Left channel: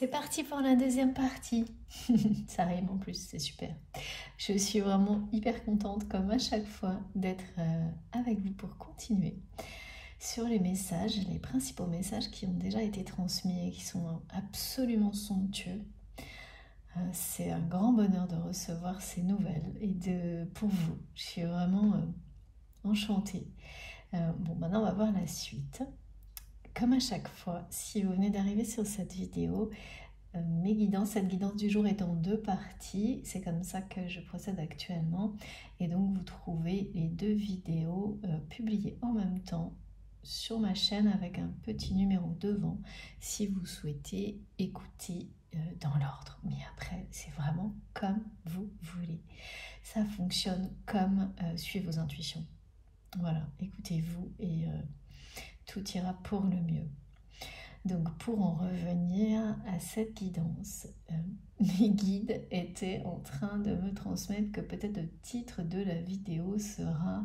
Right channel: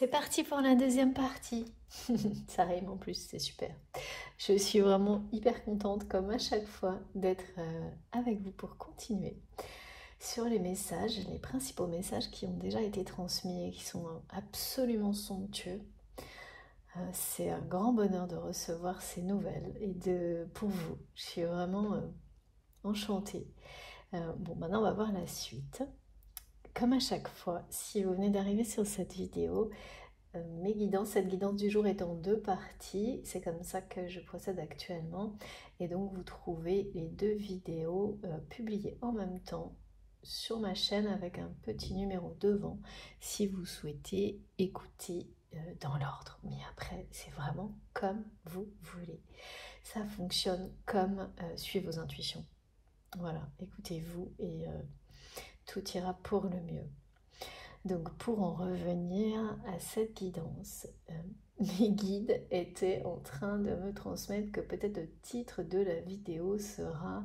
C'est parti pour la deuxième partie. Ça rime en plus, c'est super. Je suis vraiment hyper contente, comme à chaque fois, d'être avec vous pour continuer sur les messages, les principaux messages qui ont déjà été transmis et qui sont absolument somptueux. C'est un grand bonheur de recevoir ces nouvelles et pour vous. Je suis vraiment enchantée. Bon, maintenant on va voir la suite. Comme à chaque fois, si vous venez d'arriver sur cette vidéo, cette guidance du jour est en deux parties. C'est comme ça que je procède actuellement. Et donc vous trouvez les deux vidéos publiées en même temps sur ma chaîne avec un petit numéro devant si vous souhaitez écouter dans l'ordre. Mais après, c'est vraiment comme vous voulez. Ça fonctionne comme suivez vos intuitions. Voilà, écoutez-vous et tout ira pour le mieux. Donc pour en revenir à cette guidance, mes guides étaient en train de me transmettre que peut-être le titre de la vidéo sera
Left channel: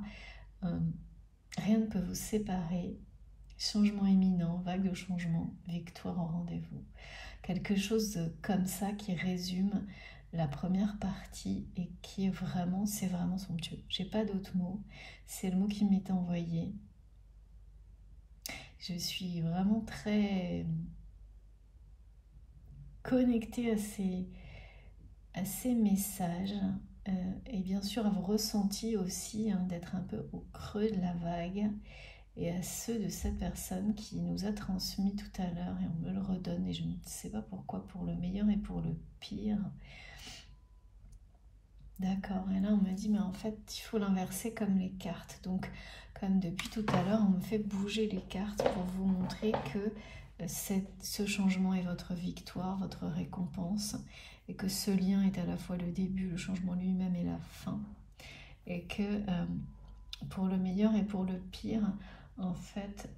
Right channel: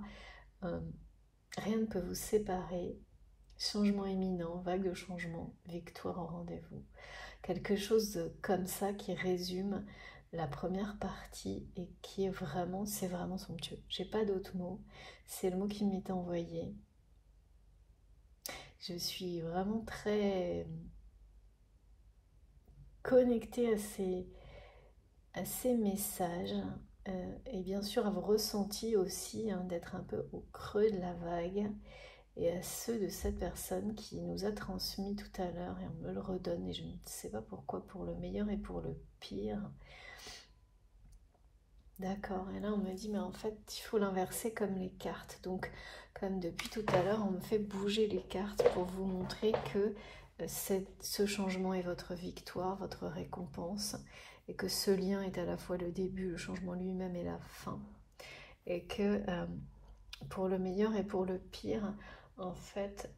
rien ne peut vous séparer, changement imminent, vague de changement, victoire au rendez-vous. Quelque chose comme ça qui résume la première partie et qui est vraiment, c'est vraiment somptueux. J'ai pas d'autres mots, c'est le mot qui m'est envoyé. Je suis vraiment très connectée à ces messages et bien sûr à vos ressentis aussi, d'être un peu au creux de la vague et à ceux de cette personne qui nous a transmis tout à l'heure et on me le redonne et je ne sais pas pourquoi, pour le meilleur et pour le pire. D'accord, et là on me dit mais en fait il faut l'inverser comme les cartes. Donc comme depuis tout à l'heure on me fait bouger les cartes pour vous montrer que ce changement est votre victoire, votre récompense et que ce lien est à la fois le début, le changement lui-même et la fin. Et que pour le meilleur et pour le pire, en fait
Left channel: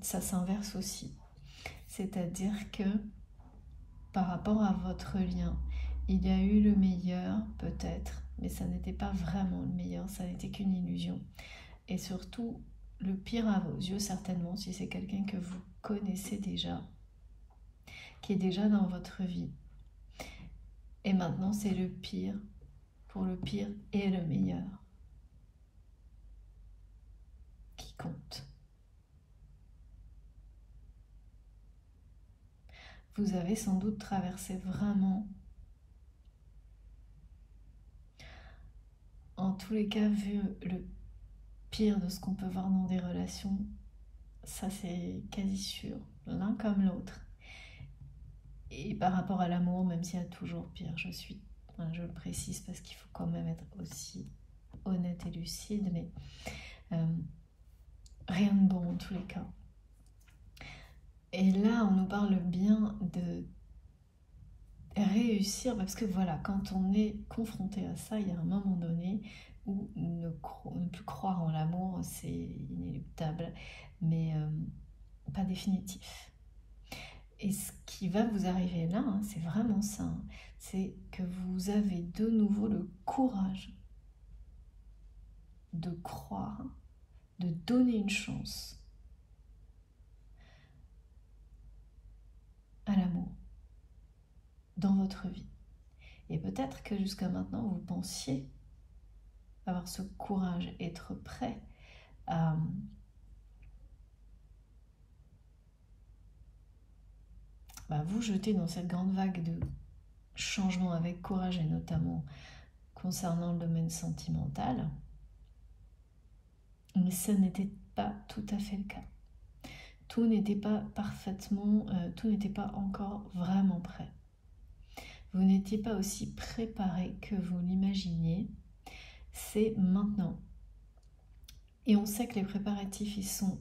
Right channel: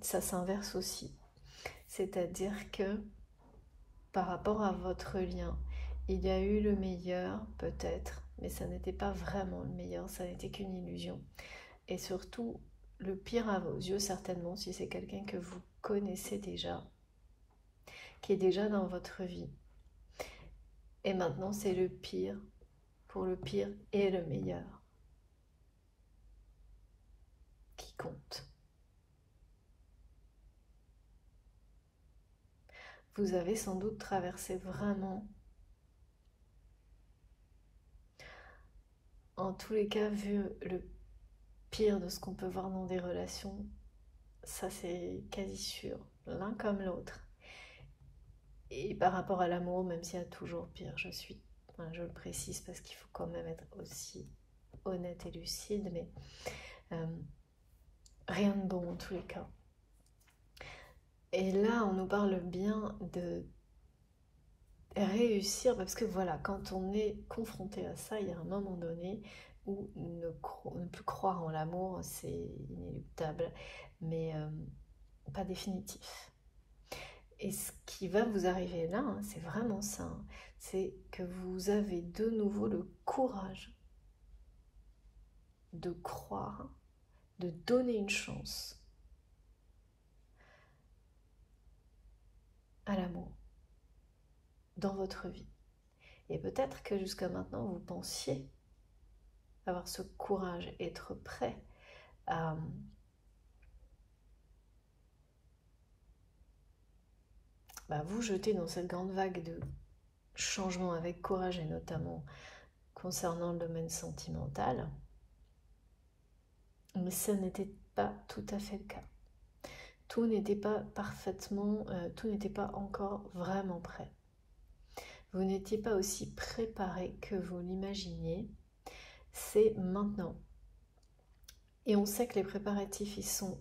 ça s'inverse aussi. C'est-à-dire que par rapport à votre lien, il y a eu le meilleur, peut-être, mais ça n'était pas vraiment le meilleur, ça n'était qu'une illusion. Et surtout, le pire à vos yeux, certainement, si c'est quelqu'un que vous connaissez déjà, qui est déjà dans votre vie. Et maintenant, c'est le pire, pour le pire et le meilleur, qui compte. Vous avez sans doute traversé vraiment, en tous les cas, vu le pire de ce qu'on peut voir dans des relations, ça c'est quasi sûr, l'un comme l'autre. Et par rapport à l'amour, même s'il y a toujours pire, je le précise parce qu'il faut quand même être aussi honnête et lucide, mais rien de bon en tous les cas. Et là, on nous parle bien de réussir, parce que voilà, quand on est confronté à ça, il y a un moment donné où ne plus croire en l'amour, c'est inéluctable, mais pas définitif. Et ce qui va vous arriver là, c'est vraiment ça, c'est que vous avez de nouveau le courage de croire, de donner une chance à l'amour dans votre vie. Et peut-être que jusqu'à maintenant, vous pensiez avoir ce courage, être prêt à vous jeter dans cette grande vague de changement avec courage, et notamment concernant le domaine sentimental. Mais ce n'était pas tout à fait le cas. Tout n'était pas parfaitement, tout n'était pas encore vraiment prêt. Vous n'étiez pas aussi préparé que vous l'imaginiez. C'est maintenant. Et on sait que les préparatifs, ils sont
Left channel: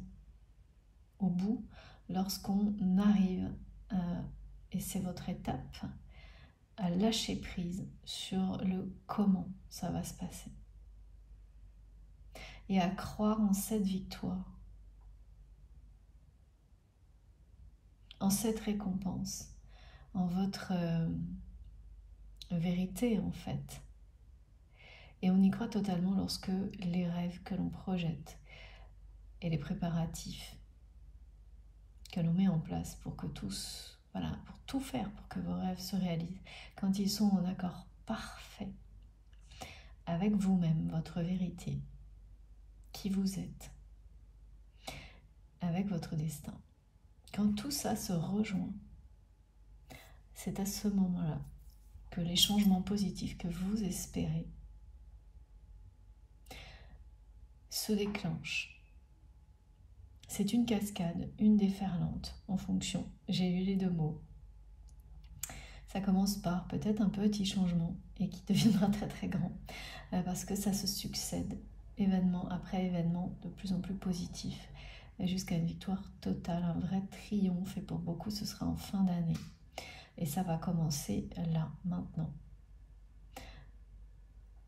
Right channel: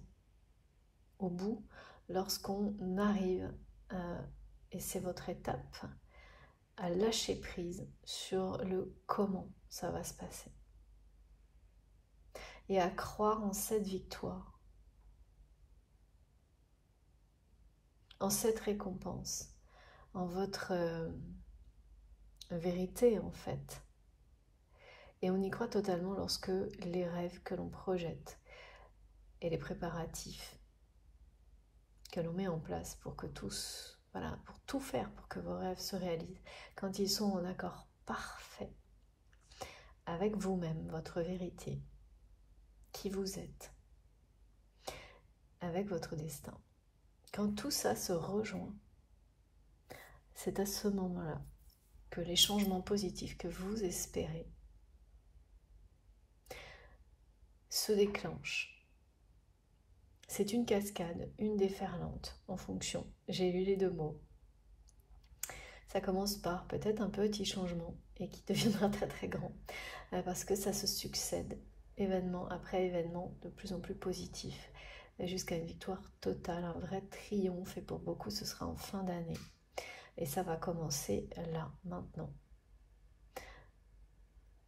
au bout lorsqu'on arrive, et c'est votre étape, à lâcher prise sur le comment ça va se passer. Et à croire en cette victoire, en cette récompense, en votre vérité en fait. Et on y croit totalement lorsque les rêves que l'on projette et les préparatifs que l'on met en place pour que tout voilà, pour tout faire pour que vos rêves se réalisent, quand ils sont en accord parfait avec vous-même, votre vérité, qui vous êtes, avec votre destin. Quand tout ça se rejoint, c'est à ce moment-là que les changements positifs que vous espérez se déclenchent. C'est une cascade, une déferlante en fonction. J'ai lu les deux mots. Ça commence par peut-être un petit changement et qui deviendra très très grand parce que ça se succède, événement après événement, de plus en plus positif, jusqu'à une victoire totale, un vrai triomphe, et pour beaucoup ce sera en fin d'année. Et ça va commencer là, maintenant.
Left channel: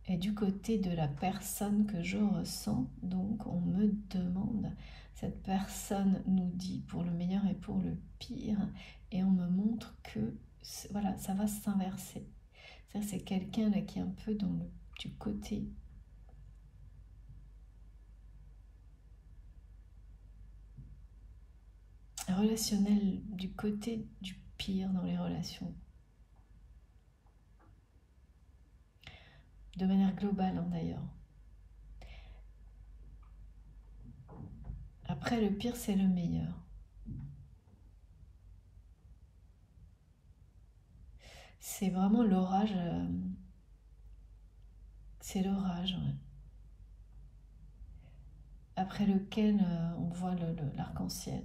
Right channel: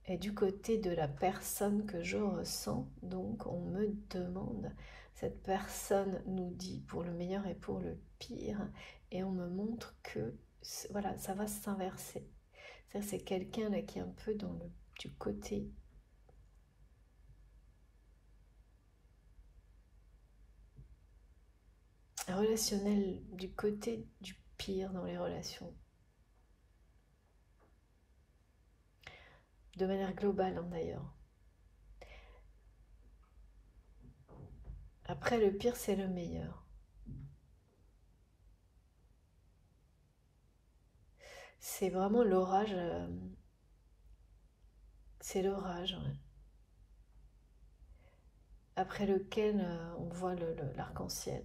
Et du côté de la personne que je ressens, donc on me demande, cette personne nous dit pour le meilleur et pour le pire, et on me montre que voilà, ça va s'inverser. C'est-à-dire c'est quelqu'un là qui est un peu dans du côté relationnel, du côté du pire dans les relations. De manière globale hein, d'ailleurs. Après le pire c'est le meilleur. C'est vraiment l'orage, c'est l'orage, ouais. Après lequel on voit l'arc-en-ciel.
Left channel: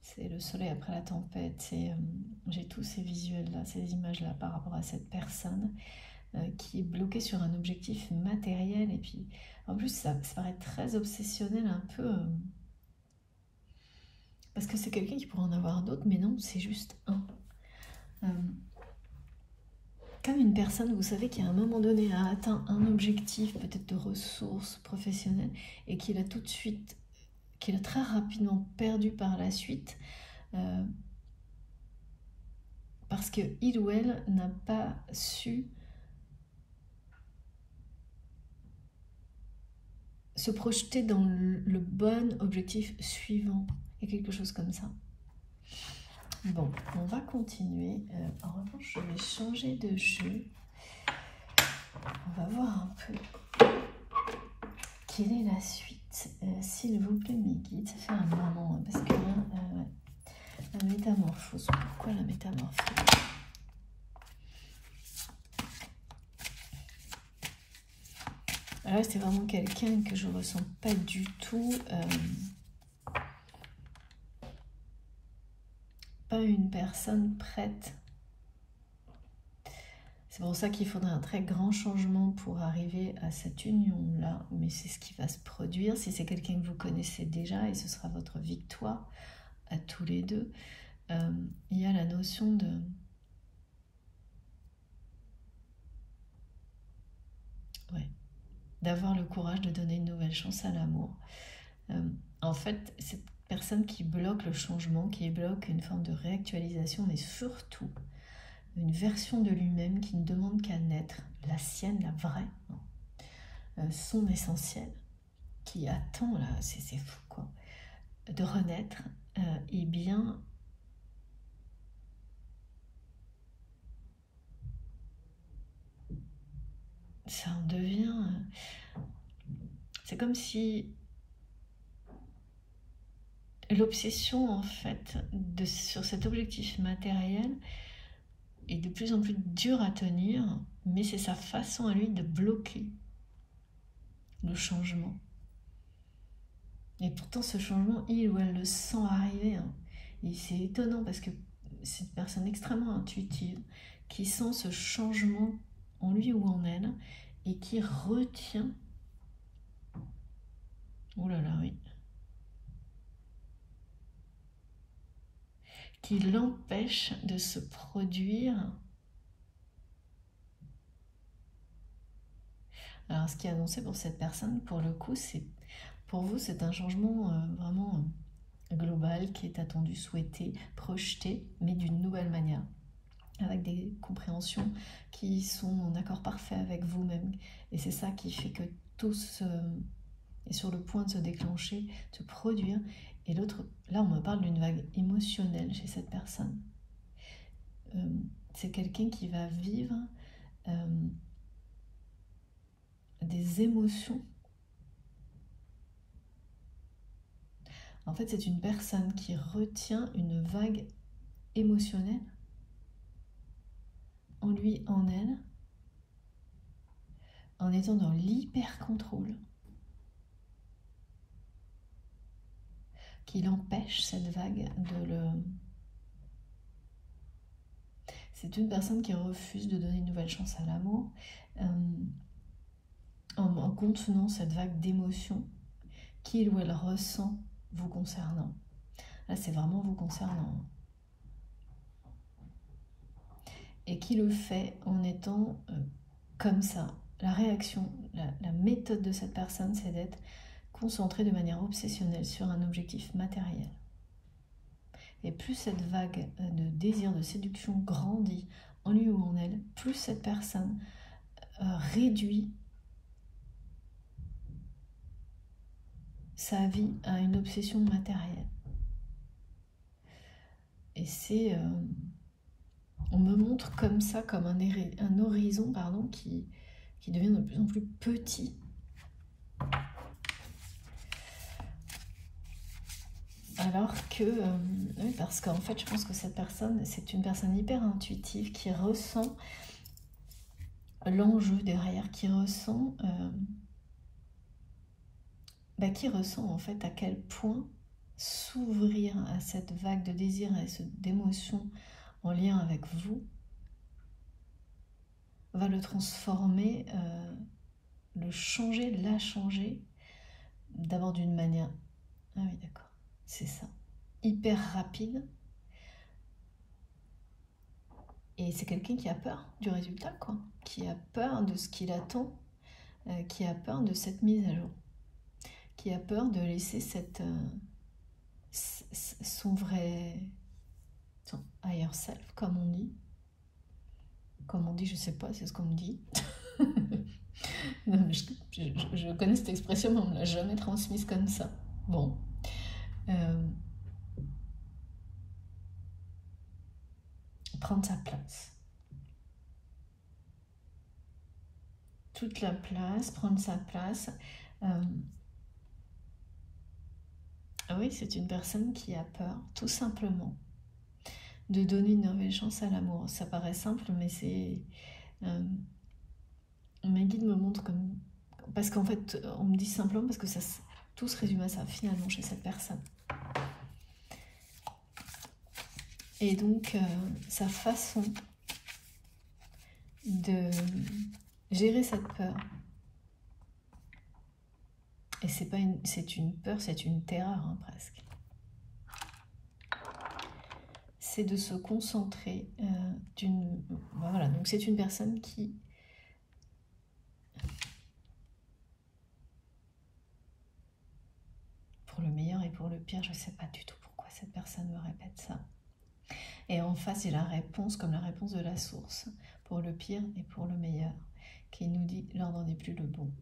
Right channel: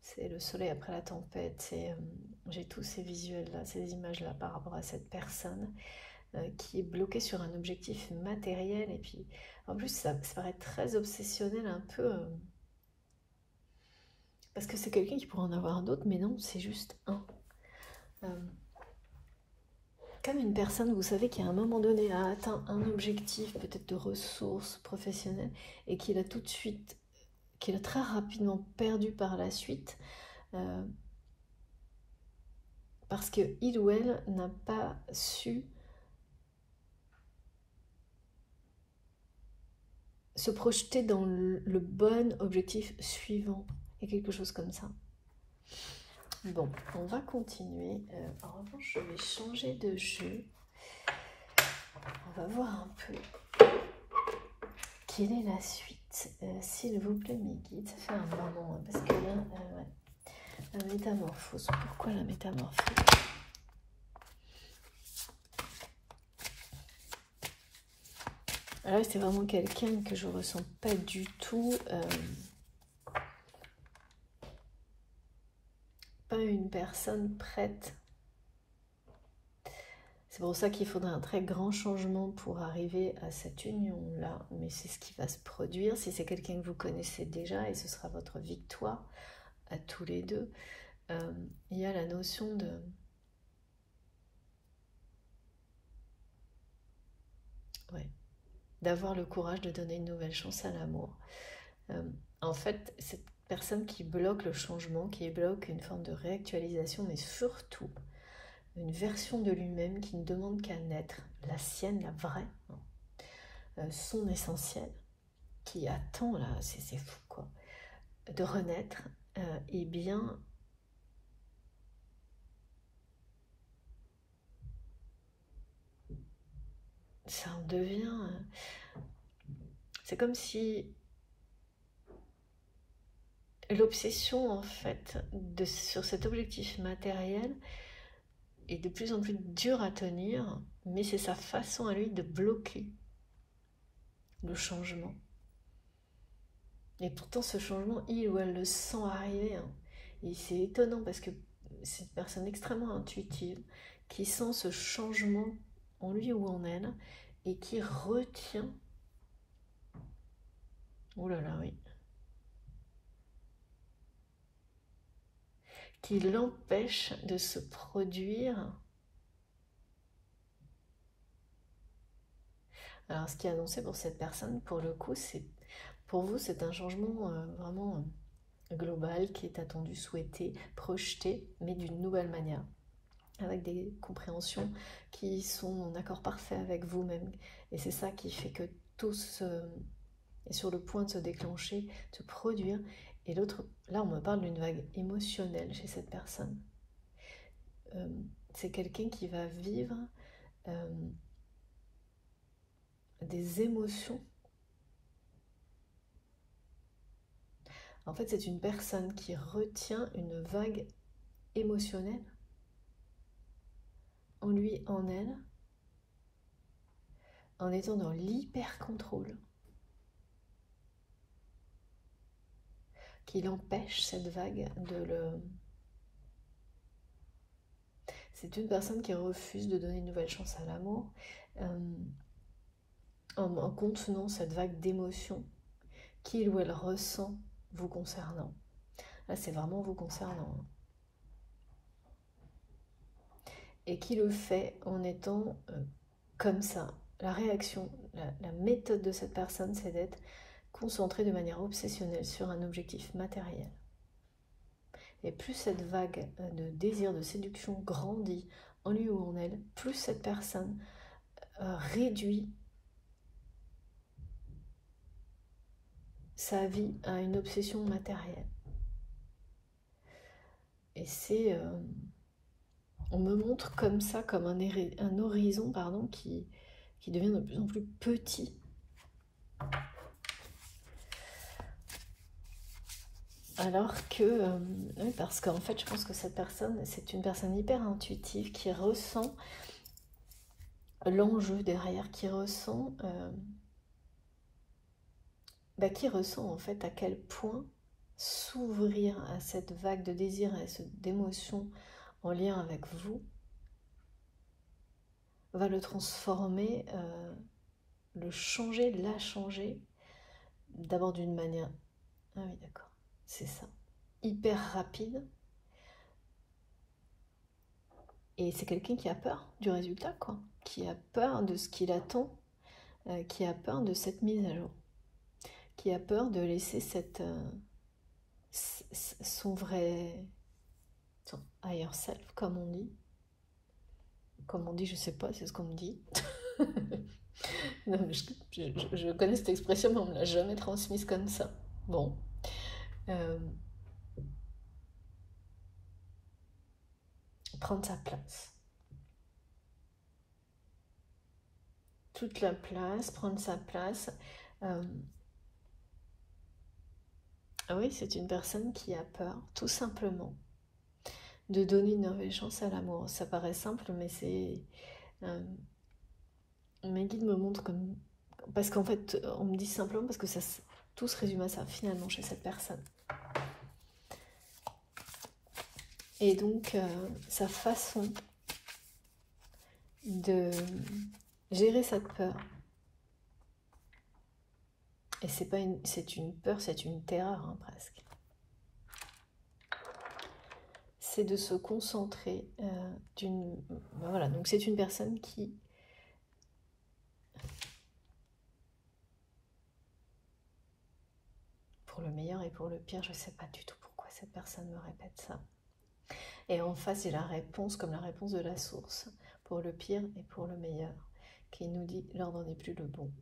C'est le soleil après la tempête. J'ai tous ces visuels-là, ces images-là par rapport à cette personne qui est bloquée sur un objectif matériel. Et puis, en plus, ça paraît très obsessionnel un peu. Parce que c'est quelqu'un qui pourrait en avoir d'autres, mais non, c'est juste un. Comme une personne, vous savez, qui à un moment donné a atteint un objectif, peut-être de ressources professionnelles, et qu'il a tout de suite, qu'il a très rapidement perdu par la suite, parce qu'il ou elle n'a pas su se projeter dans le bon objectif suivant, et quelque chose comme ça. Bon, on va continuer. En revanche, je vais changer de jeu. On va voir un peu quelle est la suite. S'il vous plaît, mes guides, ça fait un moment, hein, parce que là, la métamorphose. Pourquoi la métamorphose? Là, c'est vraiment quelqu'un que je ne ressens pas du tout. Pas une personne prête. C'est pour ça qu'il faudrait un très grand changement pour arriver à cette union-là. Mais c'est ce qui va se produire. Si c'est quelqu'un que vous connaissez déjà, et ce sera votre victoire à tous les deux. Il y a la notion de... Ouais. D'avoir le courage de donner une nouvelle chance à l'amour. En fait, cette personne qui bloque le changement, qui bloque une forme de réactualisation, mais surtout une version de lui-même qui ne demande qu'à naître, la sienne, la vraie, son essentiel, qui attend, là, c'est fou quoi, de renaître, et bien ça en devient... c'est comme si l'obsession en fait sur cet objectif matériel est de plus en plus dur à tenir, mais c'est sa façon à lui de bloquer le changement. Et pourtant ce changement, il ou elle le sent arriver, hein. Et c'est étonnant parce que c'est une personne extrêmement intuitive qui sent ce changement en lui ou en elle et qui retient... Oh là là, oui. Qui l'empêche de se produire. Alors, ce qui est annoncé pour cette personne, pour le coup, pour vous, c'est un changement vraiment global qui est attendu, souhaité, projeté, mais d'une nouvelle manière, avec des compréhensions qui sont en accord parfait avec vous-même. Et c'est ça qui fait que tout est sur le point de se déclencher, de se produire, Et l'autre, là on me parle d'une vague émotionnelle chez cette personne. C'est quelqu'un qui va vivre des émotions. En fait, c'est une personne qui retient une vague émotionnelle en lui, en elle, en étant dans l'hyper-contrôle, qui l'empêche, cette vague, de le... C'est une personne qui refuse de donner une nouvelle chance à l'amour, en contenant cette vague d'émotions qu'il ou elle ressent vous concernant. Là, c'est vraiment vous concernant. Et qui le fait en étant comme ça. La réaction, la méthode de cette personne, c'est d'être concentré de manière obsessionnelle sur un objectif matériel. Et plus cette vague de désir, de séduction grandit en lui ou en elle, plus cette personne réduit sa vie à une obsession matérielle. Et c'est... on me montre comme ça, comme un horizon pardon, qui devient de plus en plus petit. Alors que, oui, parce qu'en fait, je pense que cette personne, c'est une personne hyper intuitive qui ressent l'enjeu derrière, qui ressent en fait à quel point s'ouvrir à cette vague de désir et d'émotion en lien avec vous va le transformer, le changer, la changer, d'abord d'une manière... Ah oui, d'accord, c'est ça. Hyper rapide. Et c'est quelqu'un qui a peur du résultat, quoi. Qui a peur de ce qu'il attend, qui a peur de cette mise à jour. Qui a peur de laisser son vrai... son higher self, comme on dit. Comme on dit, je sais pas, c'est ce qu'on me dit. Non, mais je connais cette expression, mais on ne me l'a jamais transmise comme ça. Bon. Prendre sa place. Toute la place, prendre sa place. Oui, c'est une personne qui a peur, tout simplement, de donner une nouvelle chance à l'amour. Ça paraît simple, mais c'est... mes guides me montrent comme... Parce qu'en fait, on me dit simplement parce que ça, tout se résume à ça, finalement, chez cette personne. Et donc, sa façon de gérer cette peur, et c'est pas une, c'est une peur, c'est une terreur, hein, presque, c'est de se concentrer voilà, donc c'est une personne qui... Pour le meilleur et pour le pire, je ne sais pas du tout pourquoi cette personne me répète ça. Et en face, j'ai la réponse, comme la réponse de la source, pour le pire et pour le meilleur, qui nous dit l'ordre n'est plus le bon.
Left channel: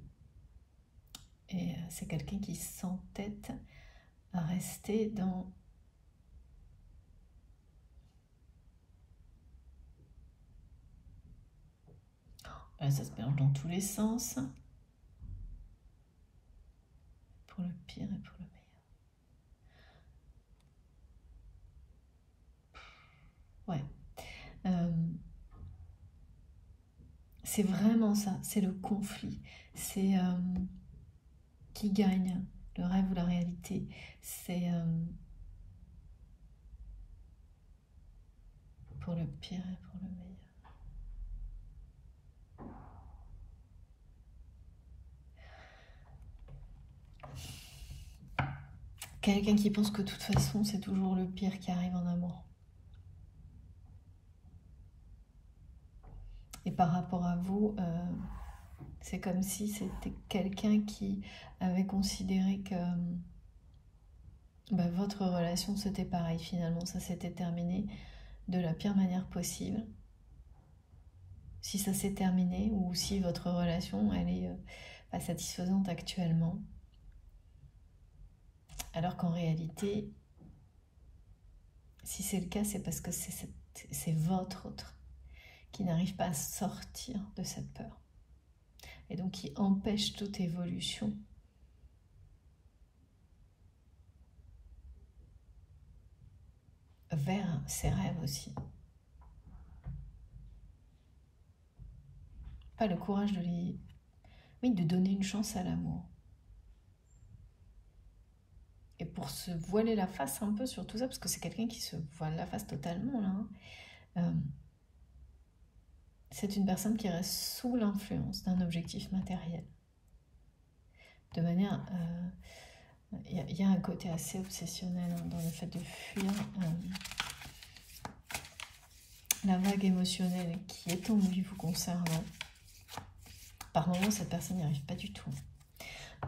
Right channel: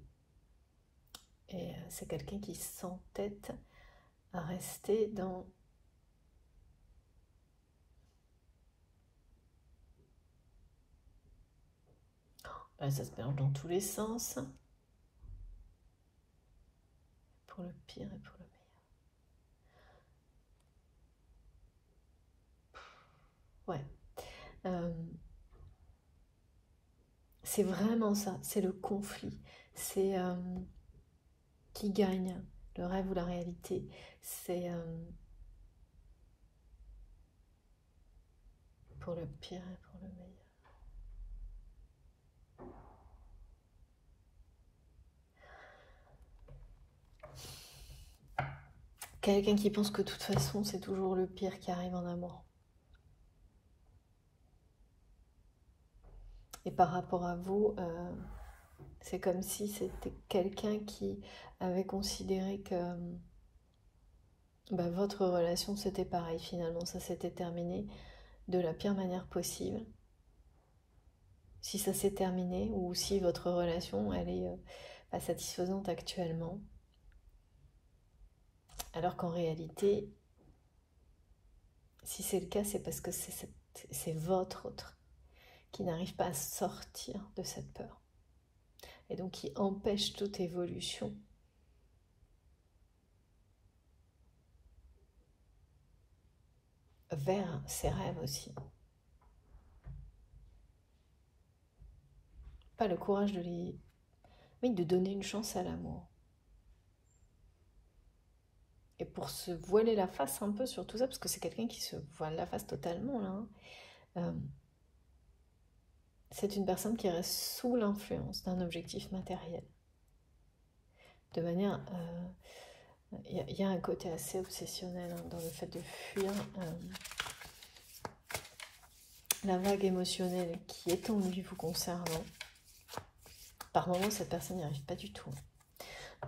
Et c'est quelqu'un qui s'entête à rester dans... Là, ça se mélange dans tous les sens. Pour le pire et pour le meilleur. Ouais. C'est vraiment ça, c'est le conflit. C'est qui gagne, le rêve ou la réalité. C'est pour le pire et pour le meilleur. Quelqu'un qui pense que de toute façon, c'est toujours le pire qui arrive en amour. Et par rapport à vous, c'est comme si c'était quelqu'un qui avait considéré que votre relation, c'était pareil finalement. Ça s'était terminé de la pire manière possible. Si ça s'est terminé ou si votre relation, elle est pas satisfaisante actuellement. Alors qu'en réalité, si c'est le cas, c'est parce que c'est votre autre qui n'arrive pas à sortir de cette peur. Et donc qui empêche toute évolution. Vers ses rêves aussi. Pas le courage de donner une chance à l'amour. Et pour se voiler la face un peu sur tout ça, parce que c'est quelqu'un qui se voile la face totalement là, c'est une personne qui reste sous l'influence d'un objectif matériel. De manière... il y a un côté assez obsessionnel dans le fait de fuir la vague émotionnelle qui est en lui vous concernant. Par moments, cette personne n'y arrive pas du tout.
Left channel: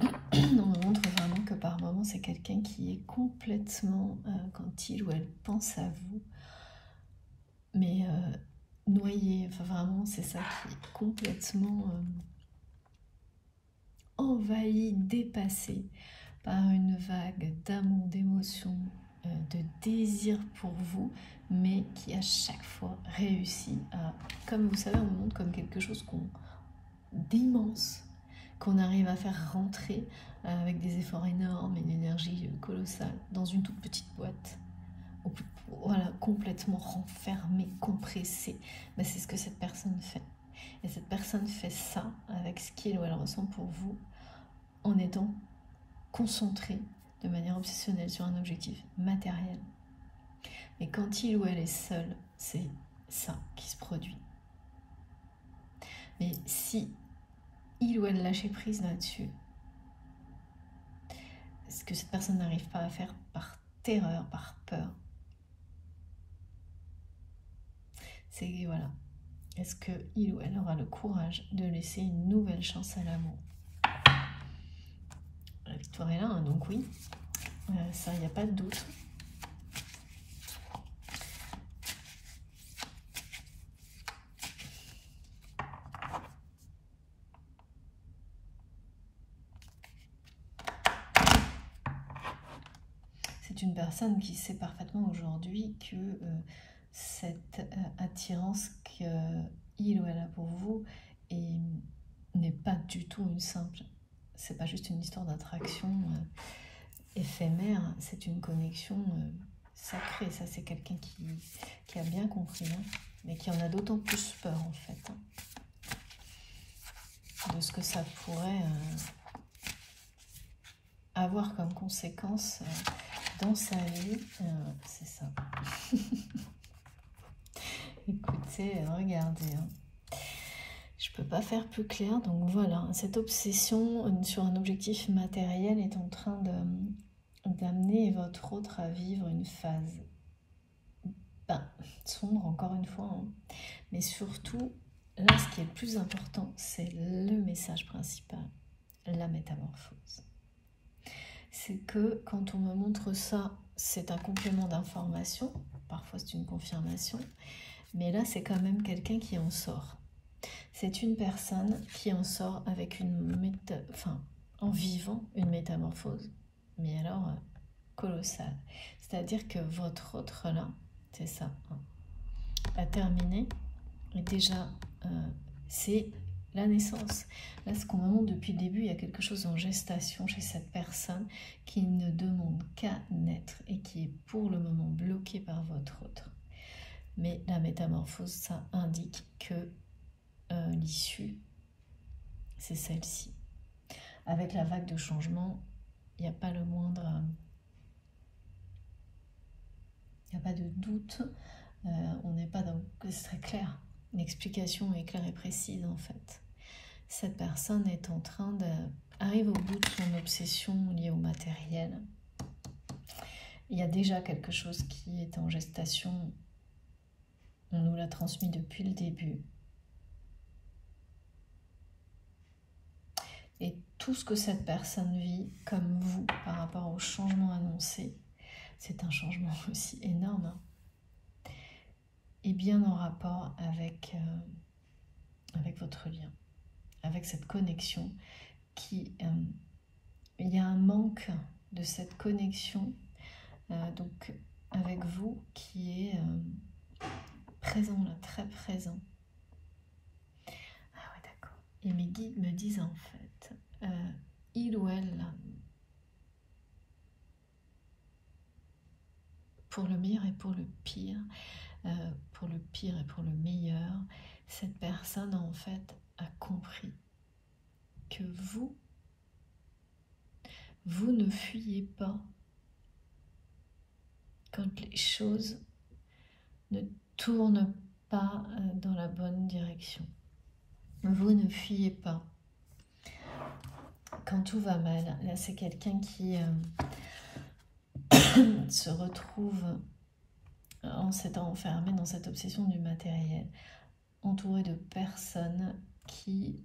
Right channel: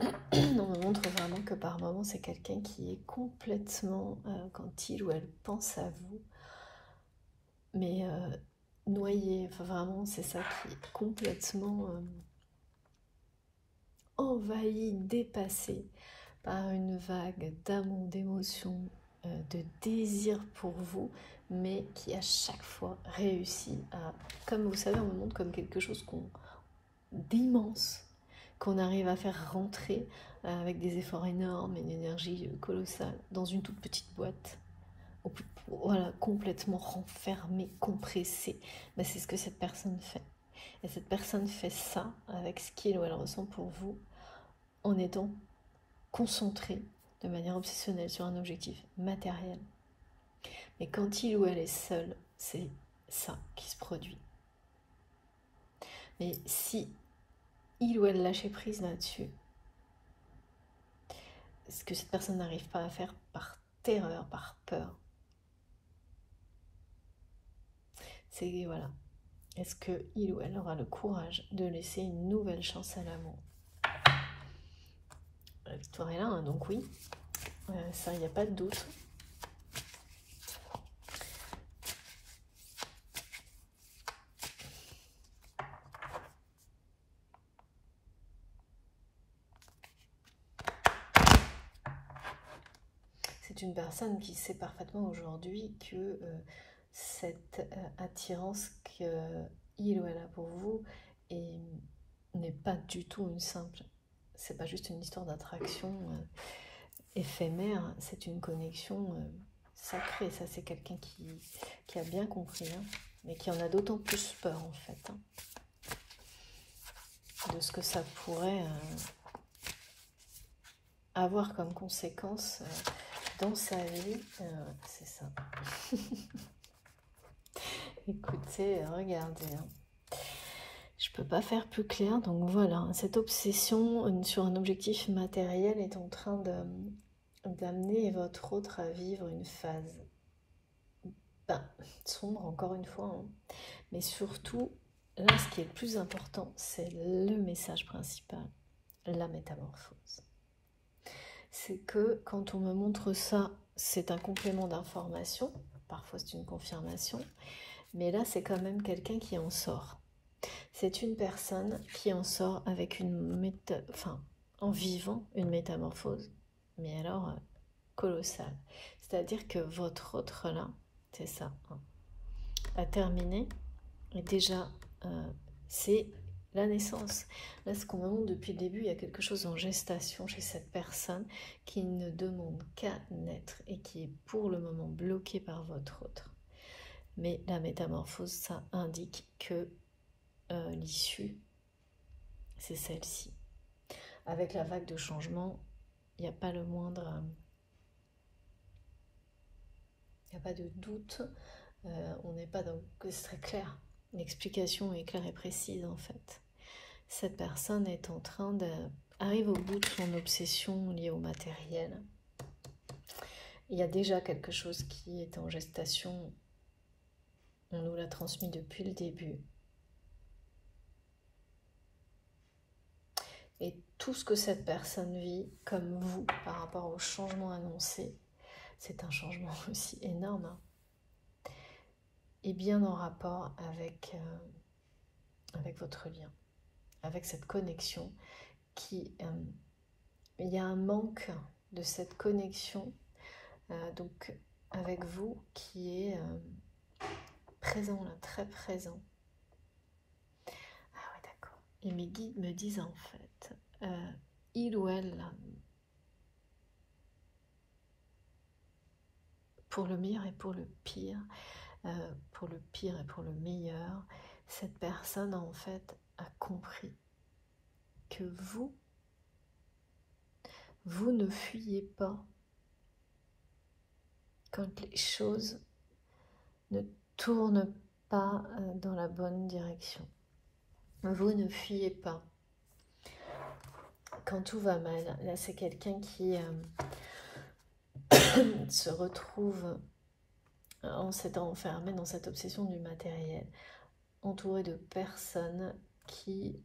On me montre vraiment que par moments, c'est quelqu'un qui est complètement, quand il ou elle pense à vous, mais noyé. Enfin, vraiment, c'est ça qui est complètement envahi, dépassé par une vague d'amour, d'émotion, de désir pour vous, mais qui à chaque fois réussit à, comme vous savez, on me montre comme quelque chose d'immense, qu'on arrive à faire rentrer avec des efforts énormes et une énergie colossale dans une toute petite boîte. Voilà, complètement renfermée, compressée. Ben, c'est ce que cette personne fait. Et cette personne fait ça avec ce qu'il ou elle ressent pour vous en étant concentrée de manière obsessionnelle sur un objectif matériel. Et quand il ou elle est seul, c'est ça qui se produit. Mais si il ou elle lâche prise là-dessus, ce que cette personne n'arrive pas à faire par terreur, par peur, c'est voilà, est-ce que il ou elle aura le courage de laisser une nouvelle chance à l'amour? La victoire est là, hein, donc oui, ça, il n'y a pas de doute. C'est une personne qui sait parfaitement aujourd'hui que cette attirance qu'il ou elle a pour vous n'est pas du tout une simple. C'est pas juste une histoire d'attraction éphémère, c'est une connexion sacrée. Ça, c'est quelqu'un qui a bien compris, hein, mais qui en a d'autant plus peur en fait, hein, de ce que ça pourrait avoir comme conséquence dans sa vie. C'est ça. Écoutez, regardez. Hein. Je peux pas faire plus clair, donc voilà, cette obsession sur un objectif matériel est en train d'amener votre autre à vivre une phase sombre, encore une fois, hein. Mais surtout, là, ce qui est le plus important, c'est le message principal, la métamorphose. C'est que quand on me montre ça, c'est un complément d'information, parfois c'est une confirmation, mais là, c'est quand même quelqu'un qui en sort. C'est une personne qui en sort avec en vivant une métamorphose, mais alors colossale. C'est-à-dire que votre autre là, c'est ça, hein, a terminé, et déjà, c'est la naissance. Là, ce qu'on me montre depuis le début, il y a quelque chose en gestation chez cette personne qui ne demande qu'à naître et qui est pour le moment bloqué par votre autre. Mais la métamorphose, ça indique que l'issue, c'est celle-ci. Avec la vague de changement, il n'y a pas le moindre... il n'y a pas de doute. On n'est pas dans... C'est très clair. L'explication est claire et précise, en fait. Cette personne est en train arrive au bout de son obsession liée au matériel. Il y a déjà quelque chose qui est en gestation. On nous l'a transmis depuis le début. Et tout ce que cette personne vit, comme vous, par rapport au changement annoncé, c'est un changement aussi énorme, hein, et bien en rapport avec votre lien, avec cette connexion qui... il y a un manque de cette connexion donc avec vous qui est présent là, très présent. Ah ouais, d'accord. Et mes guides me disent en fait, il ou elle, pour le meilleur et pour le pire, pour le pire et pour le meilleur, cette personne en fait a compris que vous ne fuyez pas quand les choses ne tournent pas dans la bonne direction. Vous ne fuyez pas quand tout va mal. Là, c'est quelqu'un qui se retrouve en s'étant enfermé dans cette obsession du matériel, entouré de personnes qui...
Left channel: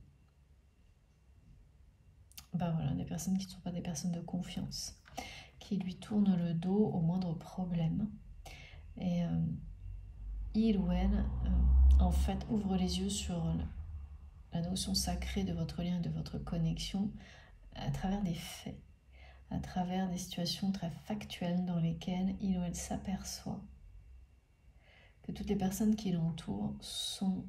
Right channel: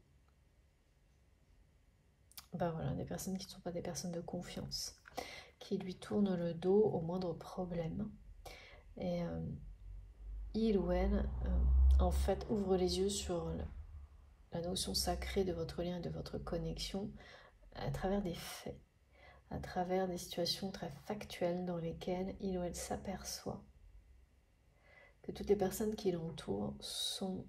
Ben voilà, des personnes qui ne sont pas des personnes de confiance, qui lui tournent le dos au moindre problème. Et il ou elle, en fait, ouvre les yeux sur la notion sacrée de votre lien et de votre connexion à travers des faits, à travers des situations très factuelles dans lesquelles il ou elle s'aperçoit que toutes les personnes qui l'entourent sont,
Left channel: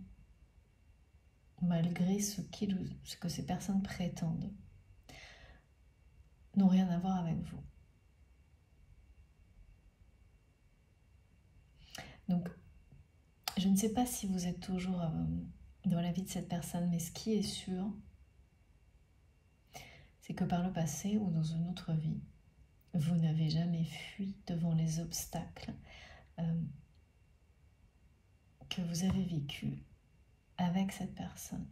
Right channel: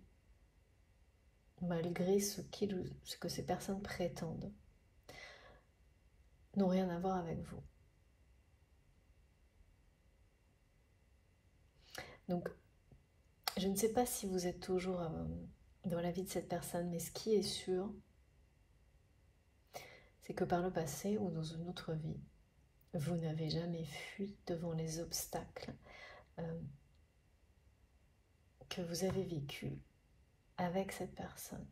malgré ce que ces personnes prétendent, n'ont rien à voir avec vous. Donc, je ne sais pas si vous êtes toujours dans la vie de cette personne, mais ce qui est sûr, c'est que par le passé ou dans une autre vie, vous n'avez jamais fui devant les obstacles que vous avez vécus avec cette personne.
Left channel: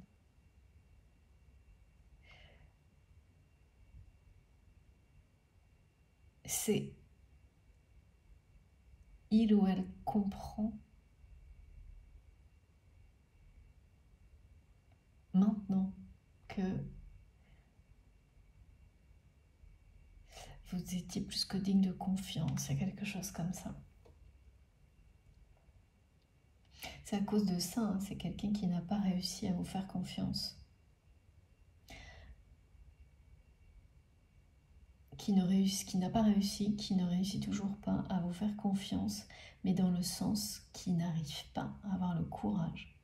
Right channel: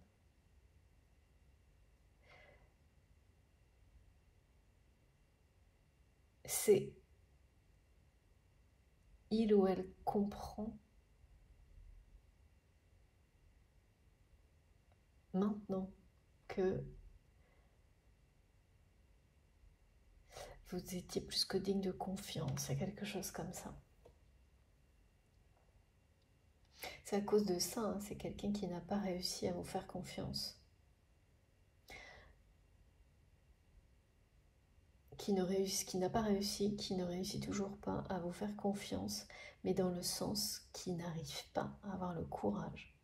C'est il ou elle comprend maintenant que vous étiez plus que digne de confiance, il y a quelque chose comme ça. C'est à cause de ça, hein, c'est quelqu'un qui n'a pas réussi à vous faire confiance. Qui n'a pas réussi, qui ne réussit toujours pas à vous faire confiance, mais dans le sens qui n'arrive pas à avoir le courage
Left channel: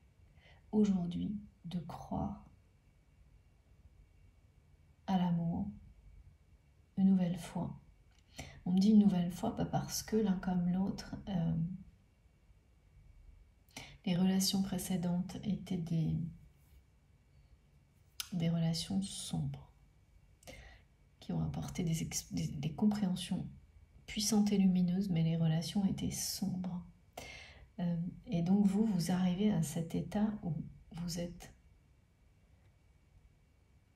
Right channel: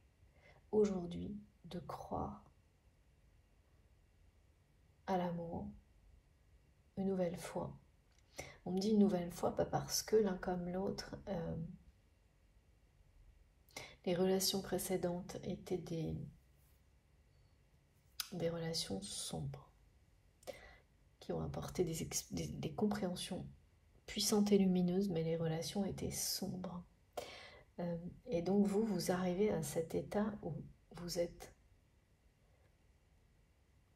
aujourd'hui de croire à l'amour une nouvelle fois. On me dit une nouvelle fois, pas parce que l'un comme l'autre, les relations précédentes étaient des relations sombres, qui ont apporté des compréhensions puissantes et lumineuses, mais les relations étaient sombres. Et donc vous arrivez à cet état où vous êtes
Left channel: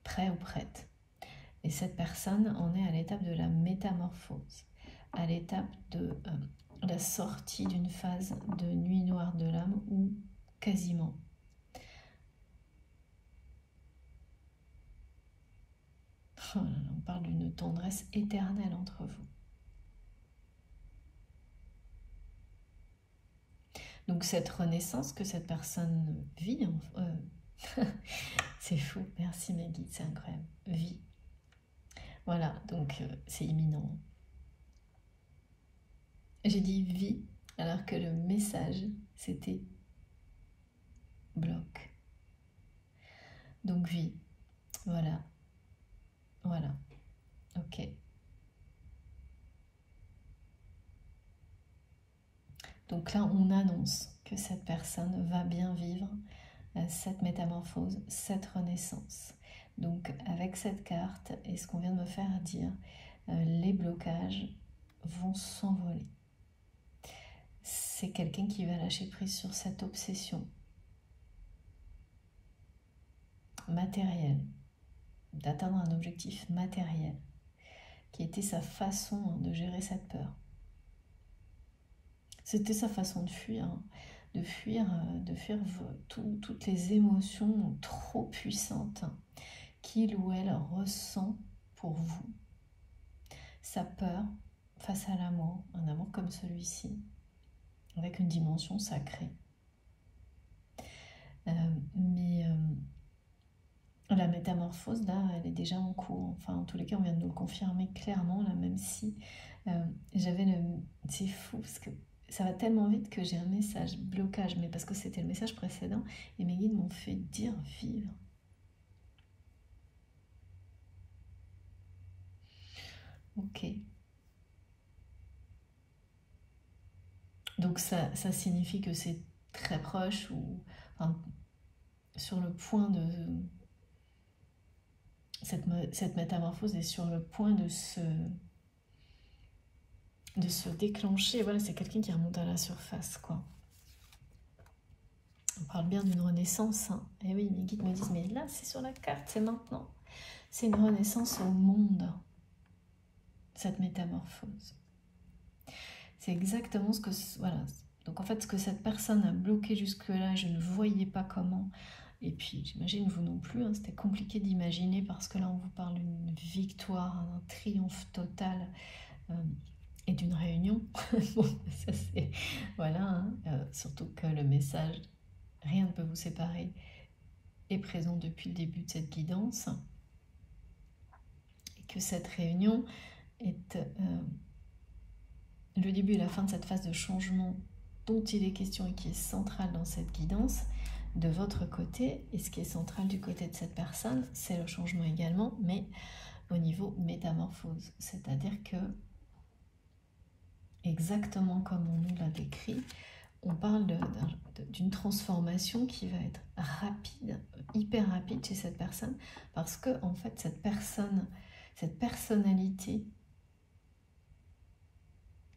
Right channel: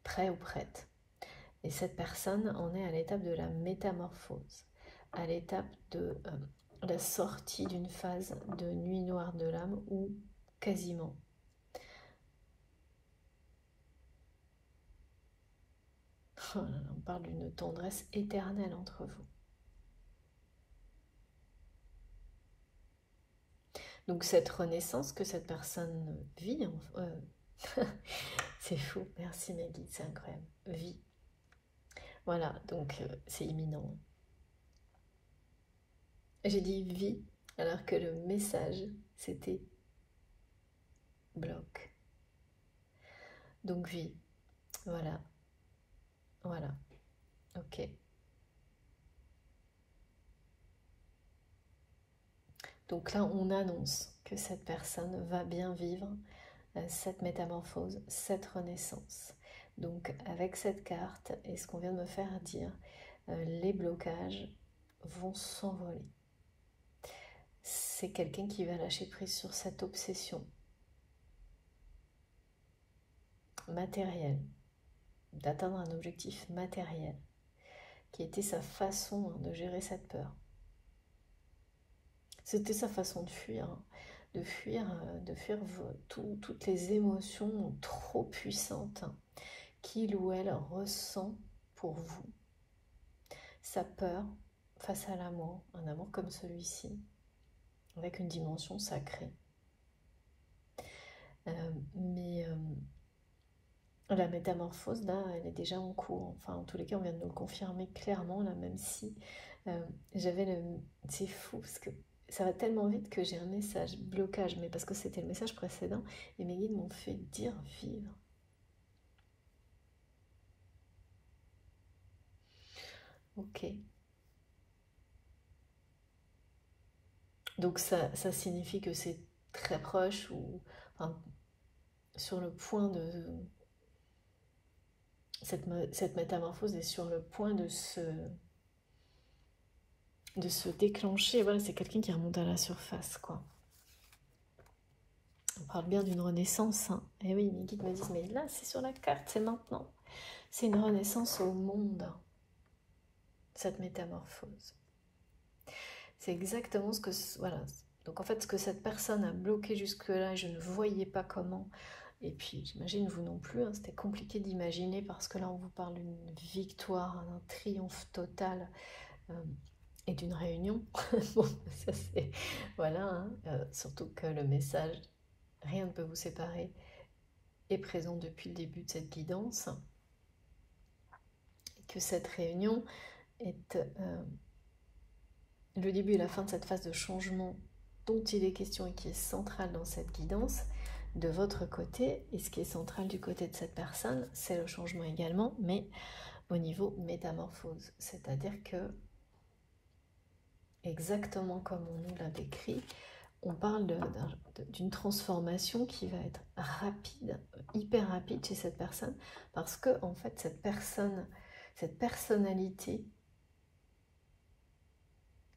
prêt ou prête. Et cette personne en est à l'étape de la métamorphose, à l'étape de la sortie d'une phase de nuit noire de l'âme ou quasiment. Oh là là, on parle d'une tendresse éternelle entre vous. Donc cette renaissance que cette personne vit, c'est fou, merci Maggie, c'est incroyable, vit. Voilà, donc c'est imminent. J'ai dit vie, alors que le message, c'était bloc. Donc vie, voilà, voilà, ok. Donc là, on annonce que cette personne va bien vivre cette métamorphose, cette renaissance. Donc avec cette carte et ce qu'on vient de me faire dire, les blocages vont s'envoler. C'est quelqu'un qui va lâcher prise sur cette obsession matérielle, d'atteindre un objectif matériel, qui était sa façon de gérer cette peur. C'était sa façon de fuir, toutes les émotions trop puissantes qu'il ou elle ressent pour vous. Sa peur face à l'amour, un amour comme celui-ci, avec une dimension sacrée. Mais la métamorphose, là, elle est déjà en cours. Enfin, en tous les cas, on vient de nous le confirmer clairement, là, même si j'avais le... C'est fou, parce que ça va tellement vite que j'ai un message blocage, mais parce que c'était le message précédent, et mes guides m'ont fait dire vivre. Ok. Donc ça signifie que c'est très proche, ou enfin, sur le point de... Cette métamorphose est sur le point de se déclencher. Voilà, c'est quelqu'un qui remonte à la surface, quoi. On parle bien d'une renaissance, hein. Et oui, mes guides me disent, mais là, c'est sur la carte, c'est maintenant. C'est une renaissance au monde, cette métamorphose. C'est exactement ce que... Voilà. Donc en fait, ce que cette personne a bloqué jusque-là, je ne voyais pas comment. Et puis, j'imagine vous non plus, hein, c'était compliqué d'imaginer parce que là, on vous parle d'une victoire, un triomphe total et d'une réunion. Bon, ça c'est... Voilà, hein, surtout que le message, rien ne peut vous séparer, est présent depuis le début de cette guidance. Et que cette réunion est le début et la fin de cette phase de changement dont il est question et qui est centrale dans cette guidance de votre côté. Et ce qui est central du côté de cette personne, c'est le changement également, mais au niveau métamorphose. C'est-à-dire que, exactement comme on nous l'a décrit, on parle d'une transformation qui va être rapide, hyper rapide chez cette personne, parce que en fait cette personnalité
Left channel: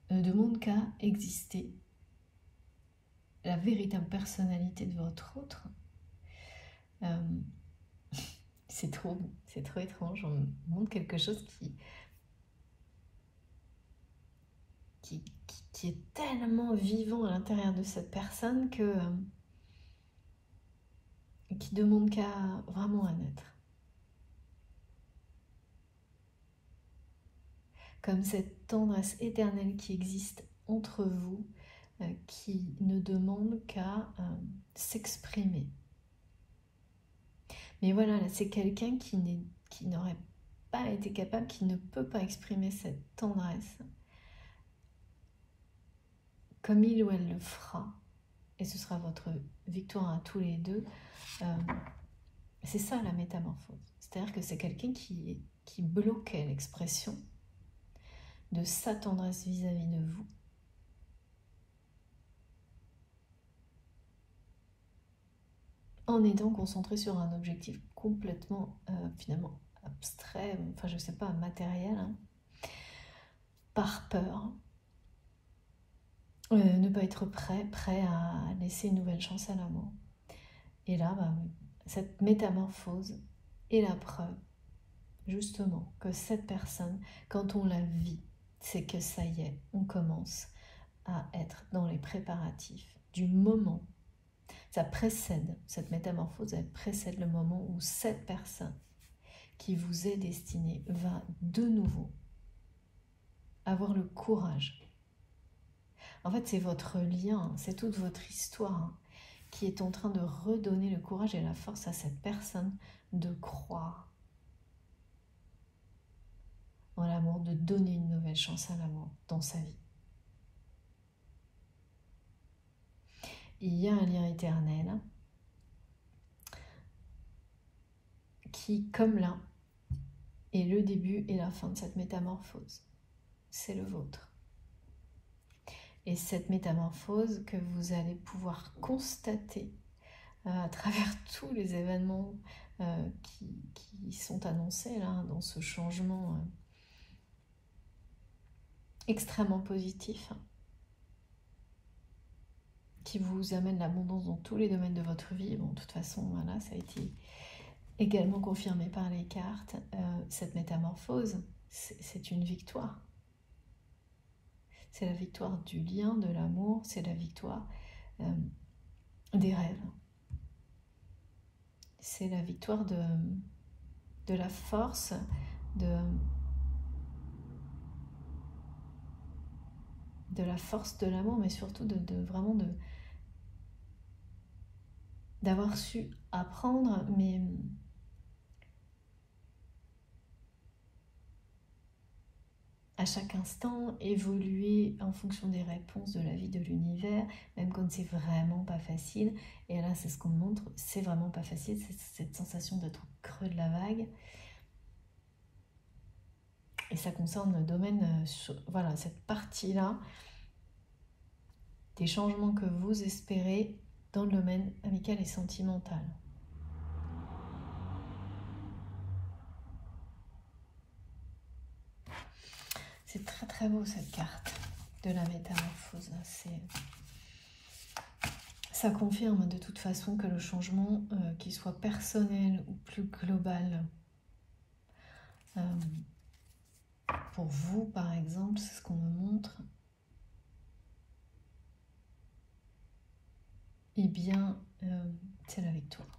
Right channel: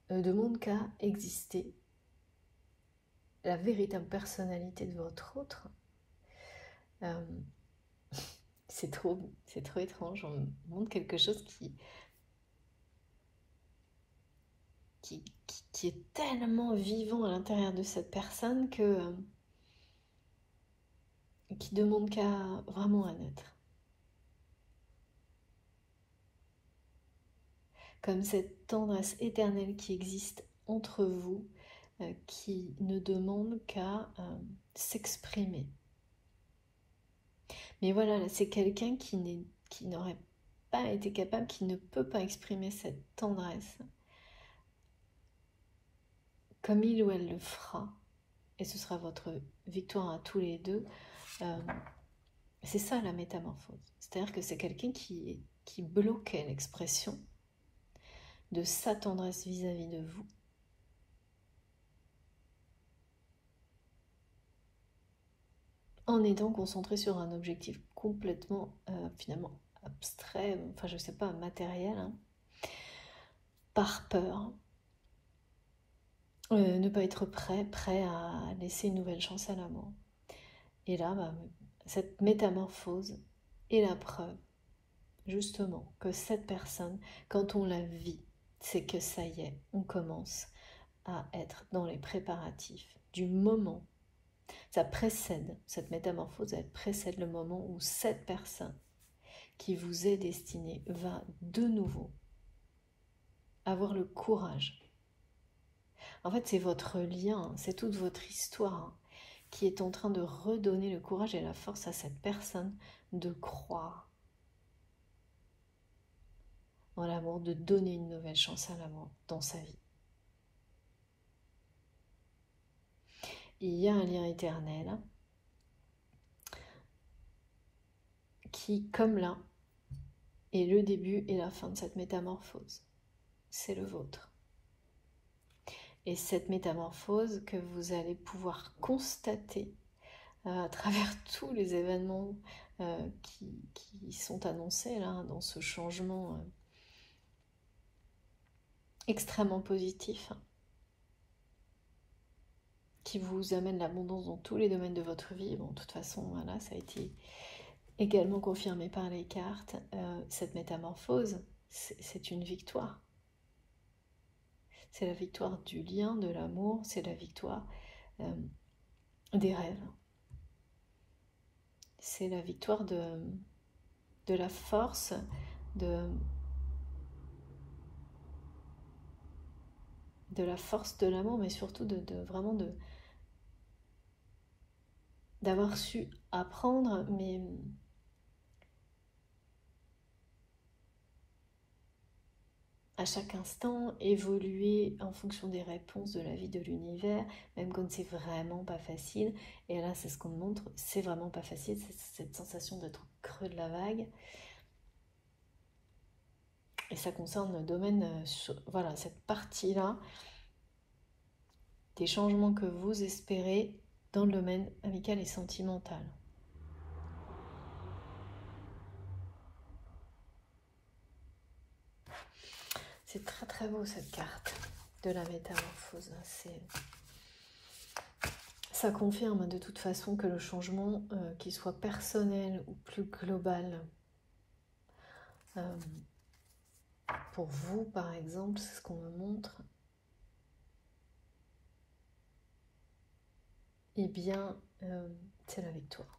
ne demande qu'à exister. La véritable personnalité de votre autre, c'est trop étrange. On montre quelque chose qui est tellement vivant à l'intérieur de cette personne que qui demande qu'à vraiment à naître. Comme cette tendresse éternelle qui existe entre vous, qui ne demande qu'à s'exprimer. Mais voilà, c'est quelqu'un qui n'aurait pas été capable, qui ne peut pas exprimer cette tendresse comme il ou elle le fera, et ce sera votre victoire à tous les deux. C'est ça la métamorphose. C'est-à-dire que c'est quelqu'un qui bloquait l'expression de sa tendresse vis-à-vis de vous. En étant concentré sur un objectif complètement, finalement, abstrait, enfin je sais pas, matériel, hein, par peur. Ne pas être prêt à laisser une nouvelle chance à l'amour. Et là, cette métamorphose est la preuve, justement, que cette personne, quand on la vit, c'est que ça y est, on commence à être dans les préparatifs du moment. Ça précède, cette métamorphose, elle précède le moment où cette personne qui vous est destinée va de nouveau avoir le courage. En fait, c'est votre lien, c'est toute votre histoire qui est en train de redonner le courage et la force à cette personne de croire en l'amour, de donner une nouvelle chance à l'amour dans sa vie. Il y a un lien éternel qui, comme là, est le début et la fin de cette métamorphose. C'est le vôtre. Et cette métamorphose que vous allez pouvoir constater à travers tous les événements qui sont annoncés là, dans ce changement extrêmement positif, qui vous amène l'abondance dans tous les domaines de votre vie. Bon, de toute façon, voilà, ça a été également confirmé par les cartes. Cette métamorphose, c'est une victoire. C'est la victoire du lien, de l'amour, c'est la victoire des rêves. C'est la victoire de la force, de la force de l'amour, mais surtout vraiment d'avoir su apprendre, mais à chaque instant, évoluer en fonction des réponses de la vie, de l'univers, même quand c'est vraiment pas facile. Et là, c'est ce qu'on me montre, c'est vraiment pas facile, c'est cette sensation d'être au creux de la vague. Et ça concerne le domaine, voilà, cette partie-là, des changements que vous espérez dans le domaine amical et sentimental. C'est très très beau cette carte de la métamorphose. Ça confirme de toute façon que le changement, qu'il soit personnel ou plus global, pour vous par exemple, c'est ce qu'on me montre, eh bien c'est la victoire.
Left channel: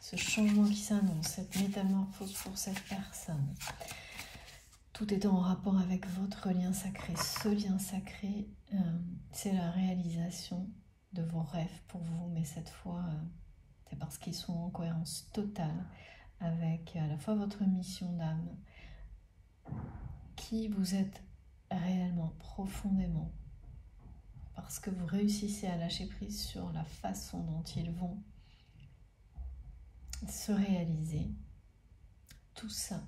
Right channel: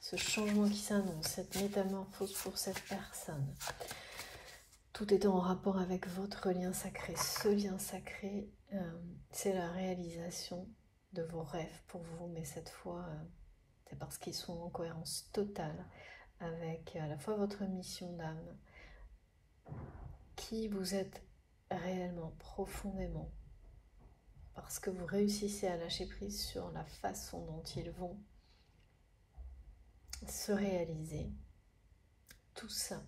Ce changement qui s'annonce, cette métamorphose pour cette personne, tout est en rapport avec votre lien sacré. Ce lien sacré, c'est la réalisation de vos rêves pour vous, mais cette fois, c'est parce qu'ils sont en cohérence totale avec à la fois votre mission d'âme, qui vous êtes réellement, profondément, parce que vous réussissez à lâcher prise sur la façon dont ils vont se réaliser. Tout ça,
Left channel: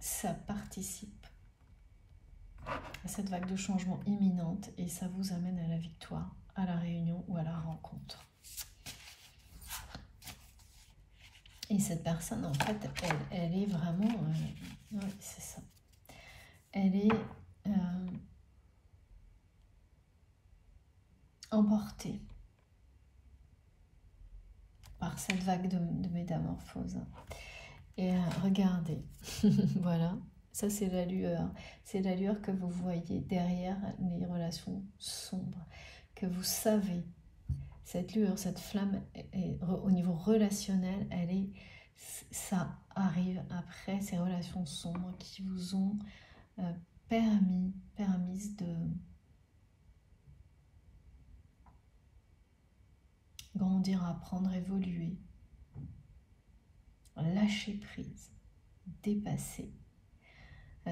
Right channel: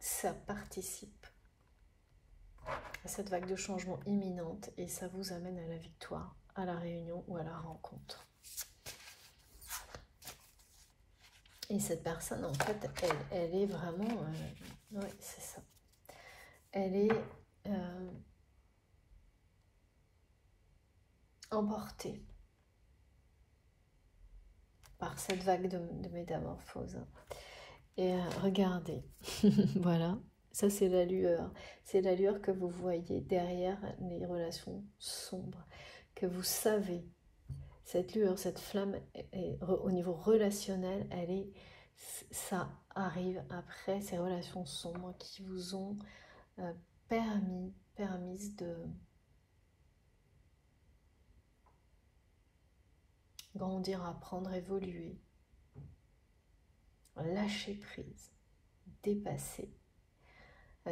ça participe à cette vague de changement imminente et ça vous amène à la victoire, à la réunion ou à la rencontre. Et cette personne, en fait, elle est vraiment... oui, c'est ça. Elle est emportée par cette vague de métamorphose. Et regardez, voilà, ça c'est la lueur. C'est la lueur que vous voyez derrière les relations sombres, que vous savez. Cette lueur, cette flamme, au niveau relationnel, ça arrive après ces relations sombres qui vous ont permises de grandir, apprendre, évoluer, lâcher prise, dépasser.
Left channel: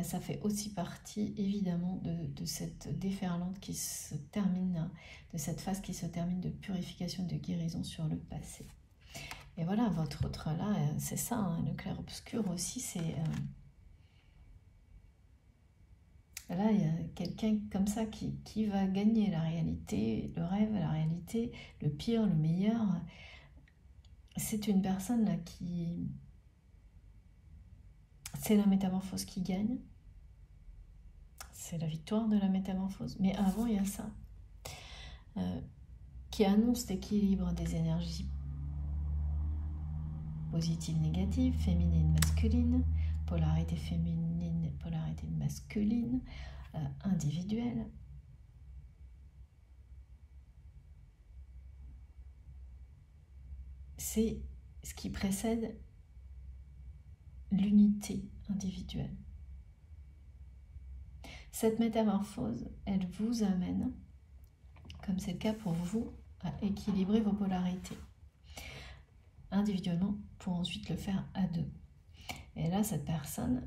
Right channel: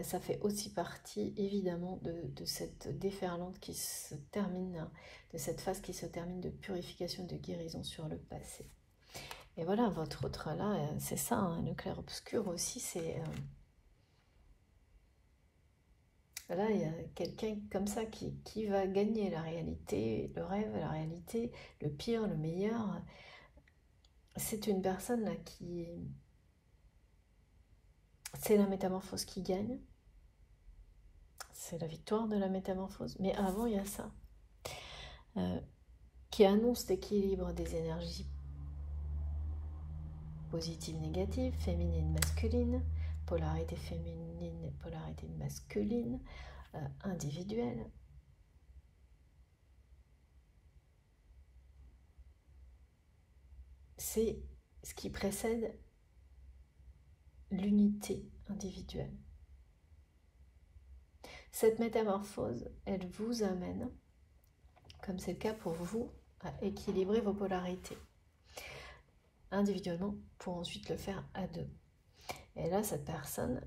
Ça fait aussi partie évidemment de cette déferlante qui se termine, de cette phase qui se termine de purification, de guérison sur le passé. Et voilà, votre autre là, c'est ça, hein, le clair-obscur aussi, c'est... là, il y a quelqu'un comme ça qui va gagner la réalité, le rêve, la réalité, le pire, le meilleur. C'est une personne là qui... C'est la métamorphose qui gagne. C'est la victoire de la métamorphose. Mais avant, il y a ça. Qui annonce l'équilibre des énergies positives, négatives, féminines, masculines, polarité féminine, polarité masculine, individuelle. C'est ce qui précède l'unité individuelle. Cette métamorphose, elle vous amène, comme c'est le cas pour vous, à équilibrer vos polarités individuellement pour ensuite le faire à deux. Et là, cette personne,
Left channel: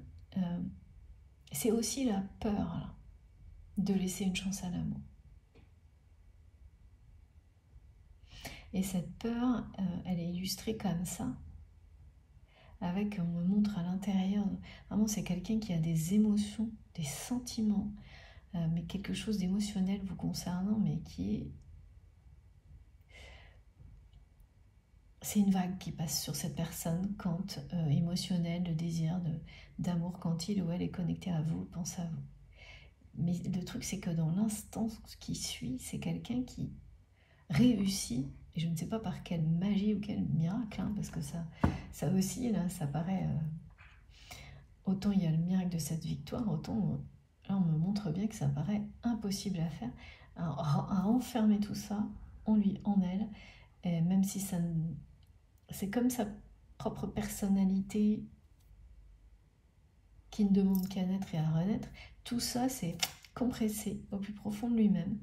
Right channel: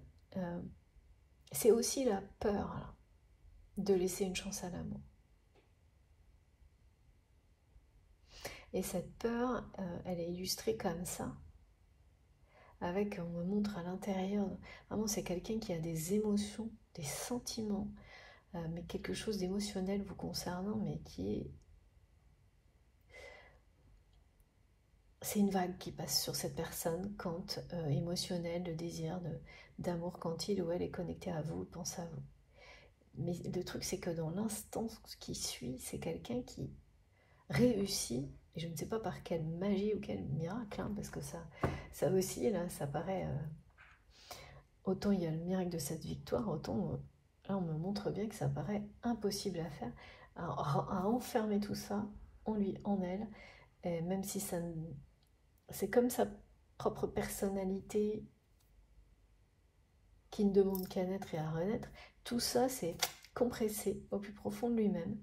c'est aussi la peur là, de laisser une chance à l'amour. Et cette peur, elle est illustrée comme ça, avec, on me montre à l'intérieur, vraiment c'est quelqu'un qui a des émotions, des sentiments, mais quelque chose d'émotionnel vous concernant, mais qui est... C'est une vague qui passe sur cette personne quand émotionnelle, de désir, d'amour, quand il ou elle est connecté à vous, pense à vous. Mais le truc, c'est que dans l'instant qui suit, c'est quelqu'un qui réussit, et je ne sais pas par quelle magie ou quel miracle, hein, parce que ça aussi, là, ça paraît... autant il y a le miracle de cette victoire, autant là, on me montre bien que ça paraît impossible à faire, à enfermer tout ça en lui, en elle, et même si ça... C'est comme sa propre personnalité qui ne demande qu'à naître et à renaître. Tout ça, c'est compressé au plus profond de lui-même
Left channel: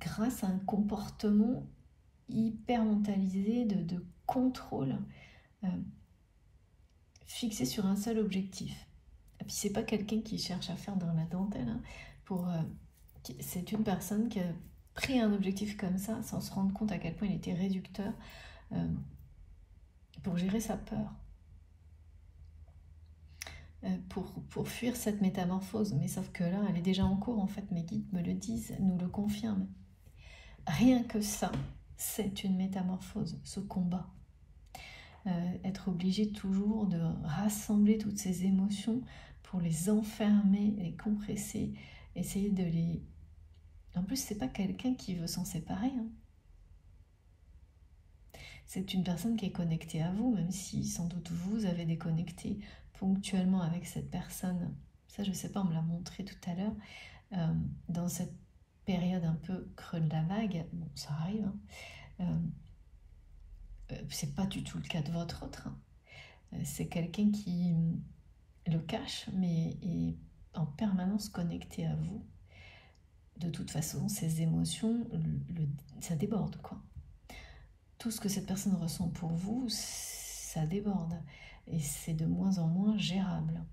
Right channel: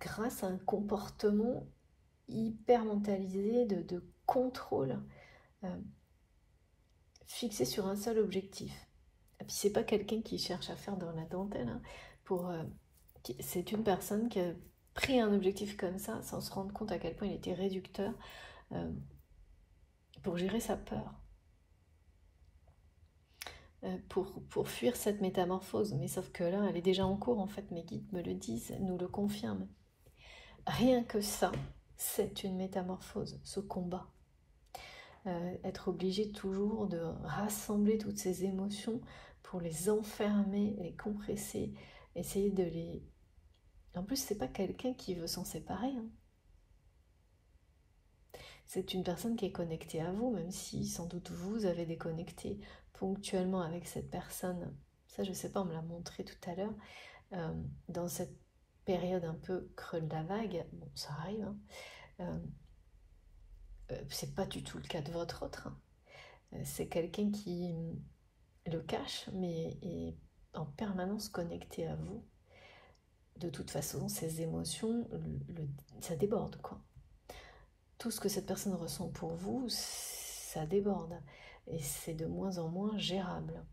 grâce à un comportement hyper mentalisé de contrôle. fixé sur un seul objectif. Et puis c'est pas quelqu'un qui cherche à faire dans la dentelle, hein, c'est une personne qui a pris un objectif comme ça sans se rendre compte à quel point il était réducteur pour gérer sa peur, pour fuir cette métamorphose. Mais sauf que là, elle est déjà en cours, en fait, mes guides me le disent, nous le confirment. Rien que ça, c'est une métamorphose, ce combat. Être obligé toujours de rassembler toutes ces émotions pour les enfermer, les compresser, essayer de les... En plus, c'est pas quelqu'un qui veut s'en séparer, hein. C'est une personne qui est connectée à vous, même si sans doute vous avez déconnecté ponctuellement avec cette personne. Ça, je sais pas, on me l'a montré tout à l'heure, dans cette période un peu creux de la vague. Bon, ça arrive, hein. C'est pas du tout le cas de votre autre, hein. C'est quelqu'un qui le cache, mais est en permanence connecté à vous. De toute façon, ces émotions, ça déborde, quoi. Tout ce que cette personne ressent pour vous, ça déborde. Et c'est de moins en moins gérable.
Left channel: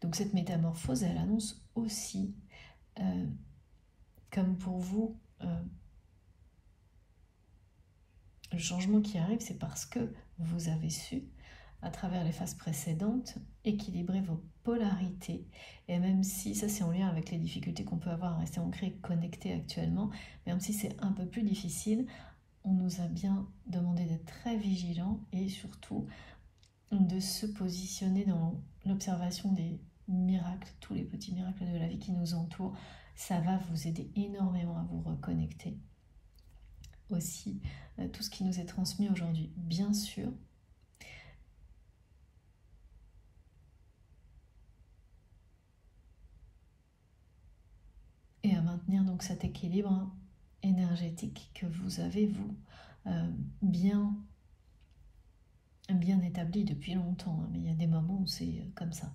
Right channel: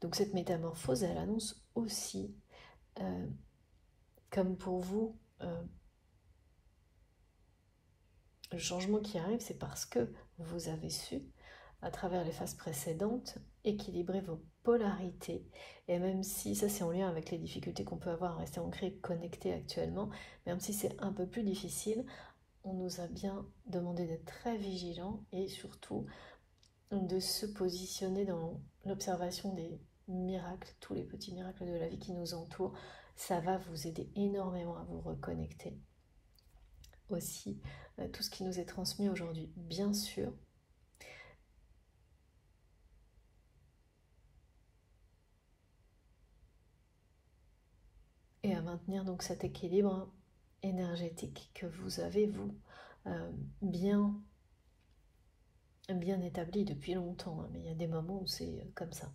Donc cette métamorphose, elle annonce aussi, comme pour vous, le changement qui arrive, c'est parce que vous avez su, à travers les phases précédentes, équilibrer vos polarités. Et même si, ça c'est en lien avec les difficultés qu'on peut avoir à rester ancré, connecté actuellement, même si c'est un peu plus difficile, on nous a bien demandé d'être très vigilants et surtout de se positionner dans l'observation des miracles, tous les petits miracles de la vie qui nous entourent. Ça va vous aider énormément à vous reconnecter. Aussi, tout ce qui nous est transmis aujourd'hui, bien sûr. Et à maintenir donc cet équilibre énergétique que vous avez, vous, bien établi depuis longtemps, hein, mais il y a des moments où c'est comme ça.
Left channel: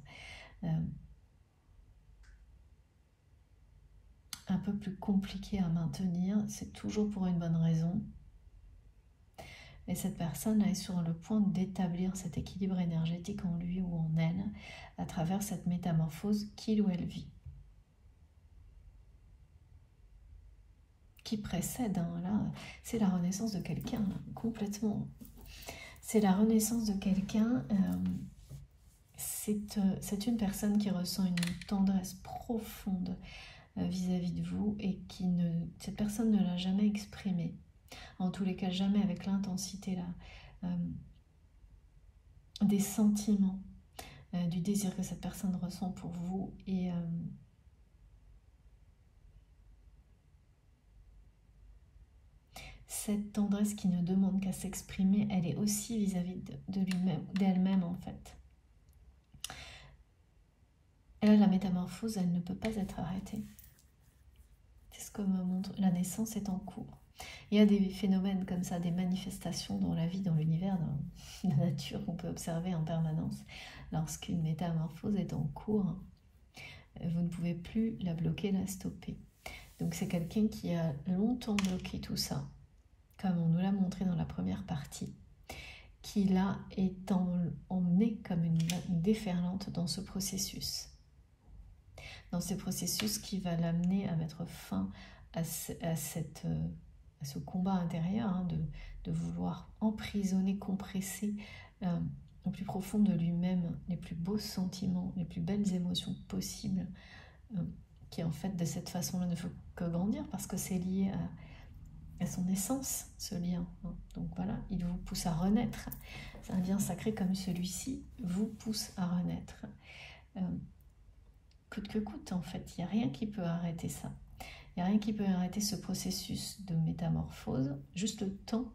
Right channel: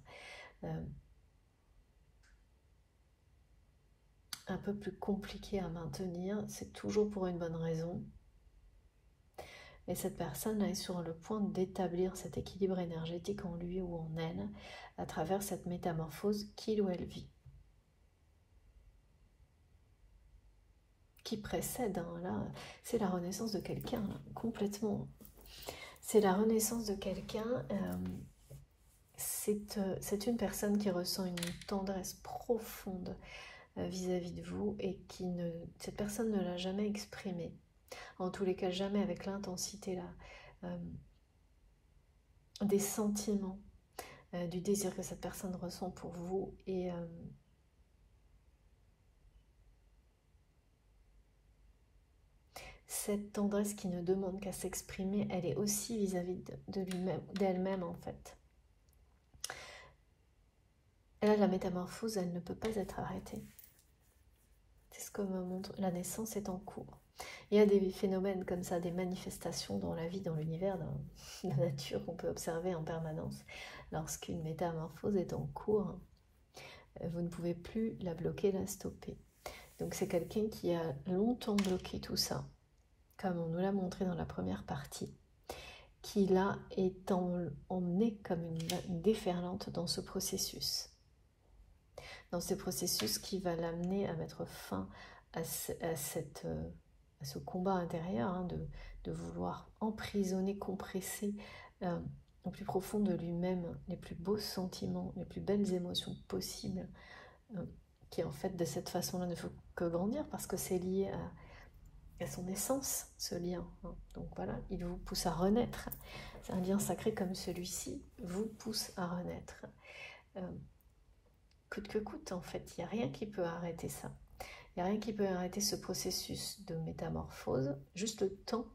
Un peu plus compliqué à maintenir, c'est toujours pour une bonne raison. Et cette personne est sur le point d'établir cet équilibre énergétique en lui ou en elle à travers cette métamorphose qu'il ou elle vit. Qui précède, hein, là, c'est la renaissance de quelqu'un, complètement. C'est la renaissance de quelqu'un, c'est une personne qui ressent une tendresse profonde vis-à-vis de vous et cette personne ne l'a jamais exprimée. En tous les cas, jamais avec l'intensité là, des sentiments, du désir que cette personne ressent pour vous. Et cette tendresse qui ne demande qu'à s'exprimer, elle est aussi vis-à-vis de lui-même, d'elle-même en fait. Et là, la métamorphose, elle ne peut pas être arrêtée. C'est ce que me montre, la naissance est en cours. Il y a des phénomènes comme ça, des manifestations dans la vie, dans l'univers, dans la nature qu'on peut observer en permanence. Lorsqu'une métamorphose est en cours, vous ne pouvez plus la bloquer, la stopper. Donc c'est quelqu'un qui a longtemps bloqué tout ça, comme on nous l'a montré dans la première partie, qui là est emmené comme une déferlante dans ce processus. Dans ce processus qui va l'amener à mettre fin à ce combat intérieur, hein, de vouloir emprisonner, compresser au plus profond de lui-même les plus beaux sentiments, les plus belles émotions possibles, qui en fait de cette façon-là ne faut que grandir parce que c'est lié à son essence, ce lien, hein. Donc voilà, il vous pousse à renaître. Un lien sacré comme celui-ci vous pousse à renaître. Coûte que coûte, en fait, il n'y a rien qui peut arrêter ça. Il n'y a rien qui peut arrêter ce processus de métamorphose, juste le temps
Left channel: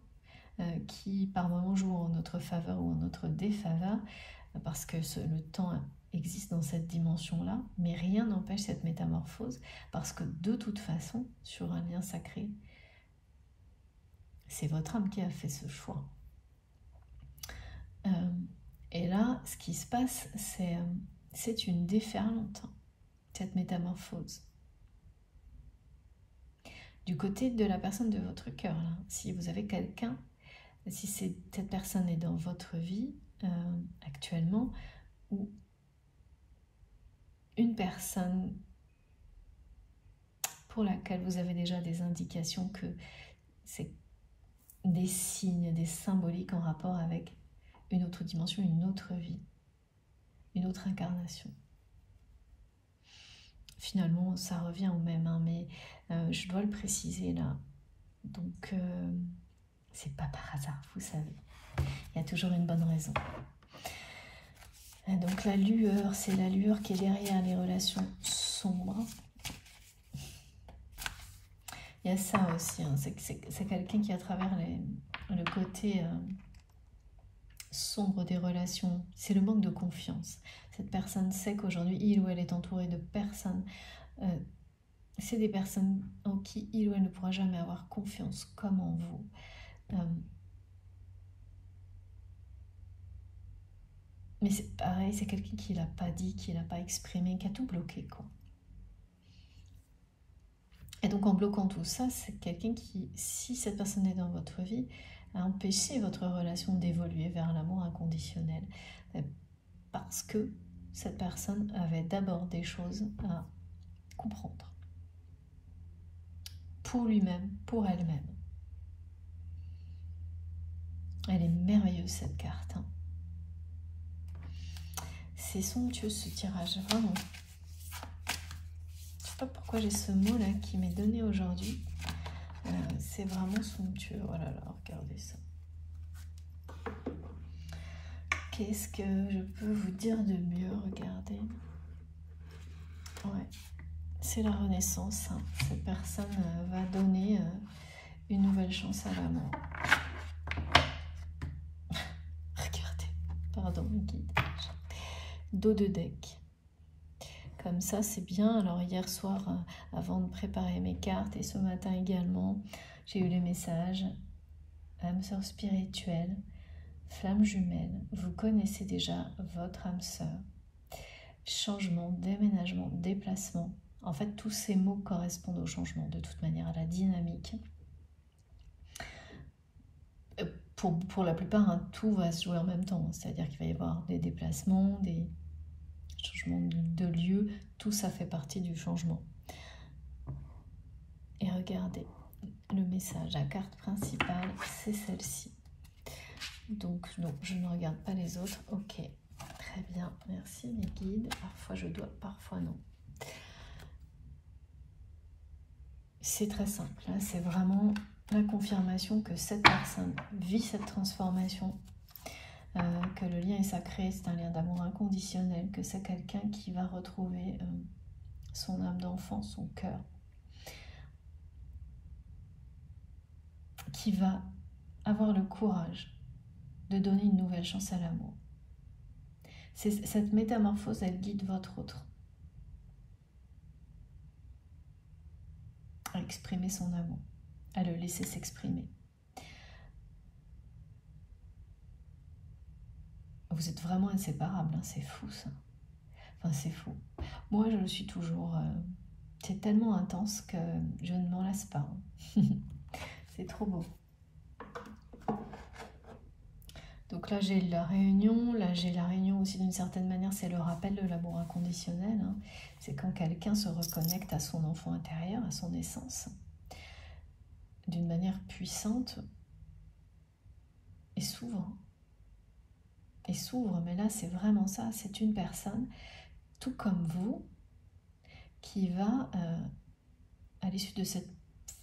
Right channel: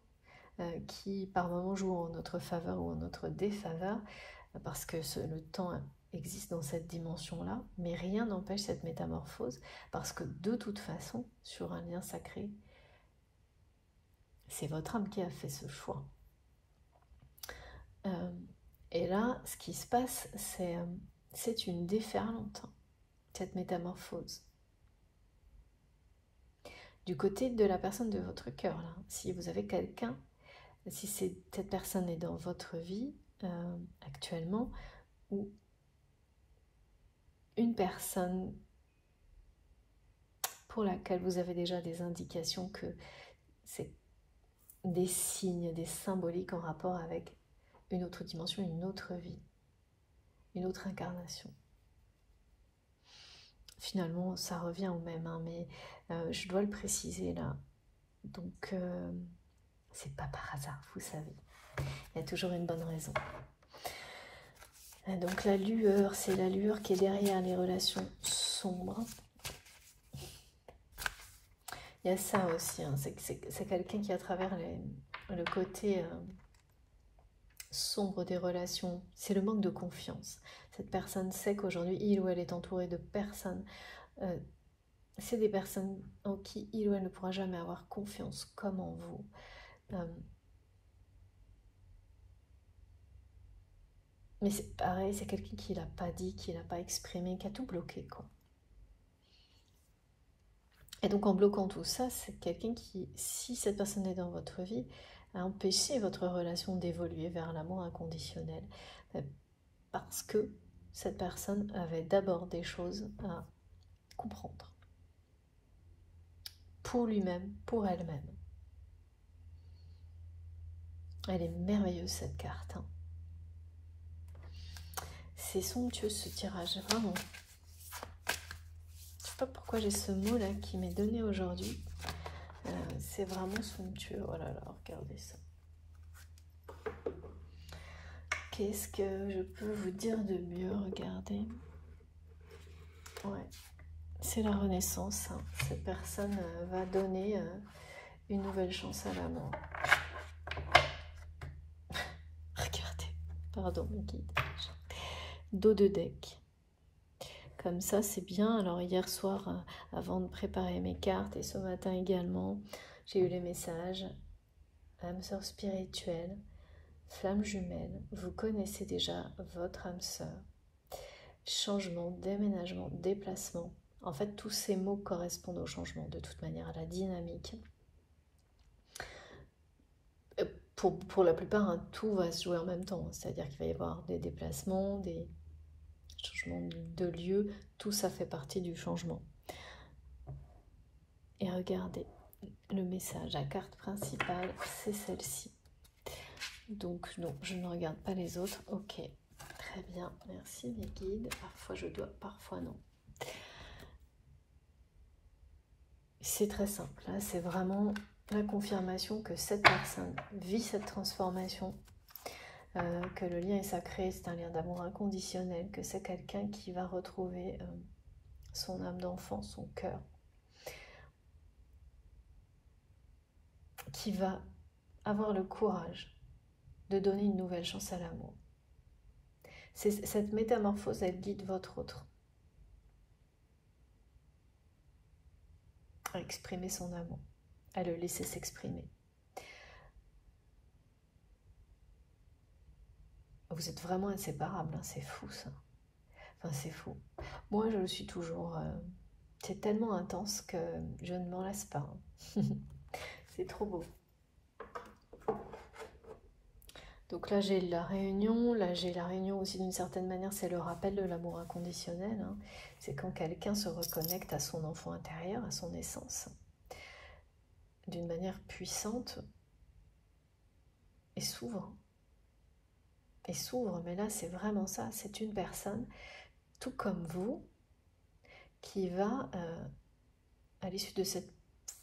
qui, par moments, joue en notre faveur ou en notre défaveur, parce que le temps existe dans cette dimension-là, mais rien n'empêche cette métamorphose, parce que de toute façon, sur un lien sacré, c'est votre âme qui a fait ce choix. Et là, ce qui se passe, c'est une déferlante, cette métamorphose. du côté de la personne de votre cœur, là. Si vous avez quelqu'un, si cette personne est dans votre vie actuellement, ou une personne pour laquelle vous avez déjà des indications que c'est des signes, des symboliques en rapport avec une autre dimension, une autre vie, une autre incarnation. Finalement, ça revient au même, hein, mais je dois le préciser là. Donc, c'est pas par hasard, vous savez. Il y a toujours une bonne raison. Donc, la lueur, c'est la lueur qui est derrière les relations sombres. Il y a ça aussi, hein, c'est quelqu'un qui, à travers le côté sombre des relations, c'est le manque de confiance. Cette personne sait qu'aujourd'hui, il ou elle est entouré de personnes. C'est des personnes en qui il ou elle ne pourra jamais avoir confiance, comme en vous. Mais c'est pareil, c'est quelqu'un qui ne l'a pas dit, qui ne l'a pas exprimé, qui a tout bloqué, quoi. Et donc en bloquant tout ça, c'est quelqu'un qui, si cette personne est dans votre vie, a empêché votre relation d'évoluer vers l'amour inconditionnel. Parce que cette personne avait d'abord des choses à comprendre. Pour lui-même, pour elle-même. Elle est merveilleuse cette carte. Hein. C'est somptueux ce tirage, vraiment. Je ne sais pas pourquoi j'ai ce mot là qui m'est donné aujourd'hui. C'est vraiment somptueux. Oh là là, regardez ça. Qu'est-ce que je peux vous dire de mieux? Regardez. Ouais. C'est la renaissance. Hein. Cette personne va donner une nouvelle chance à l'amour. Regardez. Pardon, mon guide. Dos de deck. Comme ça, c'est bien. Alors, hier soir, avant de préparer mes cartes, et ce matin également, j'ai eu les messages. Âme sœur spirituelle, flamme jumelle, vous connaissez déjà votre âme sœur. Changement, déménagement, déplacement. En fait, tous ces mots correspondent au changement, de toute manière, à la dynamique. Pour la plupart, hein, tout va se jouer en même temps. C'est-à-dire qu'il va y avoir des déplacements, des changements de lieu. Tout ça fait partie du changement. Et regardez, le message, la carte principale, c'est celle-ci. Donc, non, je ne regarde pas les autres. Ok, très bien, merci les guides. Parfois je dois, parfois non. C'est très simple. Là, c'est vraiment la confirmation que cette personne vit cette transformation, que le lien est sacré, c'est un lien d'amour inconditionnel, que c'est quelqu'un qui va retrouver son âme d'enfant, son cœur, qui va avoir le courage de donner une nouvelle chance à l'amour. Cette métamorphose, elle guide votre autre à exprimer son amour, à le laisser s'exprimer. Vous êtes vraiment inséparables, hein, c'est fou ça. Enfin, c'est fou. Moi, je le suis toujours. C'est tellement intense que je ne m'en lasse pas. Hein. C'est trop beau. Donc là, j'ai la réunion. Là, j'ai la réunion aussi d'une certaine manière. C'est le rappel de l'amour inconditionnel. Hein. C'est quand quelqu'un se reconnecte à son enfant intérieur, à son essence, d'une manière puissante et s'ouvre. Et s'ouvre, mais là, c'est vraiment ça. C'est une personne, tout comme vous, qui va, à l'issue de cette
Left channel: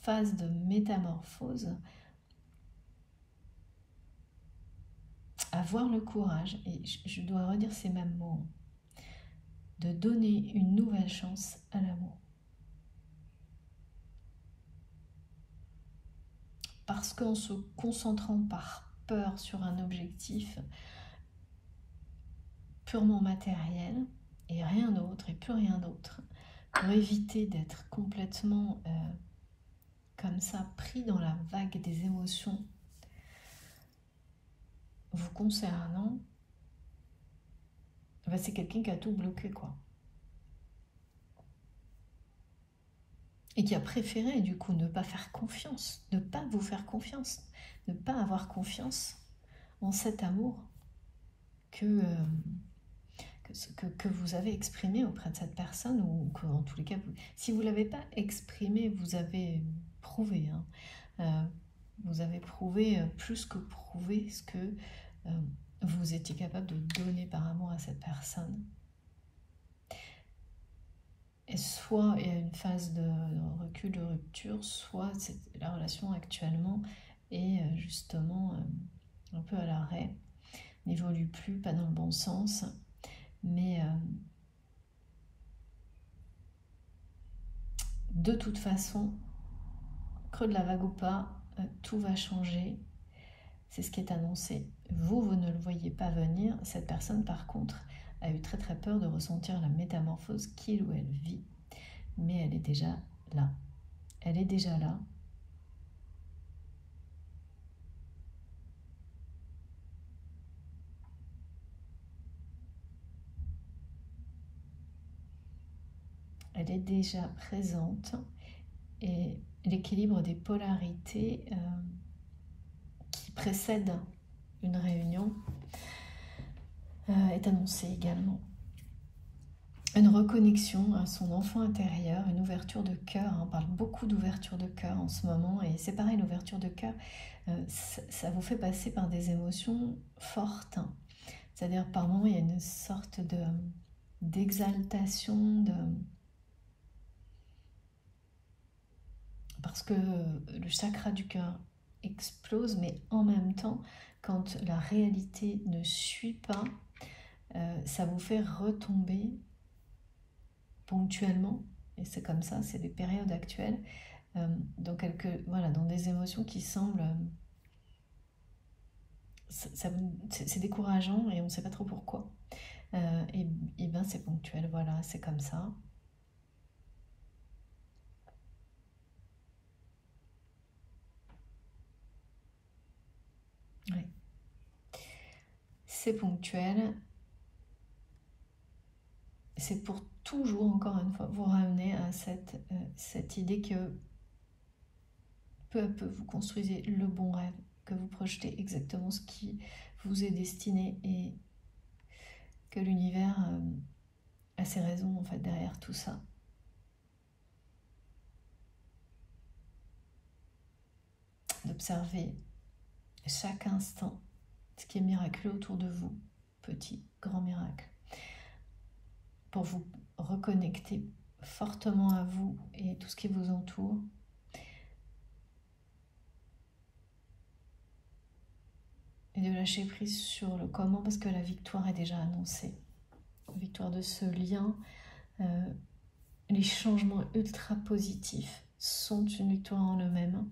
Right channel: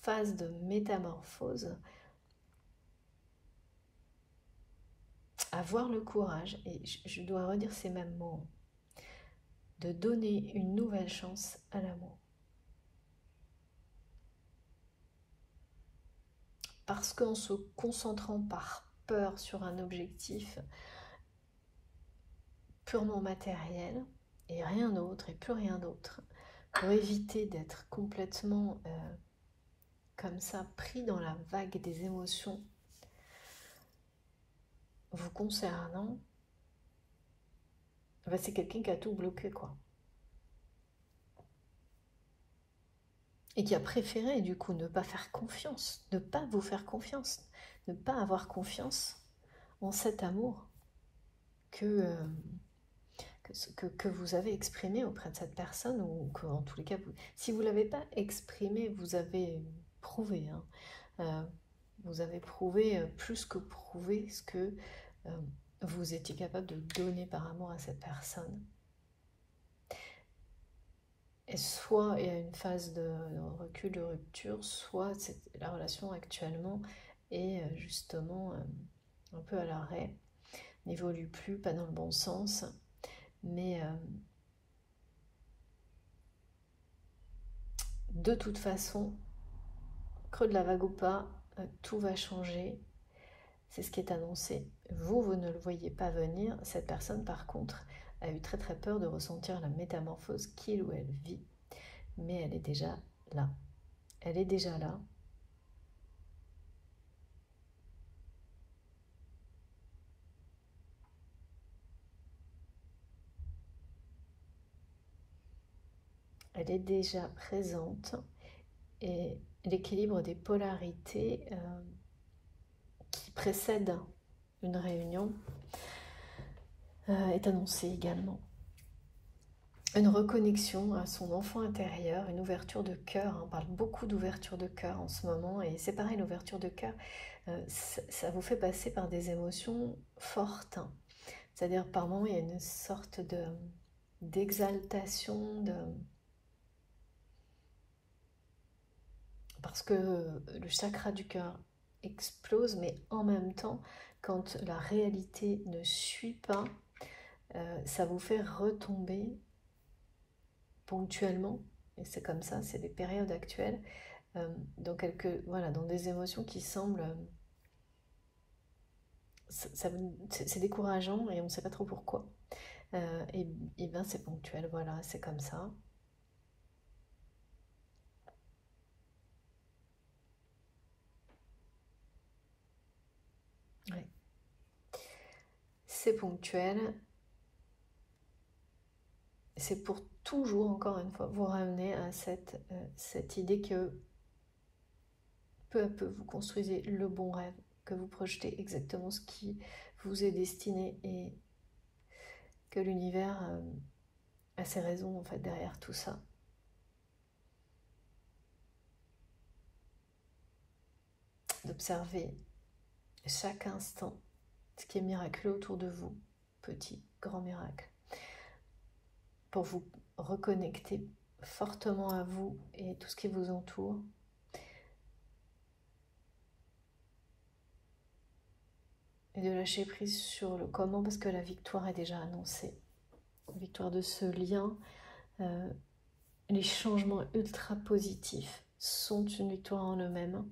phase de métamorphose, avoir le courage, et je dois redire ces mêmes mots, de donner une nouvelle chance à l'amour. Parce qu'en se concentrant par peur sur un objectif purement matériel, et rien d'autre, et plus rien d'autre, pour éviter d'être complètement comme ça, pris dans la vague des émotions vous concernant, ben c'est quelqu'un qui a tout bloqué, quoi. et qui a préféré du coup ne pas faire confiance, ne pas vous faire confiance, ne pas avoir confiance en cet amour que vous avez exprimé auprès de cette personne, ou que en tous les cas, si vous ne l'avez pas exprimé, vous avez prouvé, hein. Vous avez prouvé, plus que prouvé, ce que vous étiez capable de donner par amour à cette personne. Et soit il y a une phase de recul, de rupture, soit la relation actuellement est justement un peu à l'arrêt, n'évolue plus, pas dans le bon sens, mais de toute façon, creux de la vague ou pas, tout va changer. C'est ce qui est annoncé. Vous ne le voyez pas venir. Cette personne, par contre, a eu très très peur de ressentir la métamorphose qu'il ou elle vit. Mais elle est déjà là. Elle est déjà là. Elle est déjà présente. Et l'équilibre des polarités qui précède une réunion est annoncé également. Une reconnexion à son enfant intérieur, une ouverture de cœur. On parle beaucoup d'ouverture de cœur en ce moment, et c'est pareil, l'ouverture de cœur, ça vous fait passer par des émotions fortes. C'est-à-dire, par moments, il y a une sorte d'exaltation, parce que le chakra du cœur explose, mais en même temps, quand la réalité ne suit pas, ça vous fait retomber ponctuellement, et c'est comme ça, c'est des périodes actuelles, voilà, dans des émotions qui semblent, c'est décourageant et on ne sait pas trop pourquoi. Et bien c'est ponctuel, voilà, c'est comme ça. Ouais. C'est ponctuel. C'est pour toujours, encore une fois, vous ramener à cette idée que peu à peu, vous construisez le bon rêve, que vous projetez exactement ce qui vous est destiné, et que l'univers a ses raisons en fait derrière tout ça. D'observer chaque instant ce qui est miraculeux autour de vous, petit, grand miracle, pour vous reconnecter fortement à vous et tout ce qui vous entoure. Et de lâcher prise sur le comment, parce que la victoire est déjà annoncée. La victoire de ce lien, les changements ultra positifs sont une victoire en eux-mêmes.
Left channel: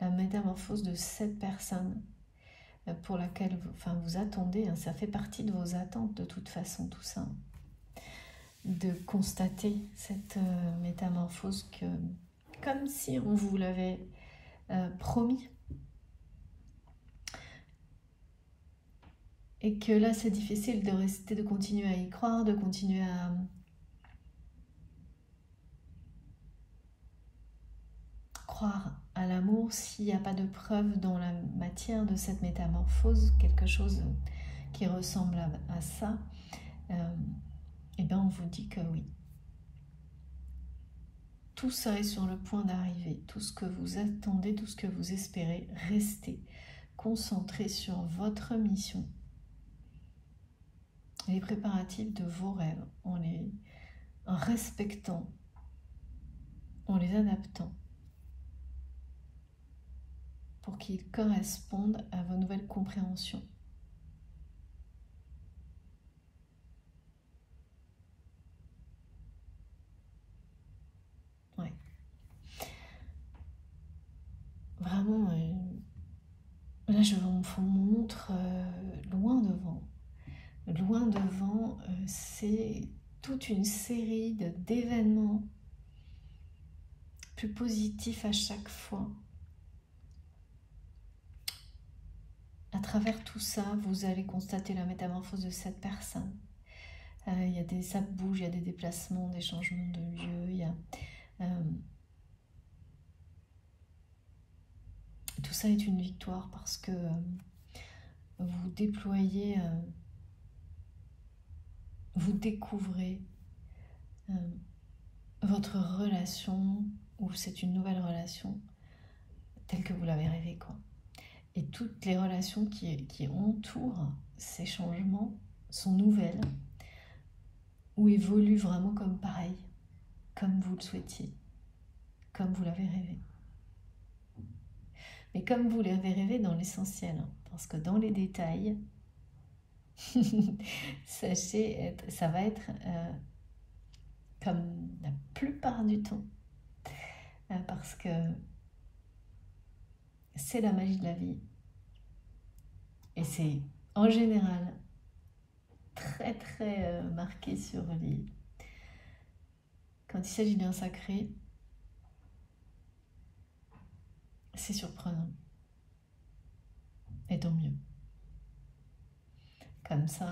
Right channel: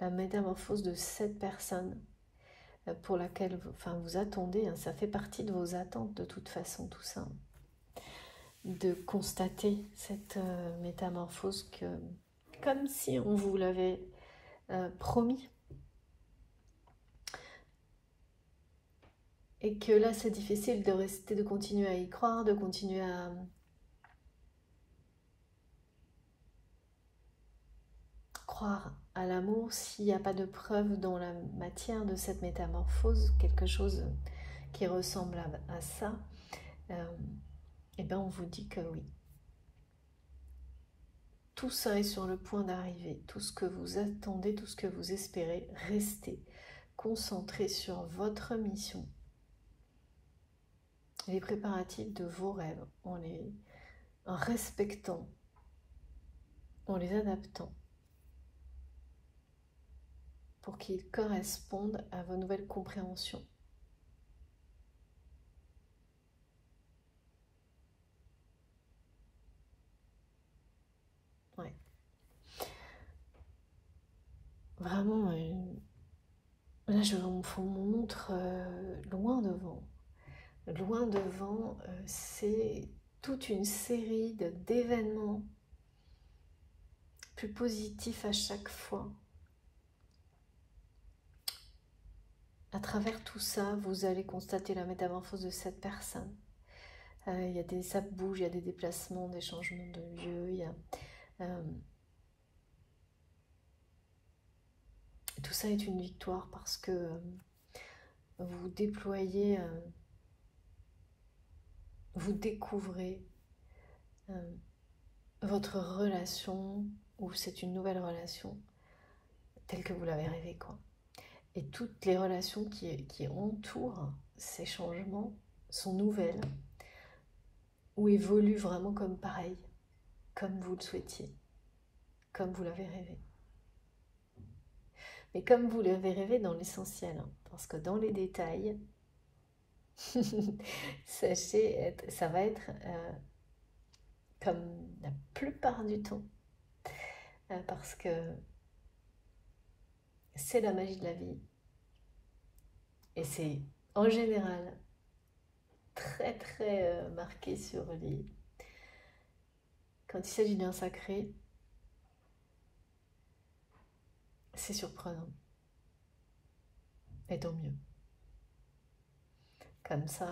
La métamorphose de cette personne pour laquelle vous attendez, hein, ça fait partie de vos attentes de toute façon, tout ça. De constater cette métamorphose comme si on vous l'avait promis. Et que là, c'est difficile de rester, de continuer à y croire, de continuer à croire à l'amour s'il n'y a pas de preuve dans la matière de cette métamorphose, quelque chose qui ressemble à ça. Et bien on vous dit que oui. Tout ça est sur le point d'arriver, tout ce que vous attendez, tout ce que vous espérez, restez concentré sur votre mission. Les préparatifs de vos rêves, en respectant, en les adaptant, pour qu'ils correspondent à vos nouvelles compréhensions. Ouais. Vraiment, là je vous montre loin devant. Loin devant, c'est toute une série d'événements plus positifs à chaque fois. À travers tout ça, vous allez constater la métamorphose de cette personne. Ça bouge, il y a des déplacements, des changements de lieu, tout ça est une victoire parce que vous déployez, vous découvrez votre relation, ou c'est une nouvelle relation, telle que vous l'avez rêvée, quoi. Et toutes les relations qui entourent ces changements sont nouvelles, ou évoluent vraiment comme pareil, comme vous le souhaitiez, comme vous l'avez rêvé. Mais comme vous l'avez rêvé dans l'essentiel, hein, parce que dans les détails, sachez, ça va être comme la plupart du temps, parce que c'est la magie de la vie. Et c'est en général très marqué sur les... Quand il s'agit d'un sacré, c'est surprenant. Et tant mieux. Comme ça,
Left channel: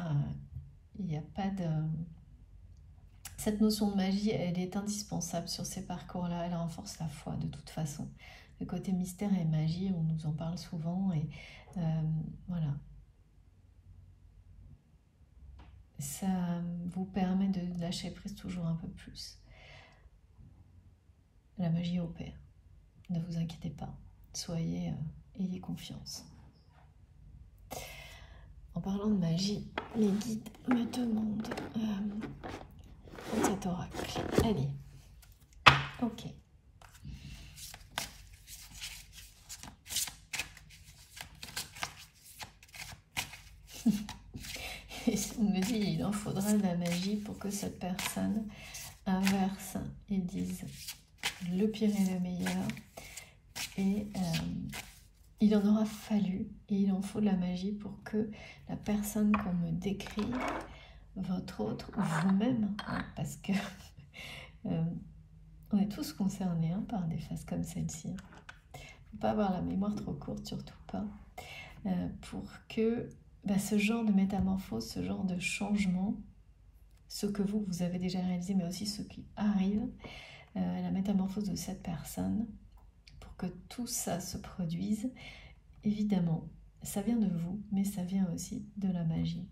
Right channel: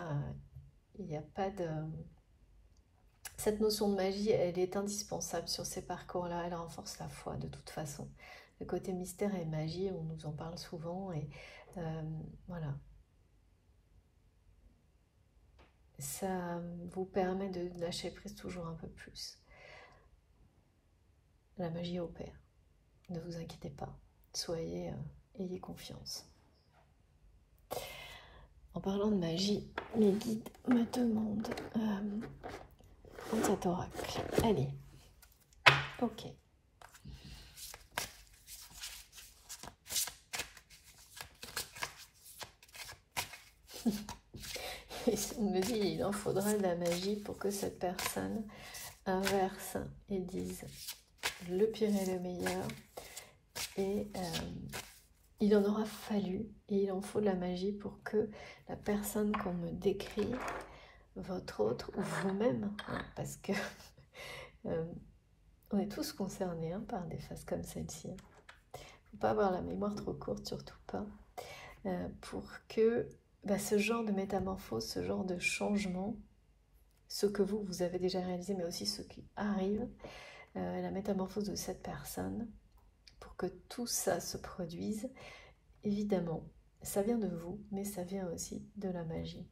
il n'y a pas de... Cette notion de magie, elle est indispensable sur ces parcours-là. Elle renforce la foi de toute façon. Le côté mystère et magie, on nous en parle souvent. Et voilà. Ça vous permet de lâcher prise toujours un peu plus. La magie opère. Ne vous inquiétez pas. Ayez confiance. En parlant de magie, les guides me demandent cet oracle. Allez. Ok. On me dit il en faudrait de la magie pour que cette personne inverse et dise le pire et le meilleur. Et il en aura fallu, et il en faut de la magie pour que la personne qu'on me décrit, votre autre, ou vous-même, hein, parce que on est tous concernés hein, par des phases comme celle-ci. Il ne faut pas avoir la mémoire trop courte, surtout pas, pour que ce genre de métamorphose, ce genre de changement, ce que vous avez déjà réalisé, mais aussi ce qui arrive, la métamorphose de cette personne, pour que tout ça se produise, évidemment, ça vient de vous, mais ça vient aussi de la magie.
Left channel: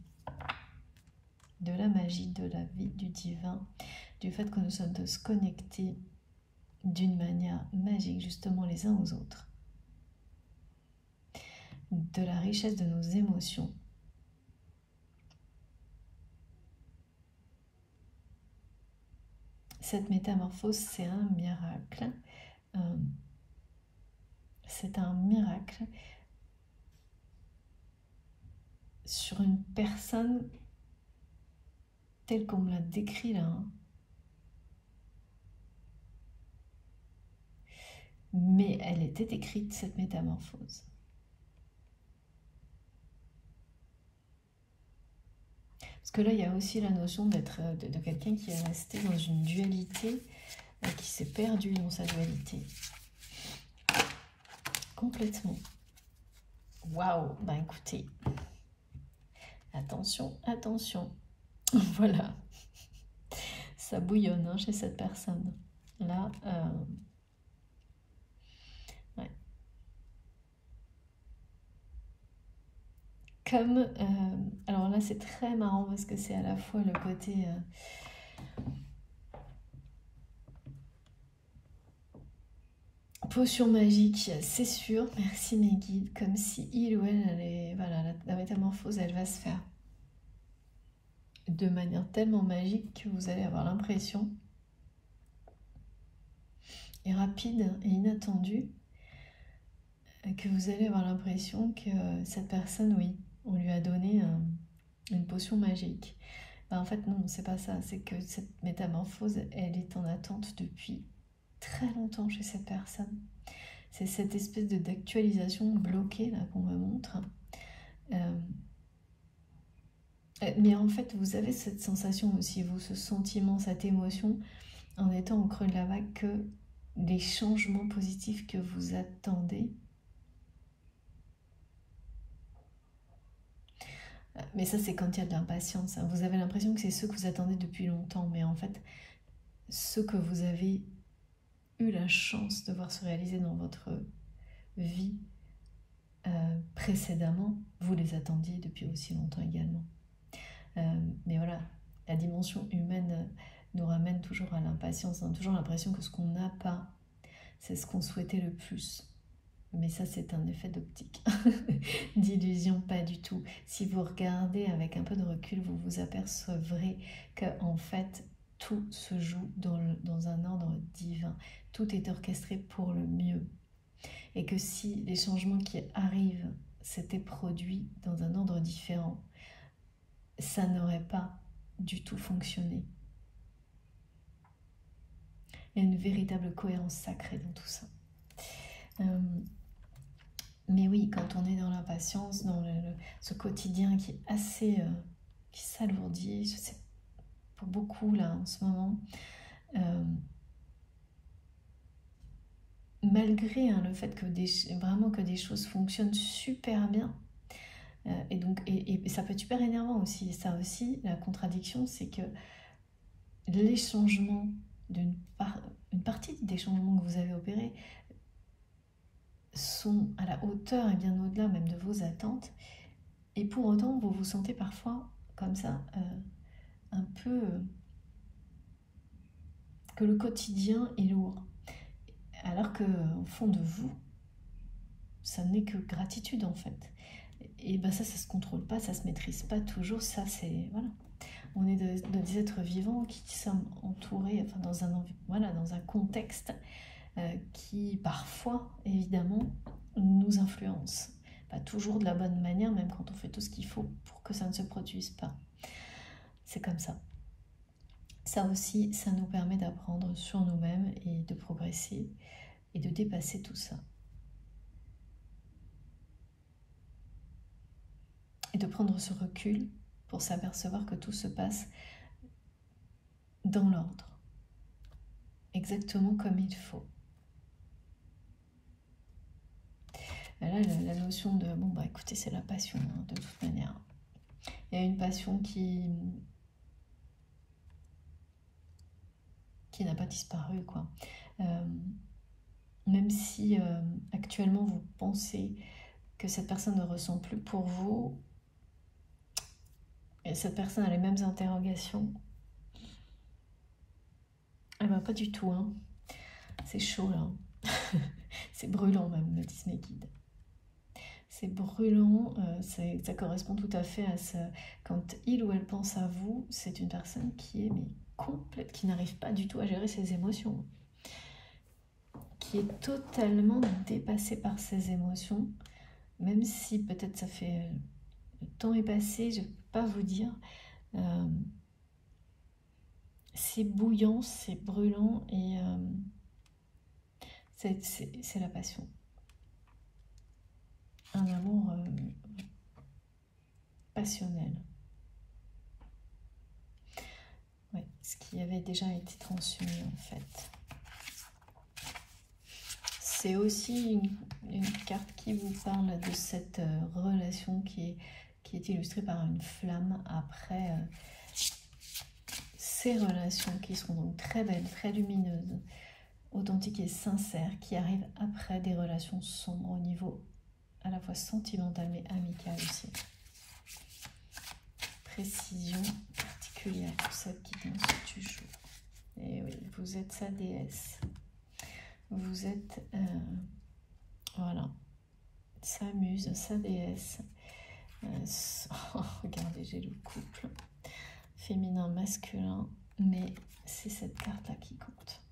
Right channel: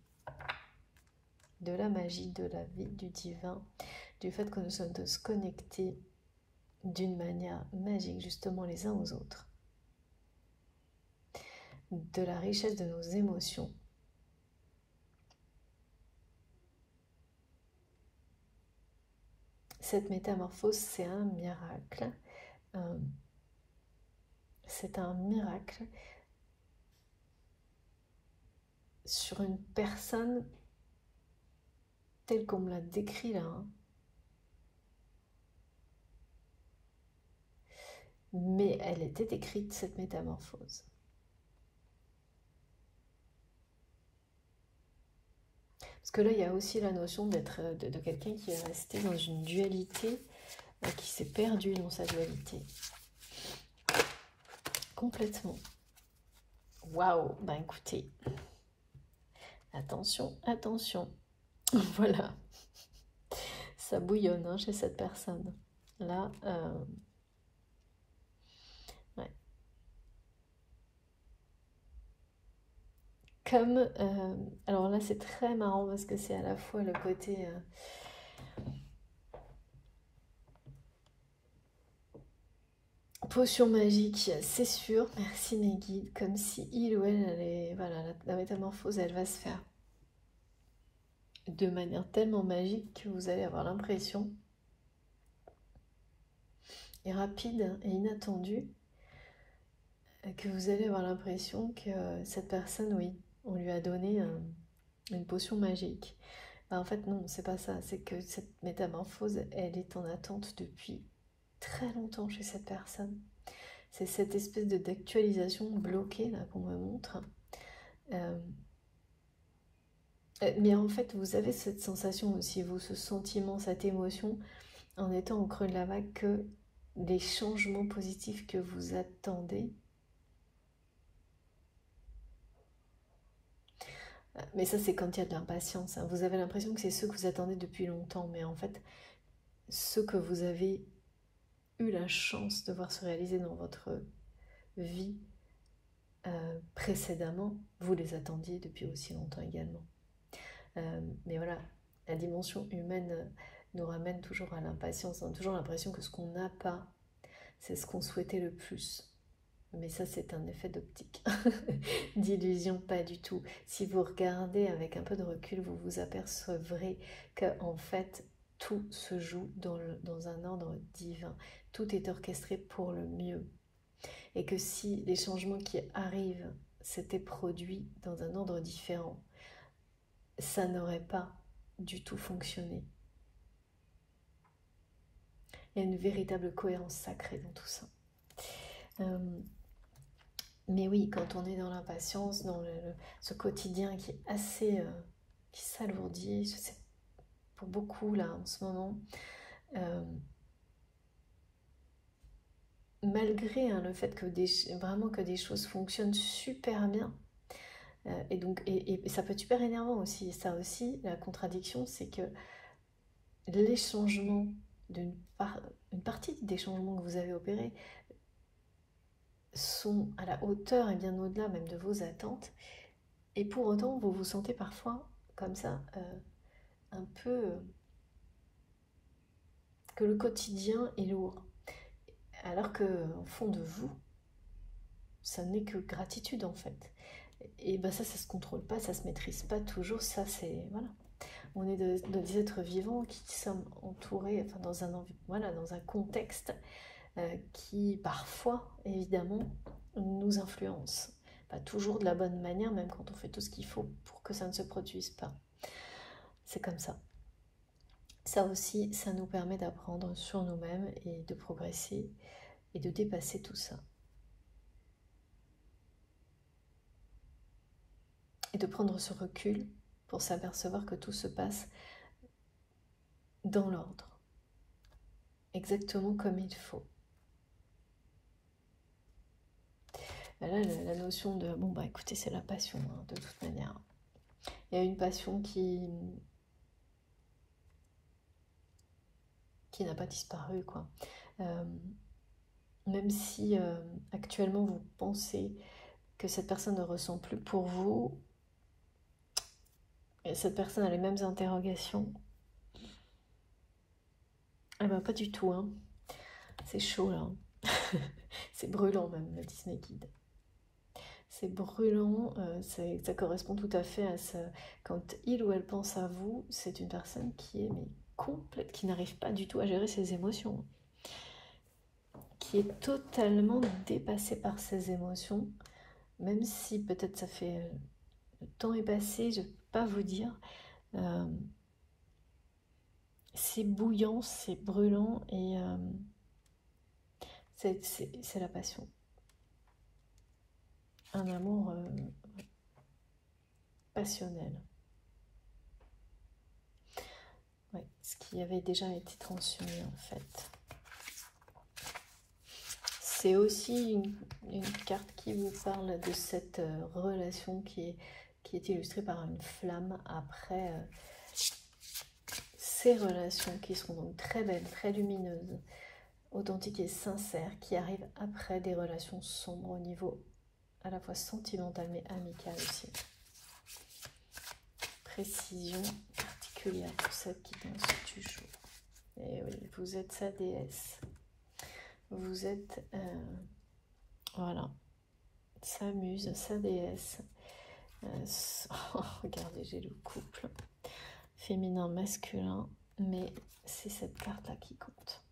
De la magie, de la vie, du divin, du fait que nous sommes tous connectés d'une manière magique, justement les uns aux autres. De la richesse de nos émotions. Cette métamorphose, c'est un miracle. C'est un miracle sur une personne telle qu'on me l'a décrit là. Hein. Mais elle était écrite, cette métamorphose. Parce que là, il y a aussi la notion d'être de quelqu'un qui est resté dans une dualité, qui s'est perdu dans sa dualité. Complètement. Waouh, bah écoutez, attention, attention. Voilà, ça bouillonne hein, chez cette personne. Là, ouais. Comme, alors là c'est très marrant parce que c'est à la fois le côté potion magique, c'est sûr, merci mes guides, comme si il ou elle allait, voilà, la métamorphose elle va se faire de manière tellement magique que vous allez avoir l'impression, et rapide et inattendue, que vous allez avoir l'impression que cette personne, oui, on lui a donné une potion magique. Ben, en fait, non, c'est pas ça. C'est que cette métamorphose, elle est en attente depuis très longtemps chez cette personne. C'est cette espèce d'actualisation bloquée là qu'on me montre. Mais en fait, vous avez cette sensation aussi, vous, ce sentiment, cette émotion, en étant au creux de la vague, que les changements positifs que vous attendez Mais ça, c'est quand il y a de l'impatience. Hein. Vous avez l'impression que c'est ceux que vous attendez depuis longtemps, mais en fait, ceux que vous avez eu la chance de voir se réaliser dans votre vie précédemment, vous les attendiez depuis aussi longtemps également. Mais voilà, la dimension humaine nous ramène toujours à l'impatience. On a toujours l'impression que ce qu'on n'a pas, c'est ce qu'on souhaitait le plus. Mais ça, c'est un effet d'optique, d'illusion, pas du tout. Si vous regardez avec un peu de recul, vous vous apercevrez qu'en fait, tout se joue dans un ordre divin. Tout est orchestré pour le mieux. Et que si les changements qui arrivent s'étaient produits dans un ordre différent, ça n'aurait pas du tout fonctionné. Il y a une véritable cohérence sacrée dans tout ça. Mais oui, quand on est dans l'impatience, dans ce quotidien qui est assez... qui s'alourdit, je sais, pour beaucoup là en ce moment, malgré le fait que vraiment que des choses fonctionnent super bien, et donc et ça peut être super énervant aussi. Et ça aussi, la contradiction, c'est que les changements une partie des changements que vous avez opérés sont à la hauteur et bien au-delà même de vos attentes, et pour autant vous vous sentez parfois comme ça un peu que le quotidien est lourd, alors que au fond de vous ça n'est que gratitude en fait. Et ben ça se contrôle pas, ça se maîtrise pas toujours. Ça c'est voilà, on est des êtres vivants qui sommes entourés, enfin dans un contexte qui parfois évidemment nous influence, pas toujours de la bonne manière, même quand on fait tout ce qu'il faut pour que ça ne se produise pas. C'est comme ça. Ça aussi, ça nous permet d'apprendre sur nous-mêmes et de progresser et de dépasser tout ça. Et de prendre ce recul pour s'apercevoir que tout se passe dans l'ordre, exactement comme il faut. Là, la notion de, bon bah écoutez, c'est la passion, hein, de toute manière. Il y a une passion qui n'a pas disparu, quoi. Même si actuellement vous pensez que cette personne ne ressent plus pour vous, et cette personne a les mêmes interrogations, eh ben pas du tout, hein. C'est chaud là, c'est brûlant même, me disent mes guides. C'est brûlant, ça correspond tout à fait à ce... Quand il ou elle pense à vous, c'est une personne qui est complète, qui n'arrive pas du tout à gérer ses émotions, qui est totalement dépassée par ses émotions, même si peut-être ça fait... le temps est passé, je ne peux pas vous dire. C'est bouillant, c'est brûlant, et c'est la passion. Un amour passionnel. Ouais, ce qui avait déjà été transmis en fait. C'est aussi une carte qui vous parle de cette relation qui est illustrée par une flamme après ces relations qui seront donc très belles, très lumineuses, authentiques et sincères, qui arrivent après des relations sombres au niveau à la fois sentimental mais amical aussi. Précision particulière pour cette guidance du jeu. Et oui, vous êtes sa déesse. Vous êtes, voilà, sa muse, sa déesse. Regardez, j'ai le couple féminin, masculin, mais c'est cette carte-là qui compte.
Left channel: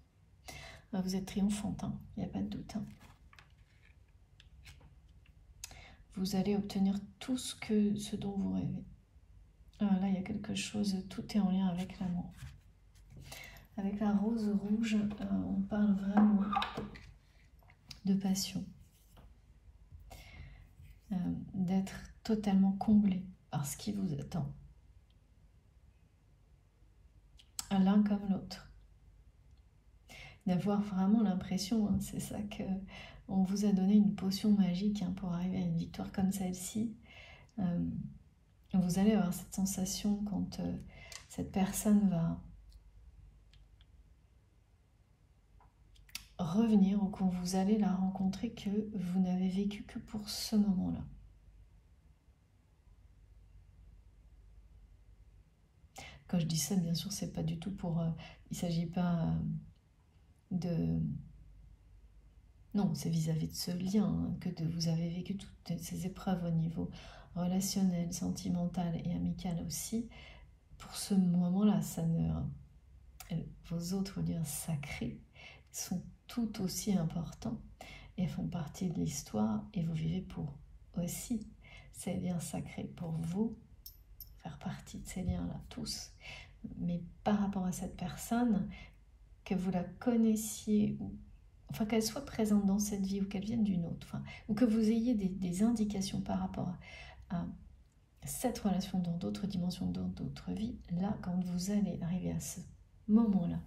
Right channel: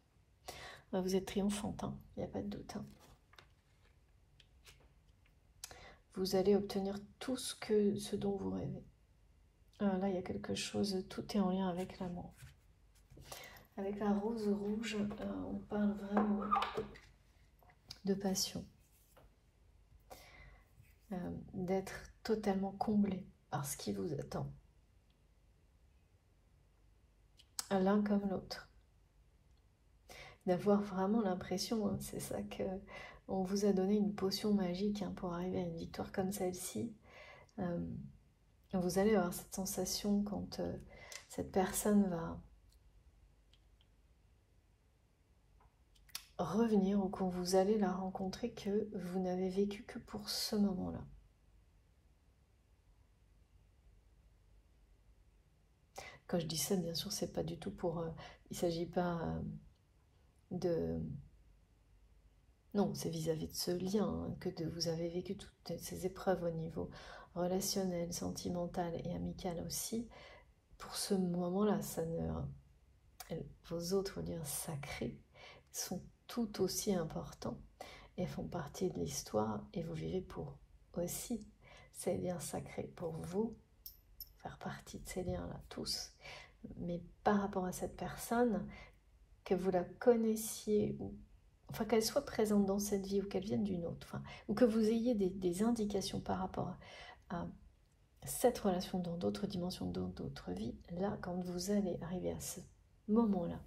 Vous êtes triomphante, hein, il n'y a pas de doute. Hein. Vous allez obtenir tout ce dont vous rêvez. Là, il y a quelque chose, tout est en lien avec l'amour. Avec la rose rouge, on parle vraiment de passion. D'être totalement comblé par ce qui vous attend. L'un comme l'autre. D'avoir vraiment l'impression, hein, c'est ça que on vous a donné une potion magique, hein, pour arriver à une victoire comme celle-ci. Vous allez avoir cette sensation quand cette personne va revenir ou quand vous allez la rencontrer que vous n'avez vécu que pour ce moment-là. Quand je dis ça, bien sûr, c'est pas du tout pour... il ne s'agit pas de... Non, c'est vis-à-vis de ce lien que vous avez vécu toutes ces épreuves au niveau relationnel, sentimental et amical aussi. Pour ce moment-là, ça ne... vos autres liens sacrés sont tout aussi importants et font partie de l'histoire et vous vivez pour aussi ces liens sacrés, pour vous faire partie de ces liens-là, tous. Mais par rapport à cette personne, que vous la connaissiez, ou, enfin qu'elle soit présente dans cette vie ou qu'elle vienne d'une autre, enfin, ou que vous ayez des indications par rapport à cette relation dans d'autres dimensions, dans d'autres vies, là, quand vous allez arriver à ce moment-là,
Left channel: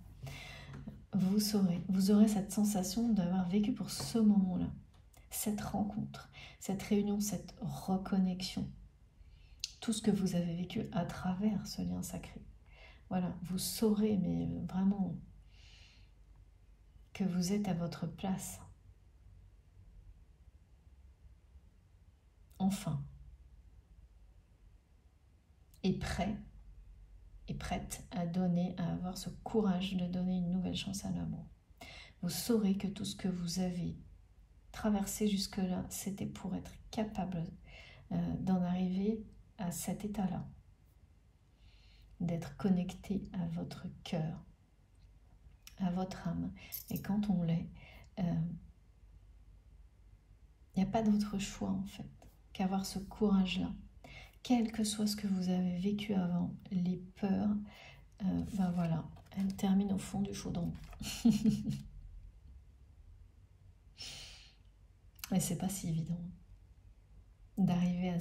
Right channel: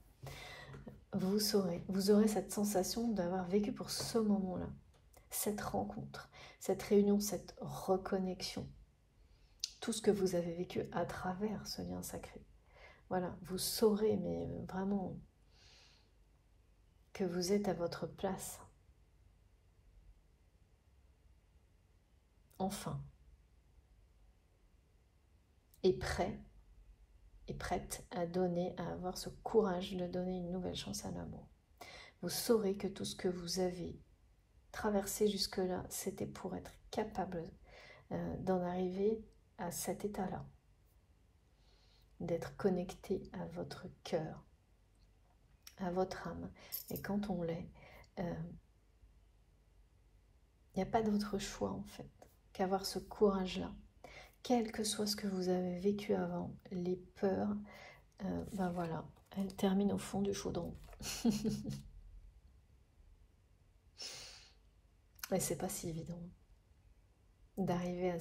vous aurez cette sensation d'avoir vécu pour ce moment-là, cette rencontre, cette réunion, cette reconnexion, tout ce que vous avez vécu à travers ce lien sacré. Voilà, vous saurez, mais vraiment, que vous êtes à votre place. Enfin. Et prêt et prête à donner, à avoir ce courage de donner une nouvelle chance à l'amour. Vous saurez que tout ce que vous avez traversé jusque-là, c'était pour être capable d'en arriver à cet état-là, d'être connecté à votre cœur, à votre âme. Et quand on l'est, il n'y a pas d'autre choix en fait qu'avoir ce courage-là. Quel que soit ce que vous avez vécu avant, les peurs, ben voilà, elles terminent au fond du chaudron. Et c'est pas si évident d'arriver à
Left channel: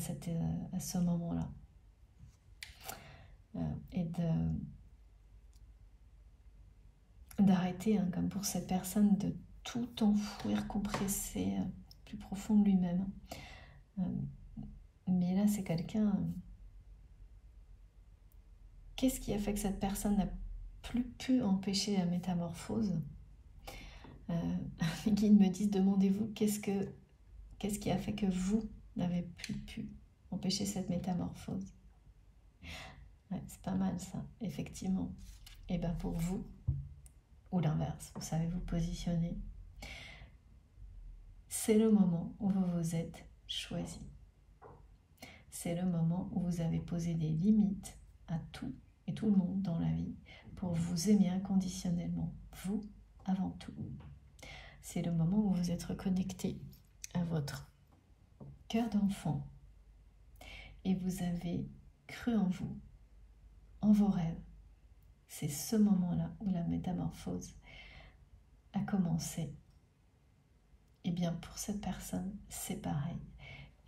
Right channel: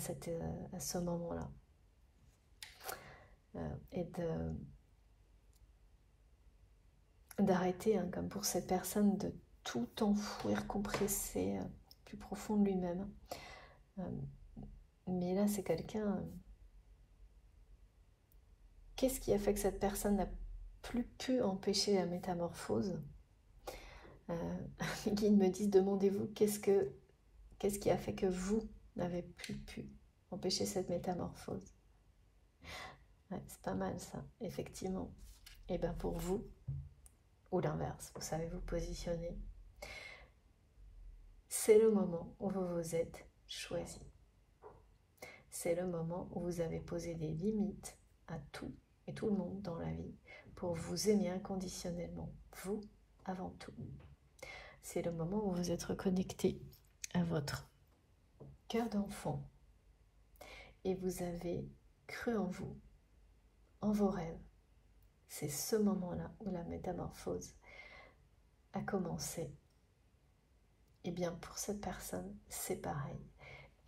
ce moment-là. Et d'arrêter, hein, comme pour cette personne, de tout enfouir, compresser plus profond de lui-même. Mais là, c'est quelqu'un... Qu'est-ce qui a fait que cette personne n'a plus pu empêcher la métamorphose? Les guides me disent, demandez-vous, qu'est-ce qui a fait que vous n'avez plus pu empêcher cette métamorphose? Ouais, c'est pas mal ça, effectivement. Et bien pour vous, ou l'inverse, vous savez vous positionner, c'est le moment où vous vous êtes choisi. C'est le moment où vous avez posé des limites à tout et tout le monde dans la vie pour vous aimer inconditionnellement, vous avant tout. C'est le moment où vous êtes reconnecté à votre cœur d'enfant et vous avez cru en vous, en vos rêves. C'est ce moment-là où la métamorphose a commencé. Et bien pour cette personne, c'est pareil.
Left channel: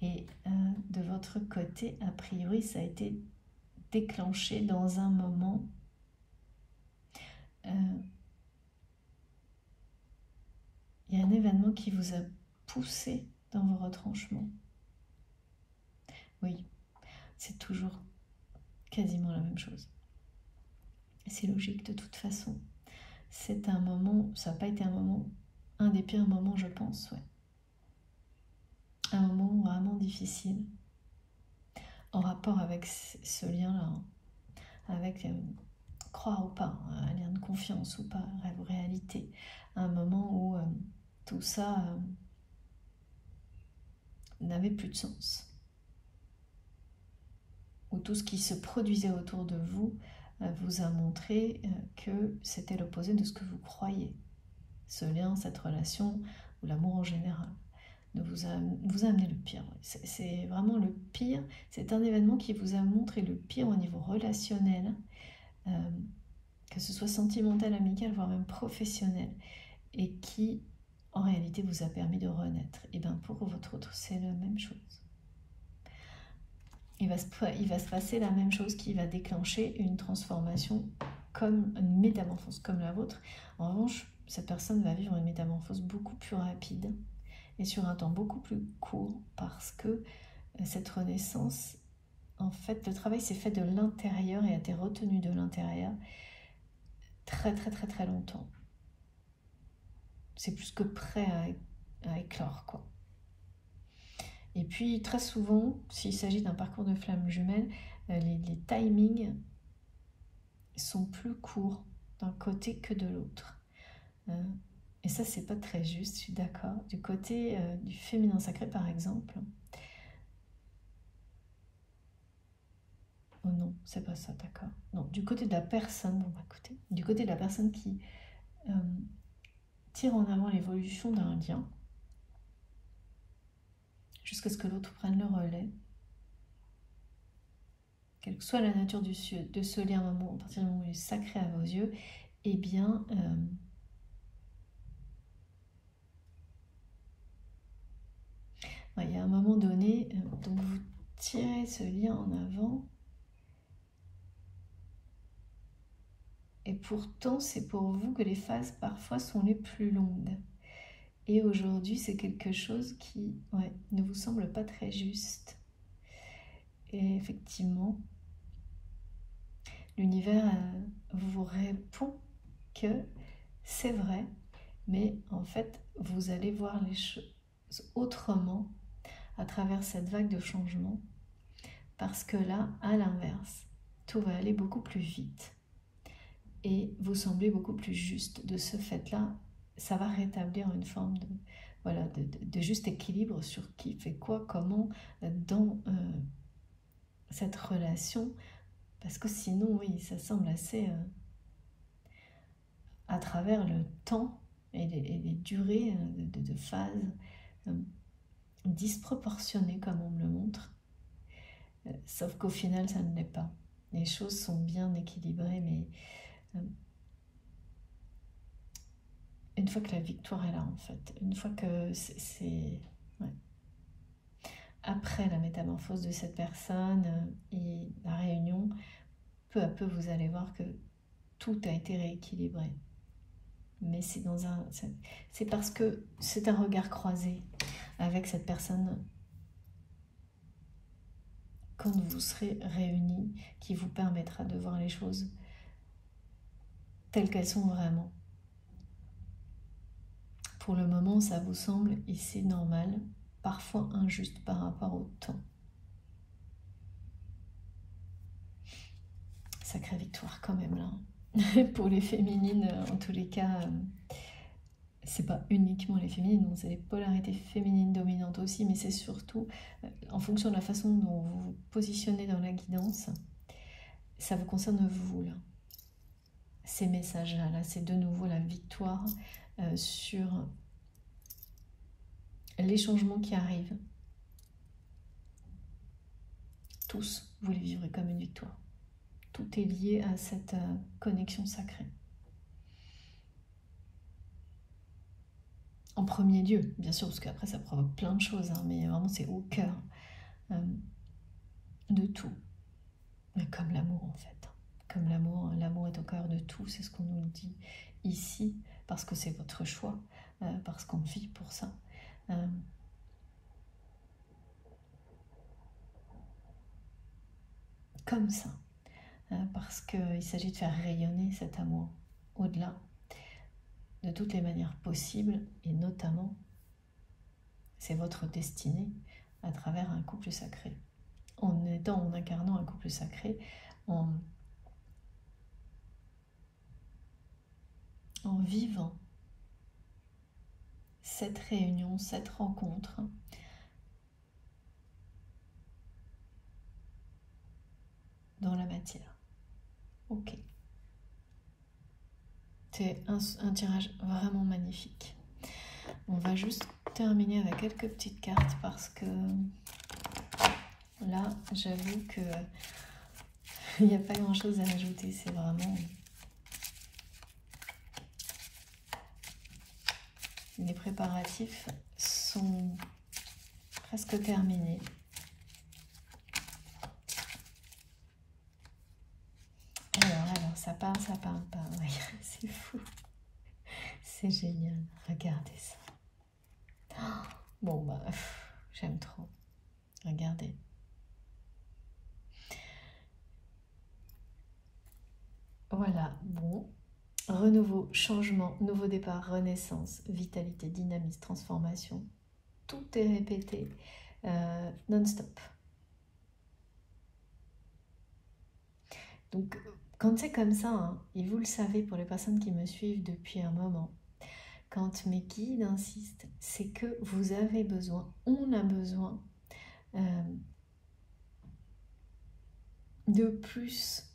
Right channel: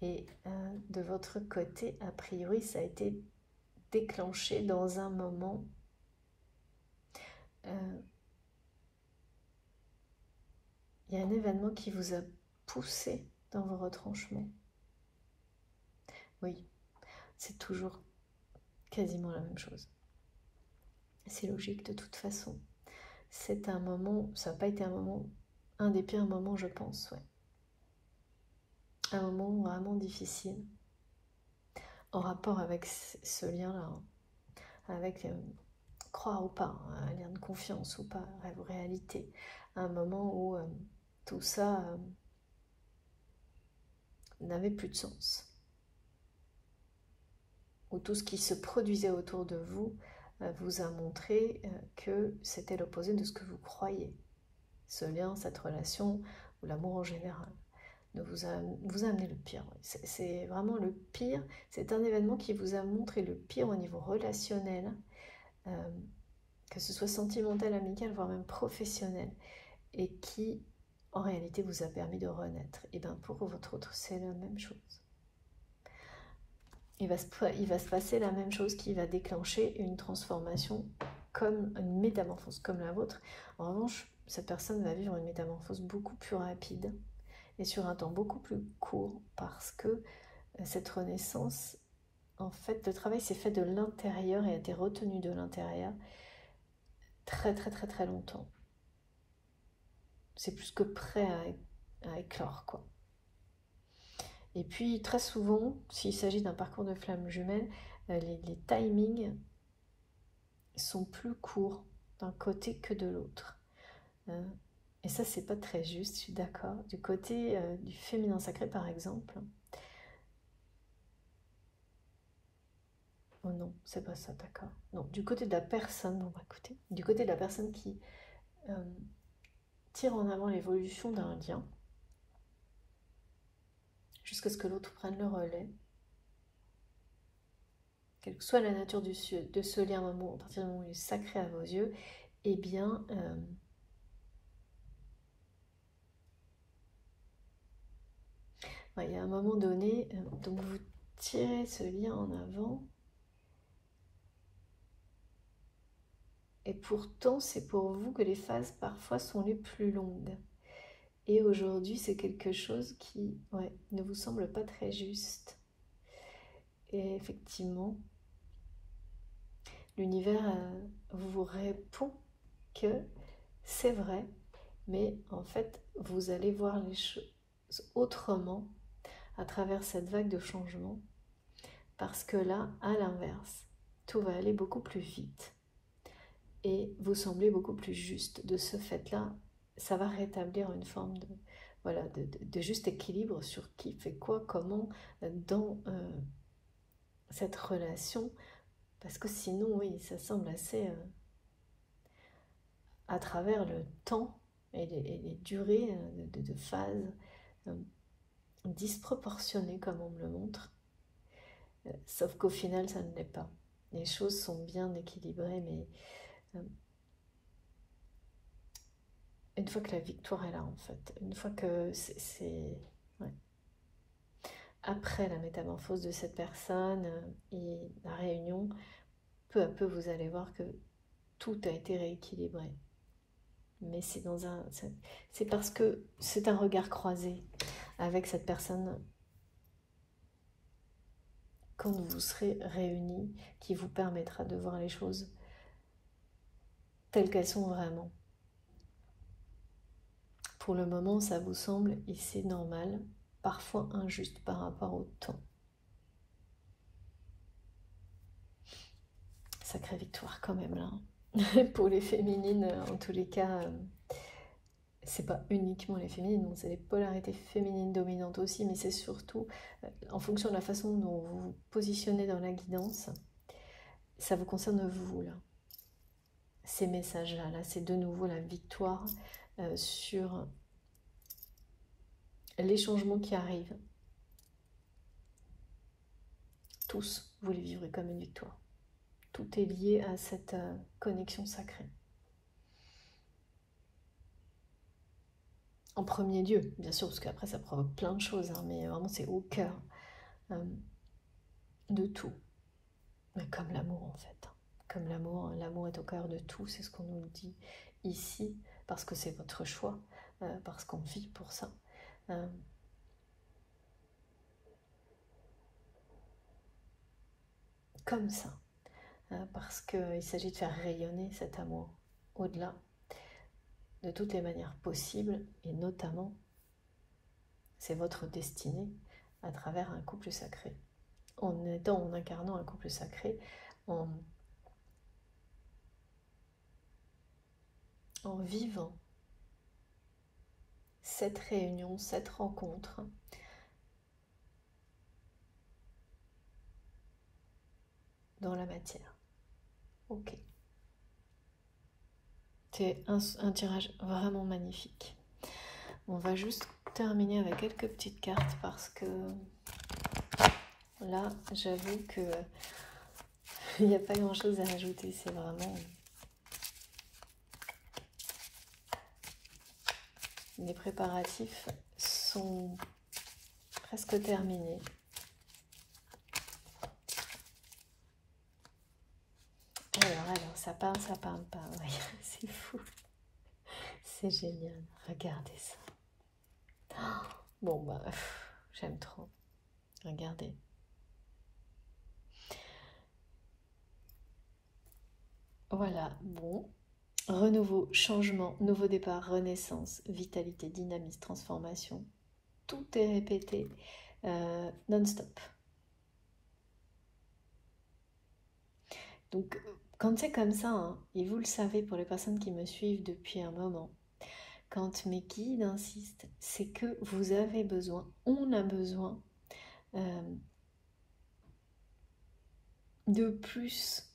Et de votre côté, a priori, ça a été déclenché dans un moment il y a un événement qui vous a poussé dans vos retranchements. Oui, c'est toujours quasiment la même chose. C'est logique de toute façon. C'est un moment, ça n'a pas été un moment, un des pires moments je pense, ouais. Un moment vraiment difficile, en rapport avec ce lien-là, avec croire ou pas, un lien de confiance ou pas, rêve ou réalité. Un moment où tout ça n'avait plus de sens. Où tout ce qui se produisait autour de vous vous a montré que c'était l'opposé de ce que vous croyez. Ce lien, cette relation, ou l'amour en général, vous a amené le pire. C'est vraiment le pire. C'est un événement qui vous a montré le pire au niveau relationnel, que ce soit sentimental, amical, voire même professionnel, et qui, en réalité, vous a permis de renaître. Et bien pour votre autre, c'est la même chose. Il va se passer la même chose qui va déclencher une transformation, comme une métamorphose comme la vôtre. En revanche, cette personne va vivre une métamorphose beaucoup plus rapide et sur un temps beaucoup plus court parce que cette renaissance en fait, le travail s'est fait de l'intérieur et a été retenu de l'intérieur très très très très longtemps. C'est plus que prêt à éclore, quoi. Et puis, très souvent, s'il s'agit d'un parcours de flamme jumelle, les timings sont plus courts d'un côté que de l'autre. Et ça, c'est pas très juste, je suis d'accord. Du côté du féminin sacré, par exemple. Oh non, c'est pas ça, d'accord. Non, du côté de la personne, bon, bah, écoutez, du côté de la personne qui tire en avant l'évolution d'un lien, jusqu'à ce que l'autre prenne le relais, quelle que soit la nature de ce lien, à partir du moment où il est sacré à vos yeux, eh bien, il y a un moment donné, donc vous tirez ce lien en avant, et pourtant c'est pour vous que les phases parfois sont les plus longues. Et aujourd'hui, c'est quelque chose qui ne vous semble pas très juste. Et effectivement, l'univers vous répond que c'est vrai, mais en fait, vous allez voir les choses autrement à travers cette vague de changement, parce que là, à l'inverse, tout va aller beaucoup plus vite et vous semblez beaucoup plus juste. De ce fait-là, ça va rétablir une forme de, voilà, de juste équilibre sur qui fait quoi, comment, dans cette relation, parce que sinon, oui, ça semble assez, à travers le temps et les durées de phases disproportionnées, comme on me le montre, sauf qu'au final, ça ne l'est pas. Les choses sont bien équilibrées, mais une fois que la victoire est là, en fait, une fois que c'est après la métamorphose de cette personne et la réunion, peu à peu, vous allez voir que tout a été rééquilibré. Mais c'est parce que c'est un regard croisé avec cette personne quand vous serez réunis qui vous permettra de voir les choses telles qu'elles sont vraiment. Pour le moment, ça vous semble ici normal, parfois injuste par rapport au temps. Sacrée victoire quand même là. Pour les féminines, en tous les cas, c'est pas uniquement les féminines, donc c'est les polarités féminines dominantes aussi, mais c'est surtout en fonction de la façon dont vous vous positionnez dans la guidance, ça vous concerne vous là. Ces messages-là, là, c'est de nouveau la victoire sur les changements qui arrivent. Tous, vous les vivrez comme une victoire. Tout est lié à cette connexion sacrée. En premier lieu, bien sûr, parce qu'après ça provoque plein de choses, hein, mais vraiment c'est au cœur de tout. Mais comme l'amour en fait. Comme l'amour, l'amour est au cœur de tout, c'est ce qu'on nous dit ici, parce que c'est votre choix, parce qu'on vit pour ça. Comme ça, parce qu'il s'agit de faire rayonner cet amour au-delà, de toutes les manières possibles, et notamment, c'est votre destinée à travers un couple sacré. En incarnant un couple sacré, en vivant cette réunion, cette rencontre, dans la matière. Ok. C'est un tirage vraiment magnifique. On va juste terminer avec quelques petites cartes parce que là, j'avoue que il n'y a pas grand chose à rajouter. C'est vraiment... Les préparatifs sont presque terminés. Alors, ça parle pas. C'est fou. C'est génial. Regardez ça. Bon, bah, j'aime trop. Regardez. Voilà, bon. Renouveau, changement, nouveau départ, renaissance, vitalité, dynamisme, transformation. Tout est répété non-stop. Donc, quand c'est comme ça, hein, et vous le savez pour les personnes qui me suivent depuis un moment, quand mes guides insistent, c'est que vous avez besoin, on a besoin de plus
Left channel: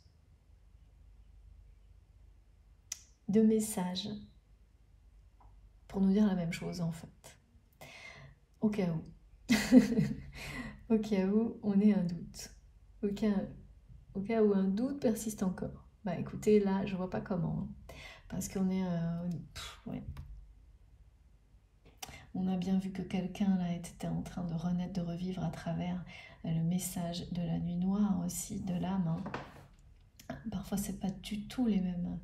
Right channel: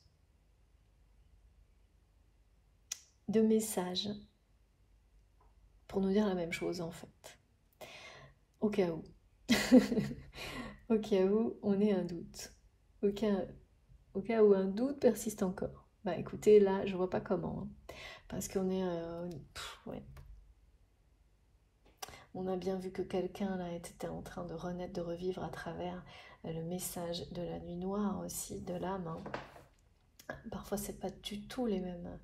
de messages pour nous dire la même chose en fait. Au cas où. Au cas où on ait un doute. Au cas où un doute persiste encore. Bah écoutez, là, je vois pas comment. Hein. Parce qu'on est... ouais. On a bien vu que quelqu'un là était en train de renaître, de revivre à travers le message de la nuit noire aussi, de l'âme. Hein. Parfois, c'est pas du tout les mêmes.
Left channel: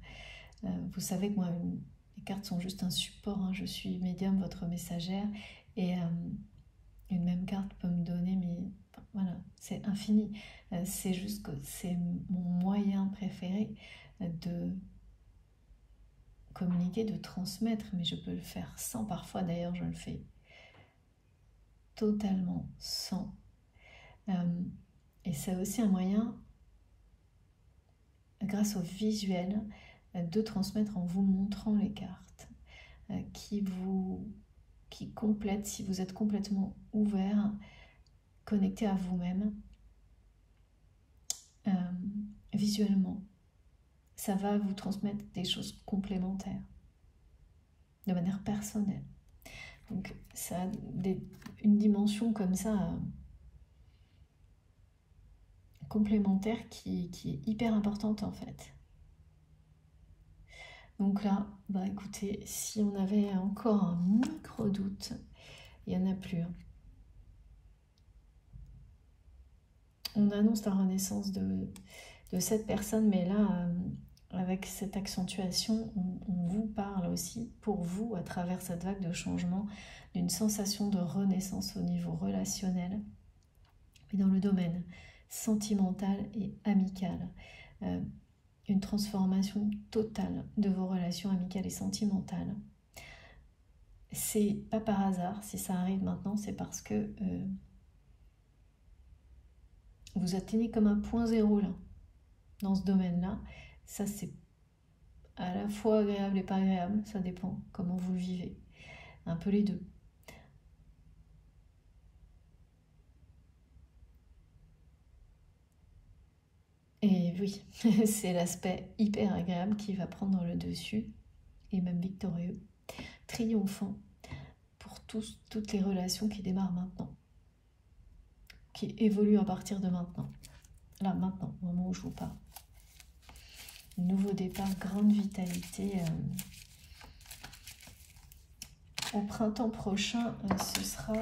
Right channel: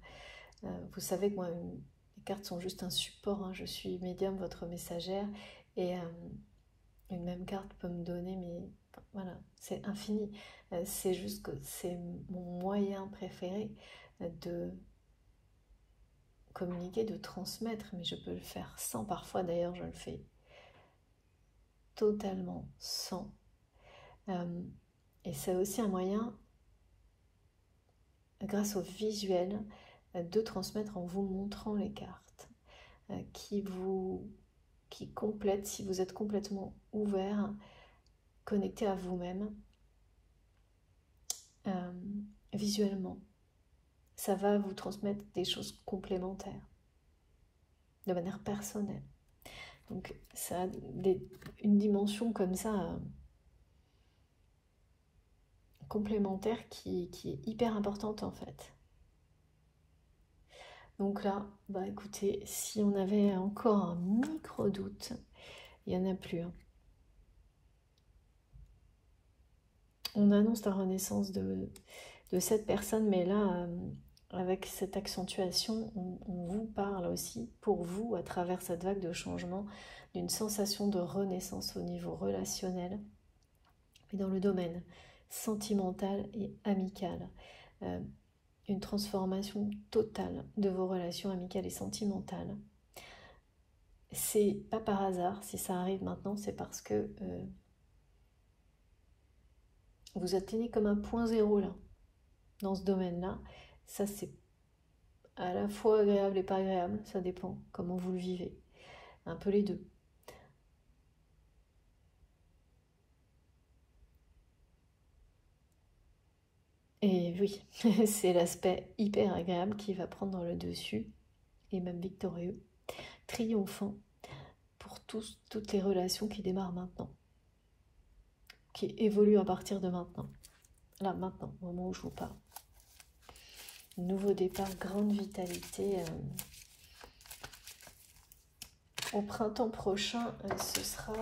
Vous savez que moi, les cartes sont juste un support. Hein. Je suis médium, votre messagère. Et une même carte peut me donner, mais voilà, c'est infini. C'est juste que c'est mon moyen préféré de communiquer, de transmettre, mais je peux le faire sans. Parfois, d'ailleurs, je le fais totalement sans. Et c'est aussi un moyen, grâce au visuel, de transmettre en vous montrant les cartes qui complètent, si vous êtes complètement ouvert, connecté à vous-même, visuellement. Ça va vous transmettre des choses complémentaires, de manière personnelle. Donc ça a une dimension comme ça, complémentaire, qui est hyper importante en fait. Donc là, bah écoutez, si on avait encore un micro-doute, il n'y en a plus. Hein. On annonce la renaissance de cette personne, mais là, avec cette accentuation, on vous parle aussi, pour vous, à travers cette vague de changement, d'une sensation de renaissance au niveau relationnel, mais dans le domaine sentimental et amical. Une transformation totale de vos relations amicales et sentimentales. C'est pas par hasard, si ça arrive maintenant, c'est parce que vous atteignez comme un point zéro là, dans ce domaine-là. Ça, c'est à la fois agréable et pas agréable, ça dépend comment vous le vivez. Un peu les deux. Et oui, c'est l'aspect hyper agréable qui va prendre le dessus, et même victorieux, triomphant, pour toutes les relations qui démarrent maintenant, qui évoluent à partir de maintenant. Là, maintenant, au moment où je vous parle. Nouveau départ, grande vitalité. Au printemps prochain, ce sera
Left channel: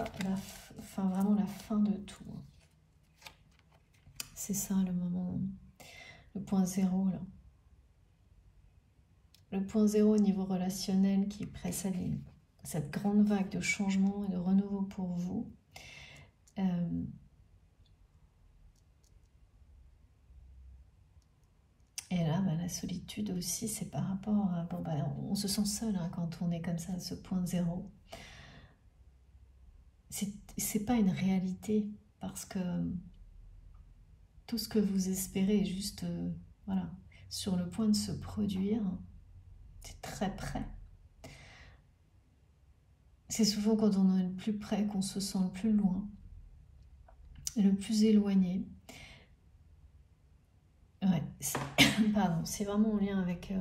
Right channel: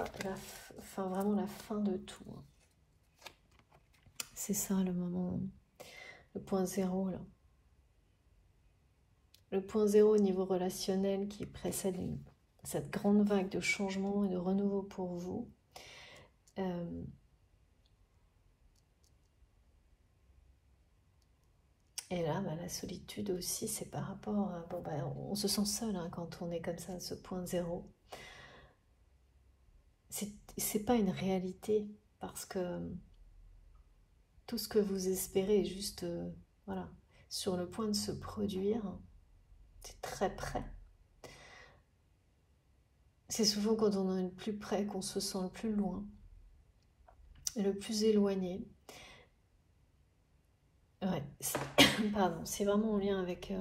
vraiment la fin de tout. C'est ça le moment, le point zéro là. Le point zéro au niveau relationnel qui précède cette grande vague de changement et de renouveau pour vous. Et là, bah, la solitude aussi, c'est par rapport à... Bon, bah, on se sent seul hein, quand on est comme ça à ce point zéro. C'est pas une réalité, parce que tout ce que vous espérez est juste voilà, sur le point de se produire. C'est très près. C'est souvent quand on est le plus près qu'on se sent le plus loin et le plus éloigné. Ouais, pardon, c'est vraiment en lien avec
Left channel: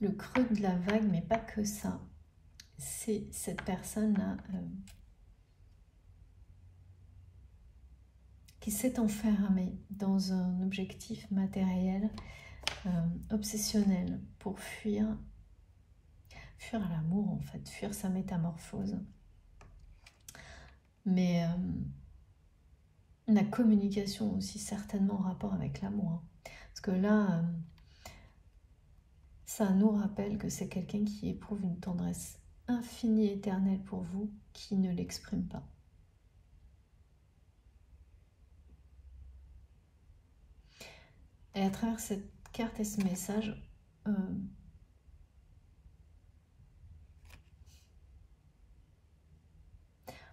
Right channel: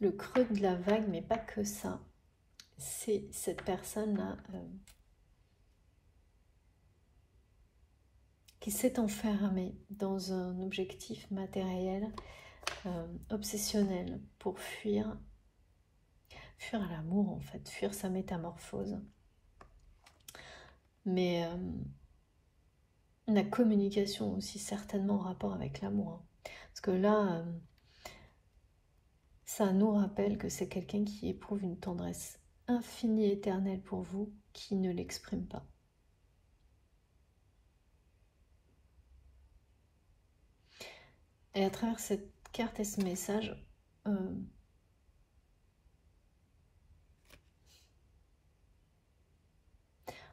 le creux de la vague, mais pas que ça. C'est cette personne-là qui s'est enfermée dans un objectif matériel, obsessionnel, pour fuir l'amour en fait, fuir sa métamorphose. Mais la communication aussi certainement en rapport avec l'amour. Hein. Parce que là, ça nous rappelle que c'est quelqu'un qui éprouve une tendresse infinie et éternelle pour vous, qui ne l'exprime pas. Et à travers cette carte et ce message,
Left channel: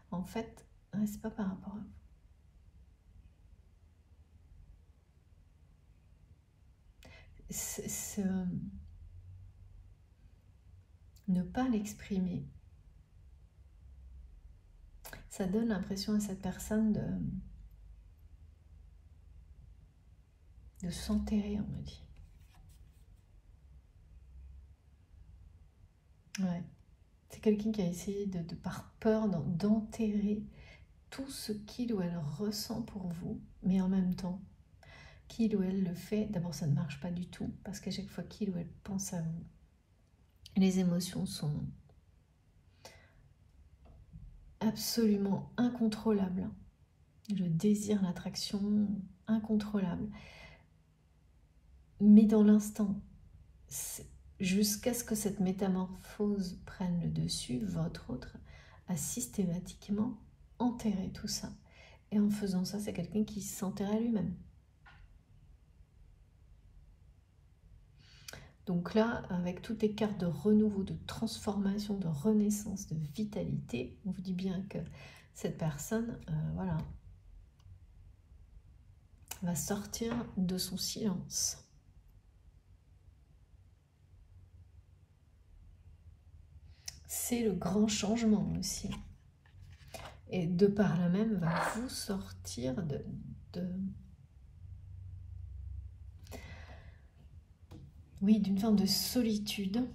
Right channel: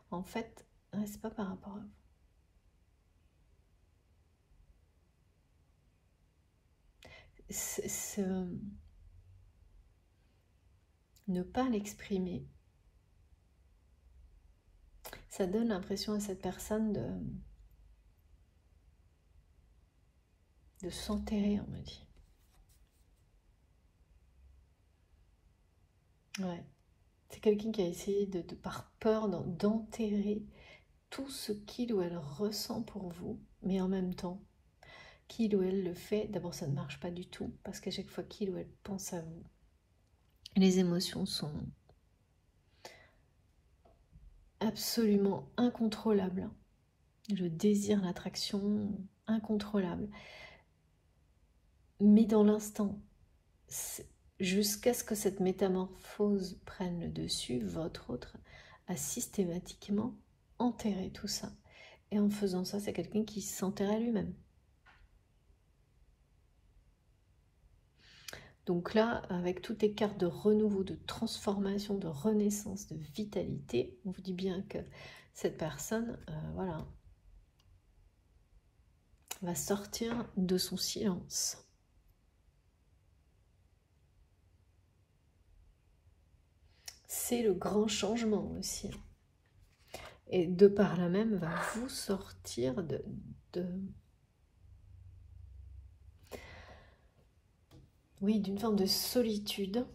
en fait, c'est pas par rapport à vous. Ne pas l'exprimer, ça donne l'impression à cette personne de s'enterrer, on me dit. Ouais. C'est quelqu'un qui a essayé par peur d'enterrer tout ce qu'il ou elle ressent pour vous, mais en même temps, qu'il ou elle le fait, d'abord ça ne marche pas du tout, parce qu'à chaque fois qu'il ou elle pense à vous, les émotions sont absolument incontrôlables. Le désir, l'attraction, incontrôlable. Mais dans l'instant, jusqu'à ce que cette métamorphose prenne le dessus, votre autre a systématiquement enterré tout ça. Et en faisant ça, c'est quelqu'un qui s'enterrait lui-même. Donc là, avec toutes les cartes de renouveau, de transformation, de renaissance, de vitalité, on vous dit bien que cette personne, voilà, va sortir de son silence. C'est le grand changement aussi. Et de par là même, va vous sortir oui, d'une forme de solitude.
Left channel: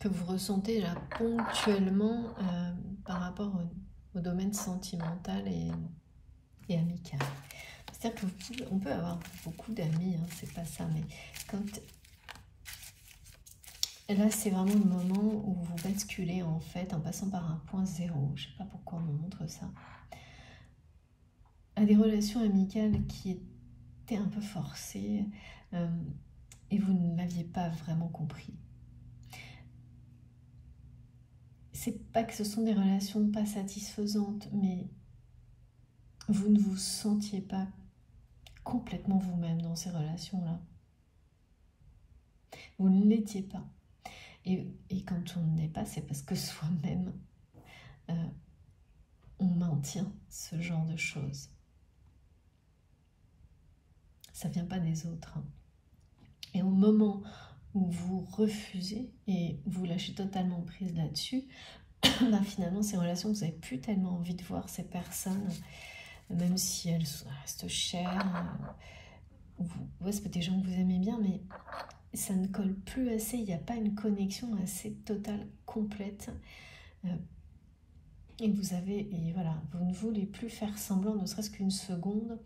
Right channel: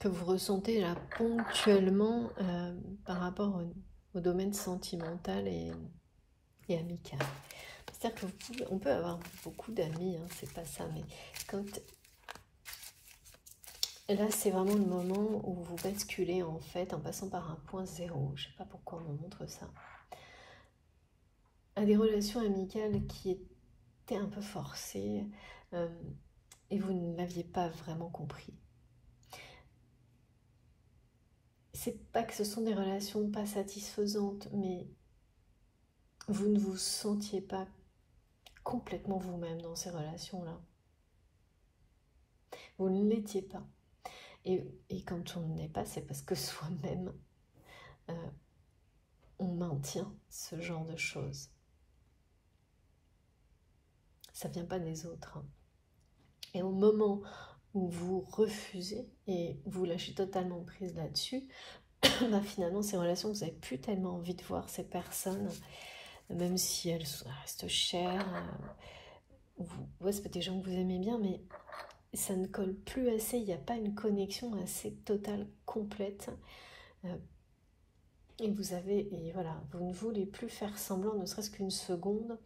Que vous ressentez là ponctuellement par rapport au domaine sentimental et amical. C'est-à-dire qu'on peut avoir beaucoup d'amis, hein, c'est pas ça, mais quand... Là, c'est vraiment le moment où vous basculez en fait en passant par un point zéro. Je sais pas pourquoi on me montre ça. À des relations amicales qui étaient un peu forcées et vous ne l'aviez pas vraiment compris. C'est pas que ce sont des relations pas satisfaisantes, mais vous ne vous sentiez pas complètement vous-même dans ces relations-là. Vous ne l'étiez pas. Et quand on ne l'est pas, c'est parce que soi-même, on maintient ce genre de choses. Ça ne vient pas des autres. Hein. Et au moment où vous refusez et vous lâchez totalement prise là-dessus, ben finalement, ces relations, vous n'avez plus tellement envie de voir ces personnes, même si elles restent chères. Ouais, c'est pas des gens que vous aimez bien, mais ça ne colle plus assez. Il n'y a pas une connexion assez totale, complète. Et voilà, vous ne voulez plus faire semblant, ne serait-ce qu'une seconde.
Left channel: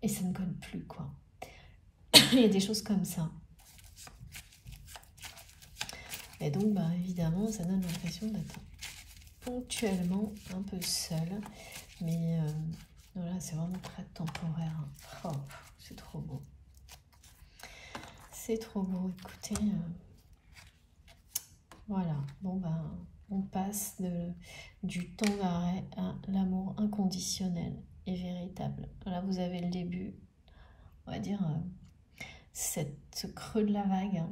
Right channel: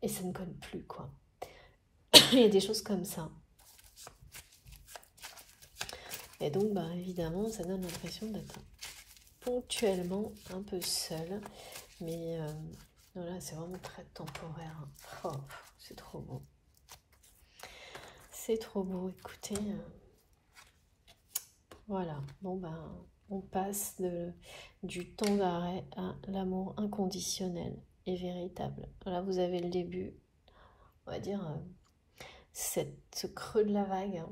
Et ça ne colle plus, quoi. Il y a des choses comme ça. Et donc, bah, évidemment, ça donne l'impression d'être ponctuellement un peu seul. Mais voilà, c'est vraiment très temporaire. Oh, c'est trop beau. C'est trop beau. Écoutez, voilà. Bon, ben, on passe du temps d'arrêt à l'amour inconditionnel et véritable. Là, vous avez le début, on va dire, ce creux de la vague.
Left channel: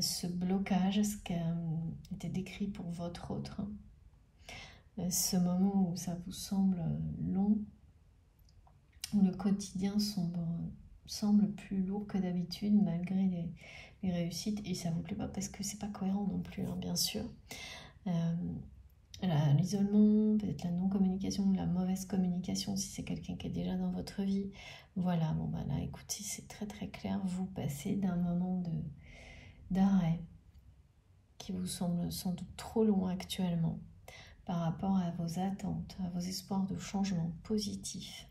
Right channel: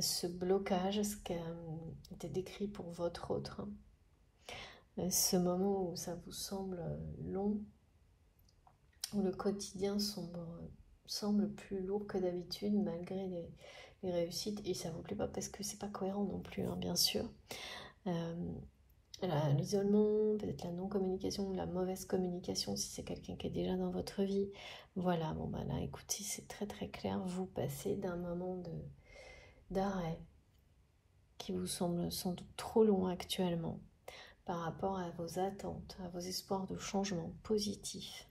Ce blocage, ce qui a été décrit pour votre autre, ce moment où ça vous semble long, où le quotidien semble plus lourd que d'habitude malgré les réussites, et ça ne vous plaît pas parce que c'est pas cohérent non plus, hein, bien sûr. L'isolement, peut-être la non-communication, la mauvaise communication si c'est quelqu'un qui est déjà dans votre vie. Voilà, bon ben là, écoutez, c'est très très clair, vous passez d'un moment d'arrêt qui vous semble sans doute trop long actuellement par rapport à vos attentes, à vos espoirs de changement positif,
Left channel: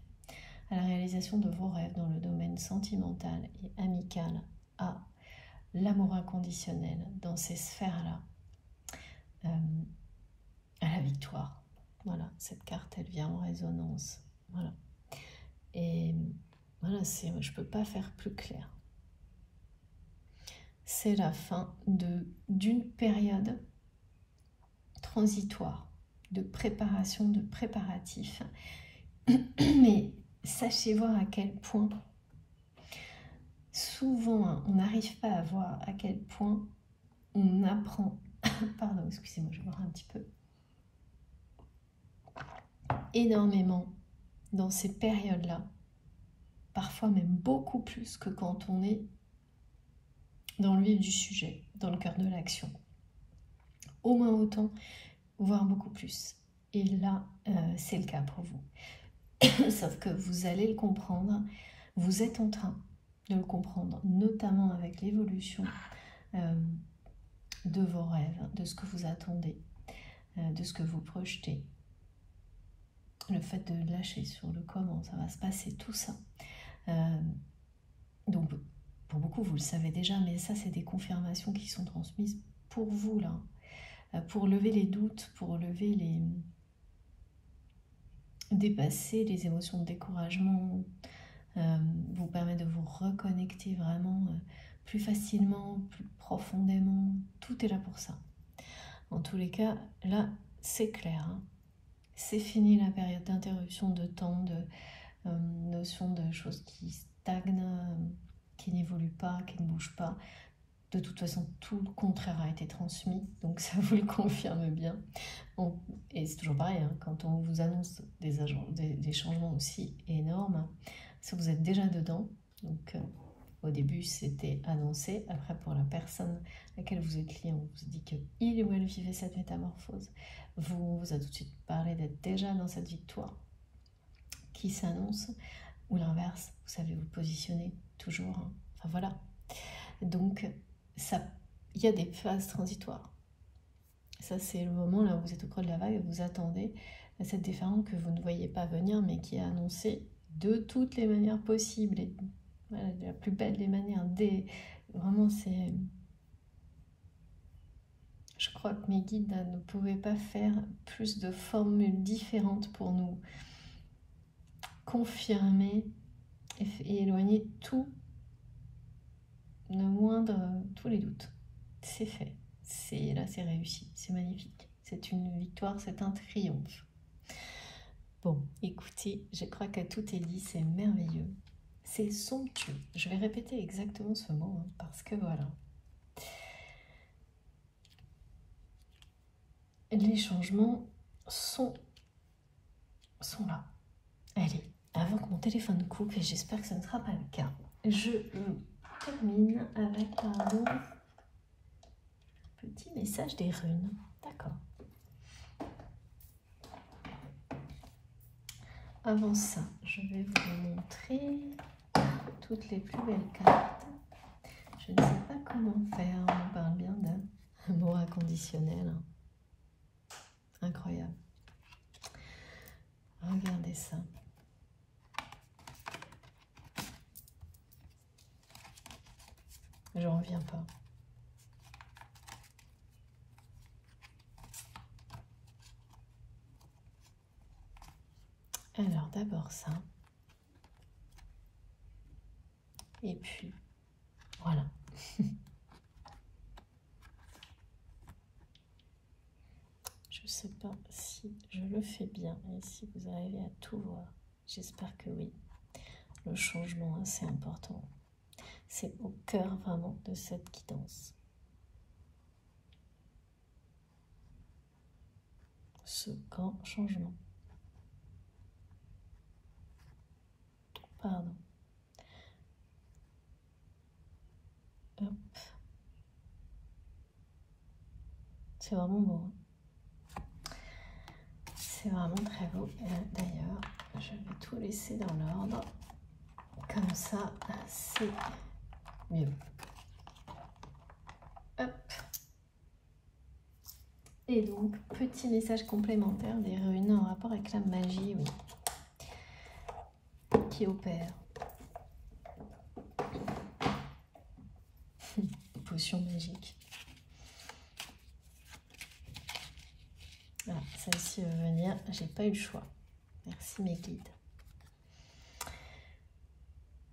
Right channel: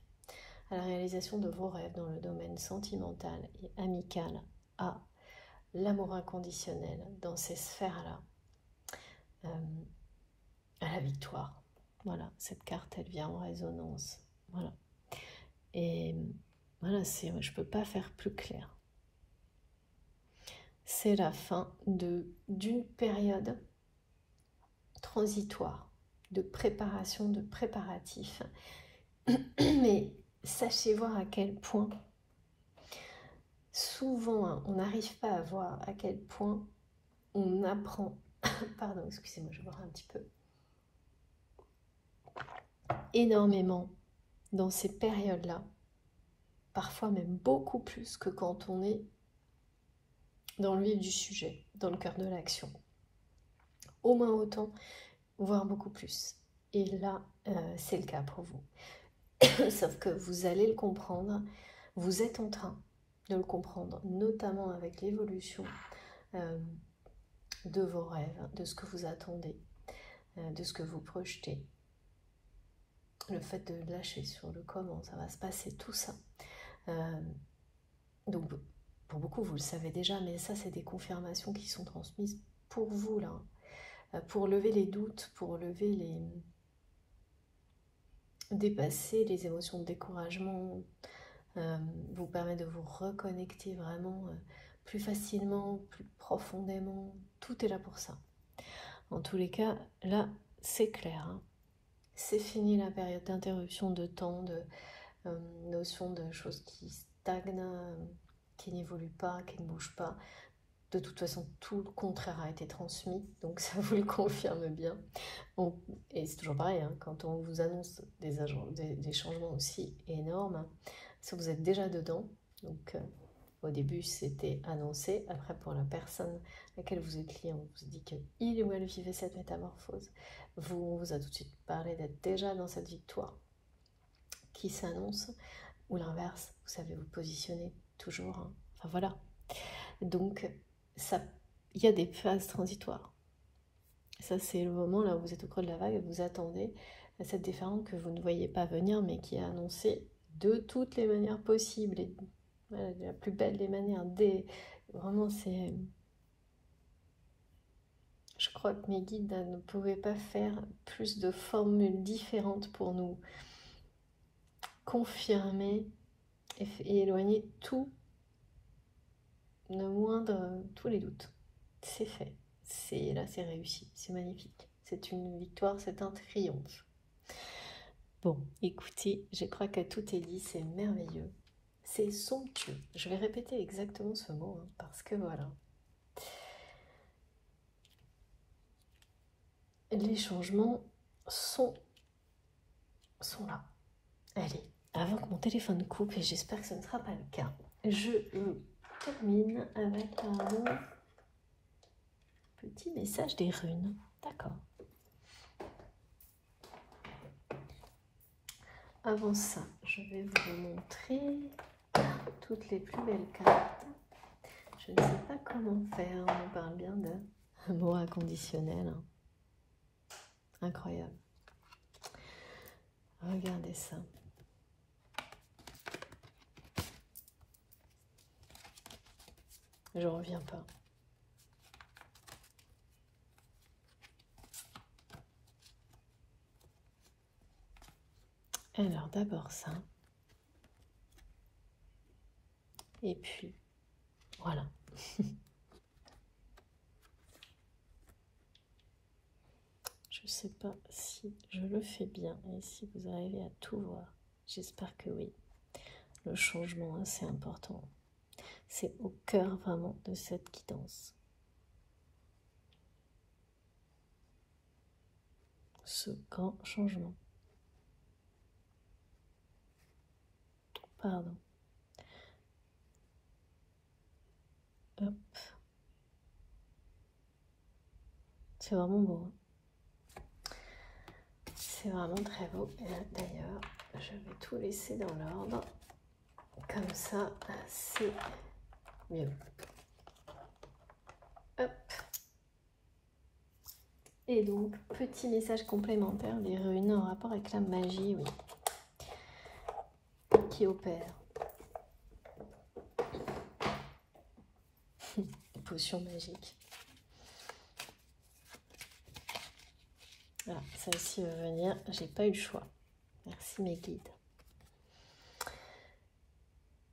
à la réalisation de vos rêves dans le domaine sentimental et amical, à l'amour inconditionnel dans ces sphères-là, à la victoire. Voilà, cette carte, elle vient en résonance. Voilà. Et voilà, je ne peux pas faire plus clair. C'est la fin d'une période transitoire, de préparation, de préparatif. Mais sachez voir à quel point, souvent, hein, on n'arrive pas à voir à quel point on apprend, pardon, excusez-moi, je vais boire un petit peu, énormément dans ces périodes-là, parfois même beaucoup plus que quand on est dans le vif du sujet, dans le cœur de l'action. Au moins autant, voire beaucoup plus. Et là, c'est le cas pour vous. Sauf que vous allez le comprendre, vous êtes en train de le comprendre, notamment avec l'évolution de vos rêves, de ce que vous attendez, de ce que vous projetez. Le fait de lâcher sur le comment ça va se passer, tout ça. Donc, pour beaucoup, vous le savez déjà, mais ça, c'est des confirmations qui sont transmises pour vous, là. Pour lever les doutes, pour lever les... dépasser les émotions de découragement, vous permet de vous reconnecter vraiment plus facilement, plus profondément. Tout est là pour ça. En tous les cas, là, c'est clair. Hein. C'est fini la période d'interruption de temps, de notion de choses qui stagnent, qui n'évoluent pas, qui ne bougent pas. De toute façon, tout le contraire a été transmis, donc ça vous le confirme bien. Et c'est toujours pareil, hein, quand on vous annonce des changements aussi énormes, ça vous êtes déjà dedans. Donc au début, c'était annoncé. Après, pour la personne à laquelle vous êtes lié, on vous dit qu'il ou elle vivait cette métamorphose. On vous a tout de suite parlé d'être déjà dans cette victoire qui s'annonce. Ou l'inverse, vous savez vous positionner toujours. Hein. Enfin voilà. Donc, il y a des phases transitoires. Ça, c'est le moment là où vous êtes au creux de la vague et vous attendez cette différence que vous ne voyez pas venir, mais qui est annoncée de toutes les manières possibles. Et voilà, de la plus belle des manières. Vraiment, c'est... Je crois que mes guides là, ne pouvaient pas faire plus de formules différentes pour nous confirmer et éloigner tout, le moindre, tous les doutes. C'est fait. Là, c'est réussi. C'est magnifique. C'est une victoire, c'est un triomphe. Bon, écoutez, je crois que tout est dit, c'est merveilleux. C'est somptueux. Je vais répéter exactement ce mot, hein, parce que voilà. Les changements sont là. Allez, avant que mon téléphone coupe, et j'espère que ce ne sera pas le cas, je termine avec un petit message des runes. D'accord. Avant ça, je vais vous montrer toutes les plus belles cartes. Je ne sais pas comment faire, on parle bien d'un mot inconditionnel. Incroyable. Regardez ça. J'en reviens pas. Alors d'abord ça. Et puis, voilà. Je ne sais pas si je le fais bien et si vous arrivez à tout voir. J'espère que oui. Le changement, c'est important. C'est au cœur vraiment de cette guidance. Ce grand changement. Pardon. Hop. C'est vraiment beau. C'est vraiment très beau. D'ailleurs, je vais tout laisser dans l'ordre. Comme ça, c'est mieux. Hop. Et donc, petit message complémentaire des runes en rapport avec la magie, oui, qui opère. Potion magique. Alors, celle-ci veut venir, j'ai pas eu le choix. Merci mes guides.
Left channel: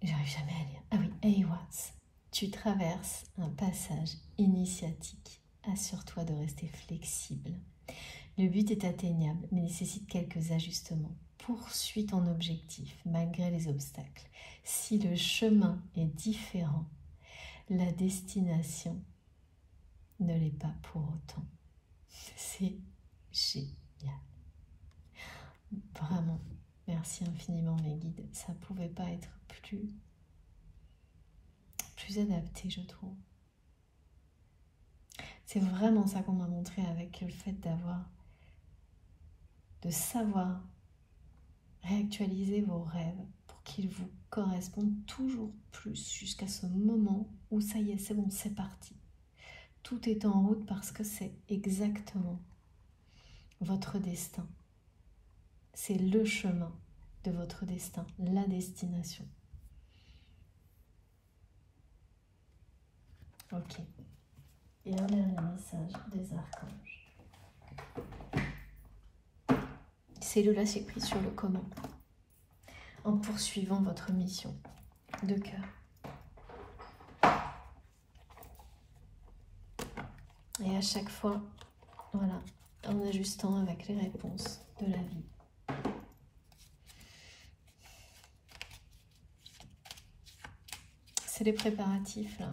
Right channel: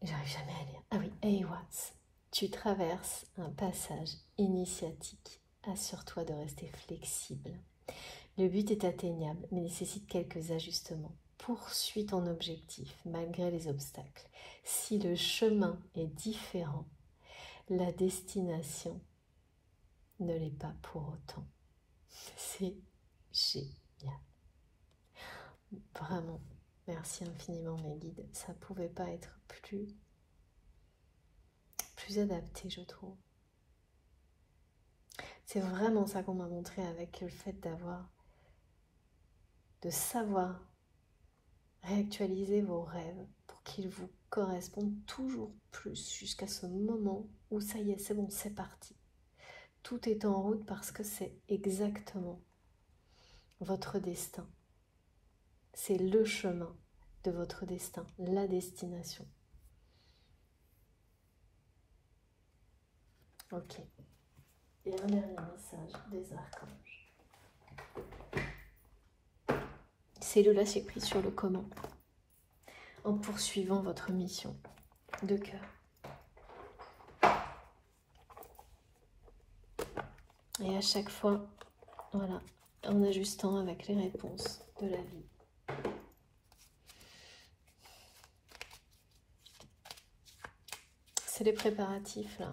J'arrive jamais à lire. Ah oui, Aiwaz, tu traverses un passage initiatique. Assure-toi de rester flexible Le but est atteignable, mais nécessite quelques ajustements. Poursuis ton objectif, malgré les obstacles. Si le chemin est différent, la destination ne l'est pas pour autant. C'est génial. Vraiment, merci infiniment mes guides. Ça ne pouvait pas être plus adapté, je trouve. C'est vraiment ça qu'on m'a montré avec le fait de savoir réactualiser vos rêves pour qu'ils vous correspondent toujours plus jusqu'à ce moment où ça y est, c'est bon, c'est parti. Tout est en route parce que c'est exactement votre destin. C'est le chemin de votre destin, la destination. Ok. Et un dernier message des archanges. C'est le lâcher prise sur le comment. En poursuivant votre mission de cœur. Et à chaque fois, voilà, en ajustant avec les réponses de la vie. C'est les préparatifs là.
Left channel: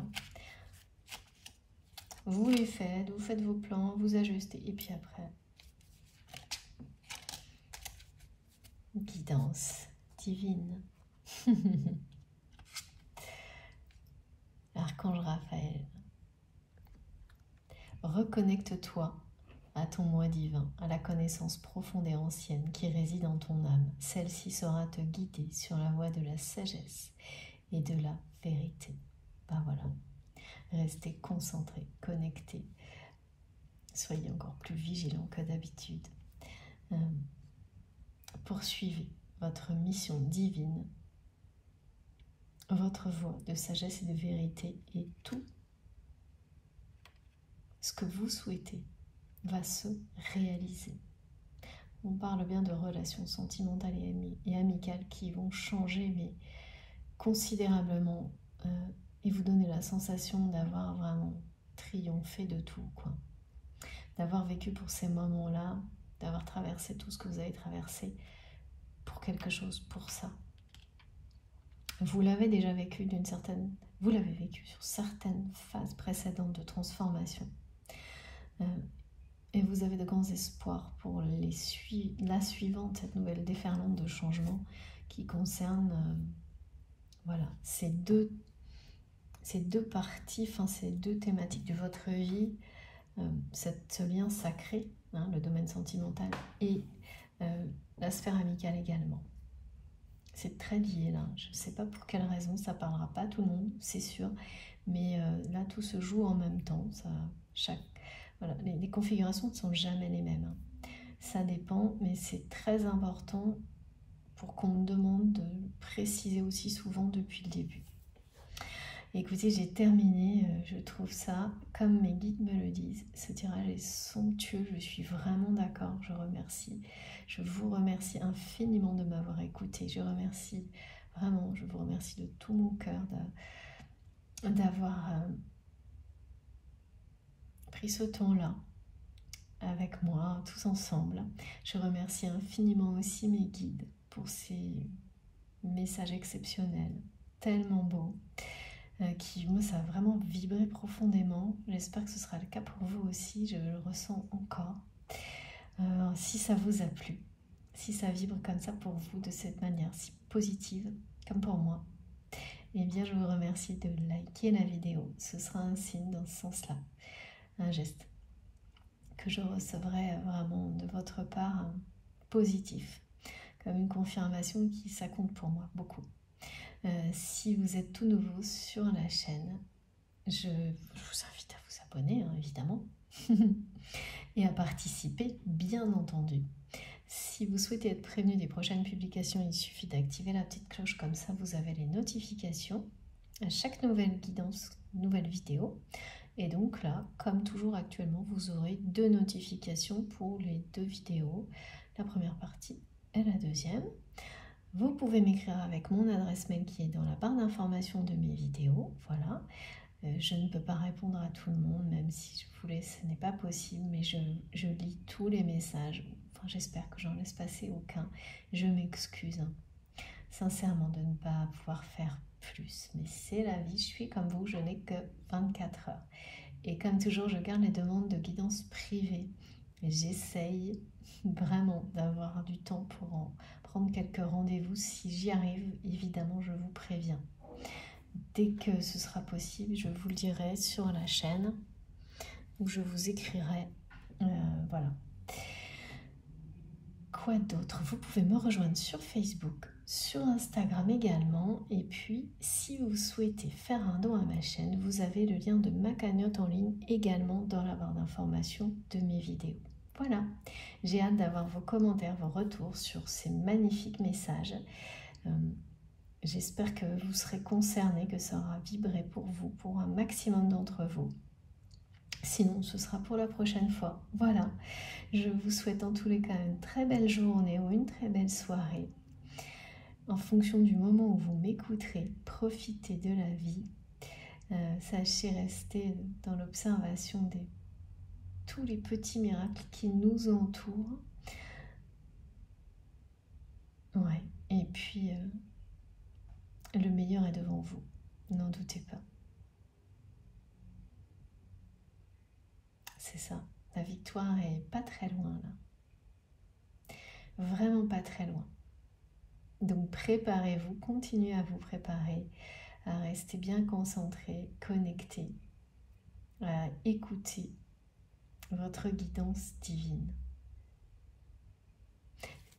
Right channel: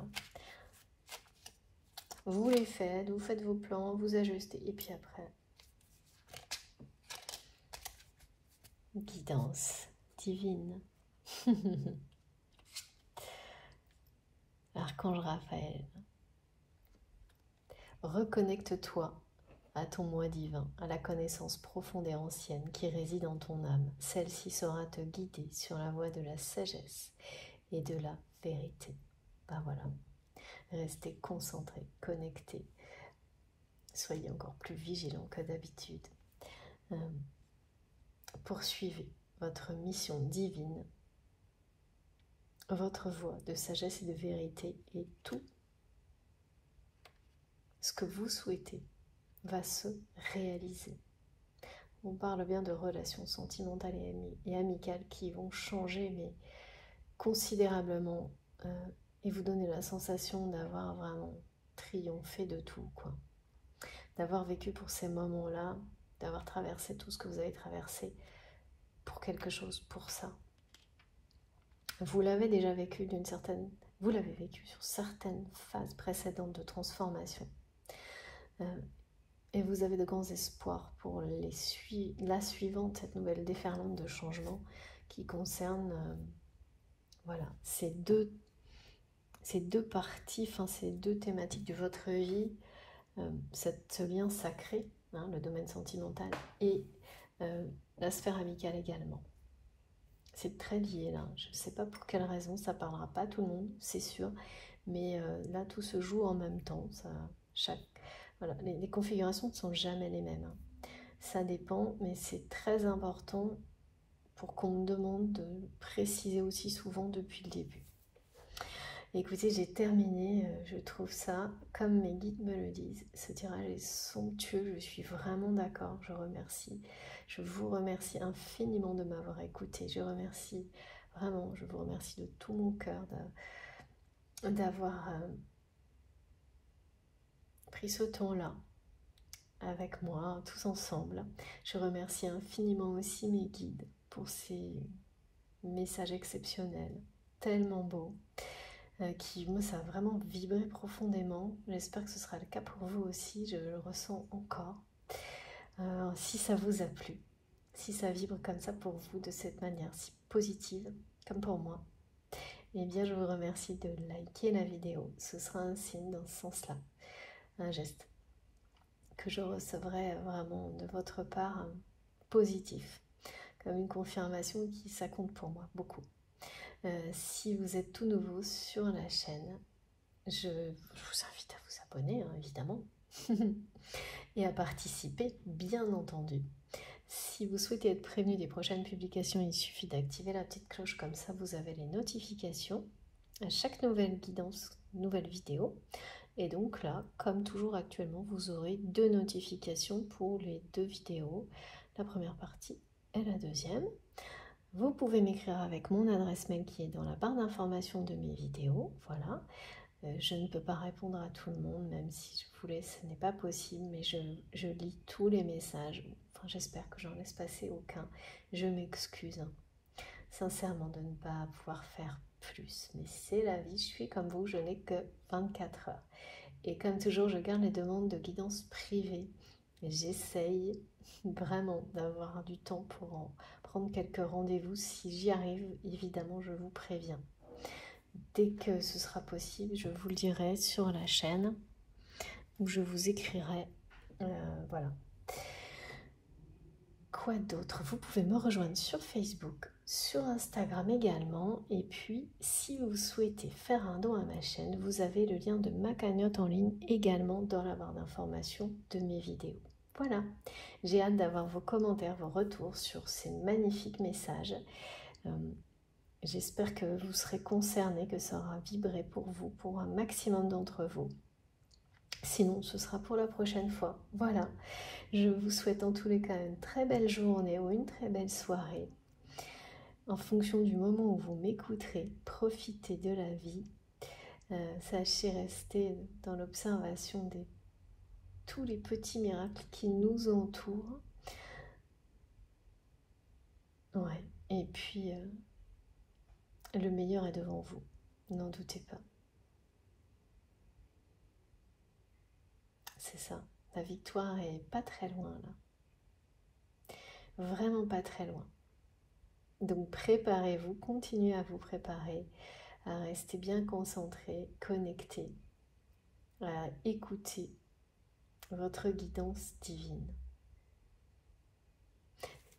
Vous les faites, vous faites vos plans, vous ajustez. Et puis après, guidance divine. Archange Raphaël. Reconnecte-toi à ton moi divin, à la connaissance profonde et ancienne qui réside en ton âme. Celle-ci saura te guider sur la voie de la sagesse et de la vérité. Ben voilà. Restez concentrés, connectés. Soyez encore plus vigilants que d'habitude. Poursuivez votre mission divine, votre voie de sagesse et de vérité, et tout ce que vous souhaitez va se réaliser. On parle bien de relations sentimentales et amicales qui vont changer, mais considérablement, et vous donner la sensation d'avoir vraiment triomphé de tout, quoi. D'avoir vécu pour ces moments-là, d'avoir traversé tout ce que vous avez traversé pour quelque chose, pour ça. Vous l'avez déjà vécu vous l'avez vécu sur certaines phases précédentes de transformation. Et vous avez de grands espoirs pour la suivante, cette nouvelle déferlante de changement qui concerne voilà, ces deux parties, ces deux thématiques de votre vie, ce lien sacré, hein, le domaine sentimental, et la sphère amicale également. C'est très lié là, je ne sais pas pour quelle raison, ça ne parlera pas à tout le monde, c'est sûr, mais là tout se joue en même temps, voilà, les configurations ne sont jamais les mêmes, hein. Ça dépend, mais c'est très important pour qu'on me demande de préciser aussi souvent depuis le début. Écoutez, j'ai terminé, je trouve ça, comme mes guides me le disent, ce tirage est somptueux, je suis vraiment d'accord, je vous remercie infiniment de m'avoir écouté, je vous remercie de tout mon cœur d'avoir pris ce temps-là avec moi, tous ensemble. Je remercie infiniment aussi mes guides pour ces messages exceptionnels, tellement beaux, qui, moi, ça a vraiment vibré profondément. J'espère que ce sera le cas pour vous aussi, je le ressens encore. Si ça vous a plu, si ça vibre comme ça pour vous, de cette manière si positive, comme pour moi, eh bien, je vous remercie de liker la vidéo. Ce sera un signe dans ce sens-là, un geste que je recevrai vraiment de votre part positif, comme une confirmation ça compte pour moi beaucoup. Si vous êtes tout nouveau sur la chaîne, je vous invite à vous abonner, hein, évidemment, et à participer, bien entendu. Si vous souhaitez être prévenu des prochaines publications, il suffit d'activer la petite cloche, comme ça vous avez les notifications à chaque nouvelle guidance, nouvelle vidéo. Et donc là, comme toujours actuellement, vous aurez 2 notifications pour les 2 vidéos, la première partie et la deuxième. Vous pouvez m'écrire avec mon adresse mail qui est dans la barre d'information de mes vidéos, voilà. Je ne peux pas répondre à tout le monde, même si je voulais, ce n'est pas possible, mais je lis tous les messages. Enfin, j'espère que j'en laisse passer aucun. Je m'excuse, hein, sincèrement, de ne pas pouvoir faire plus. Mais c'est la vie, je suis comme vous, je n'ai que 24 heures. Et comme toujours, je garde les demandes de guidance privée. J'essaye vraiment d'avoir du temps pour en prendre quelques rendez-vous. Si j'y arrive, évidemment, je vous préviens. Dès que ce sera possible, je vous le dirai sur la chaîne ou je vous écrirai. Voilà. Quoi d'autre? Vous pouvez me rejoindre sur Facebook, sur Instagram également. Et puis, si vous souhaitez faire un don à ma chaîne, vous avez le lien de ma cagnotte en ligne également dans la barre d'information de mes vidéos. Voilà, j'ai hâte d'avoir vos commentaires, vos retours sur ces magnifiques messages. J'espère que vous serez concernés, que ça aura vibré pour vous, pour un maximum d'entre vous. Sinon, ce sera pour la prochaine fois. Voilà, je vous souhaite en tous les cas une très belle journée ou une très belle soirée. En fonction du moment où vous m'écouterez, profitez de la vie. Sachez rester dans l'observation de tous les petits miracles qui nous entourent. Ouais, et puis le meilleur est devant vous, n'en doutez pas. C'est ça, la victoire est pas très loin là. Vraiment pas très loin. Donc préparez-vous, continuez à vous préparer, à rester bien concentré, connecté, à écouter votre guidance divine.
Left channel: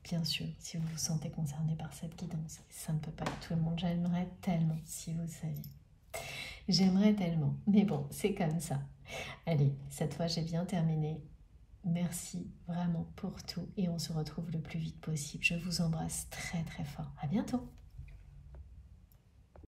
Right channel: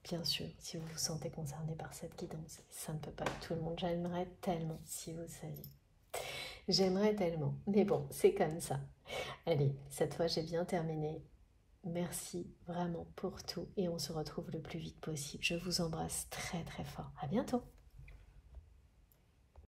Bien sûr, si vous vous sentez concerné par cette guidance, ça ne peut pas être tout le monde. J'aimerais tellement, si vous saviez. J'aimerais tellement, mais bon, c'est comme ça. Allez, cette fois j'ai bien terminé. Merci vraiment pour tout et on se retrouve le plus vite possible. Je vous embrasse très très fort. À bientôt.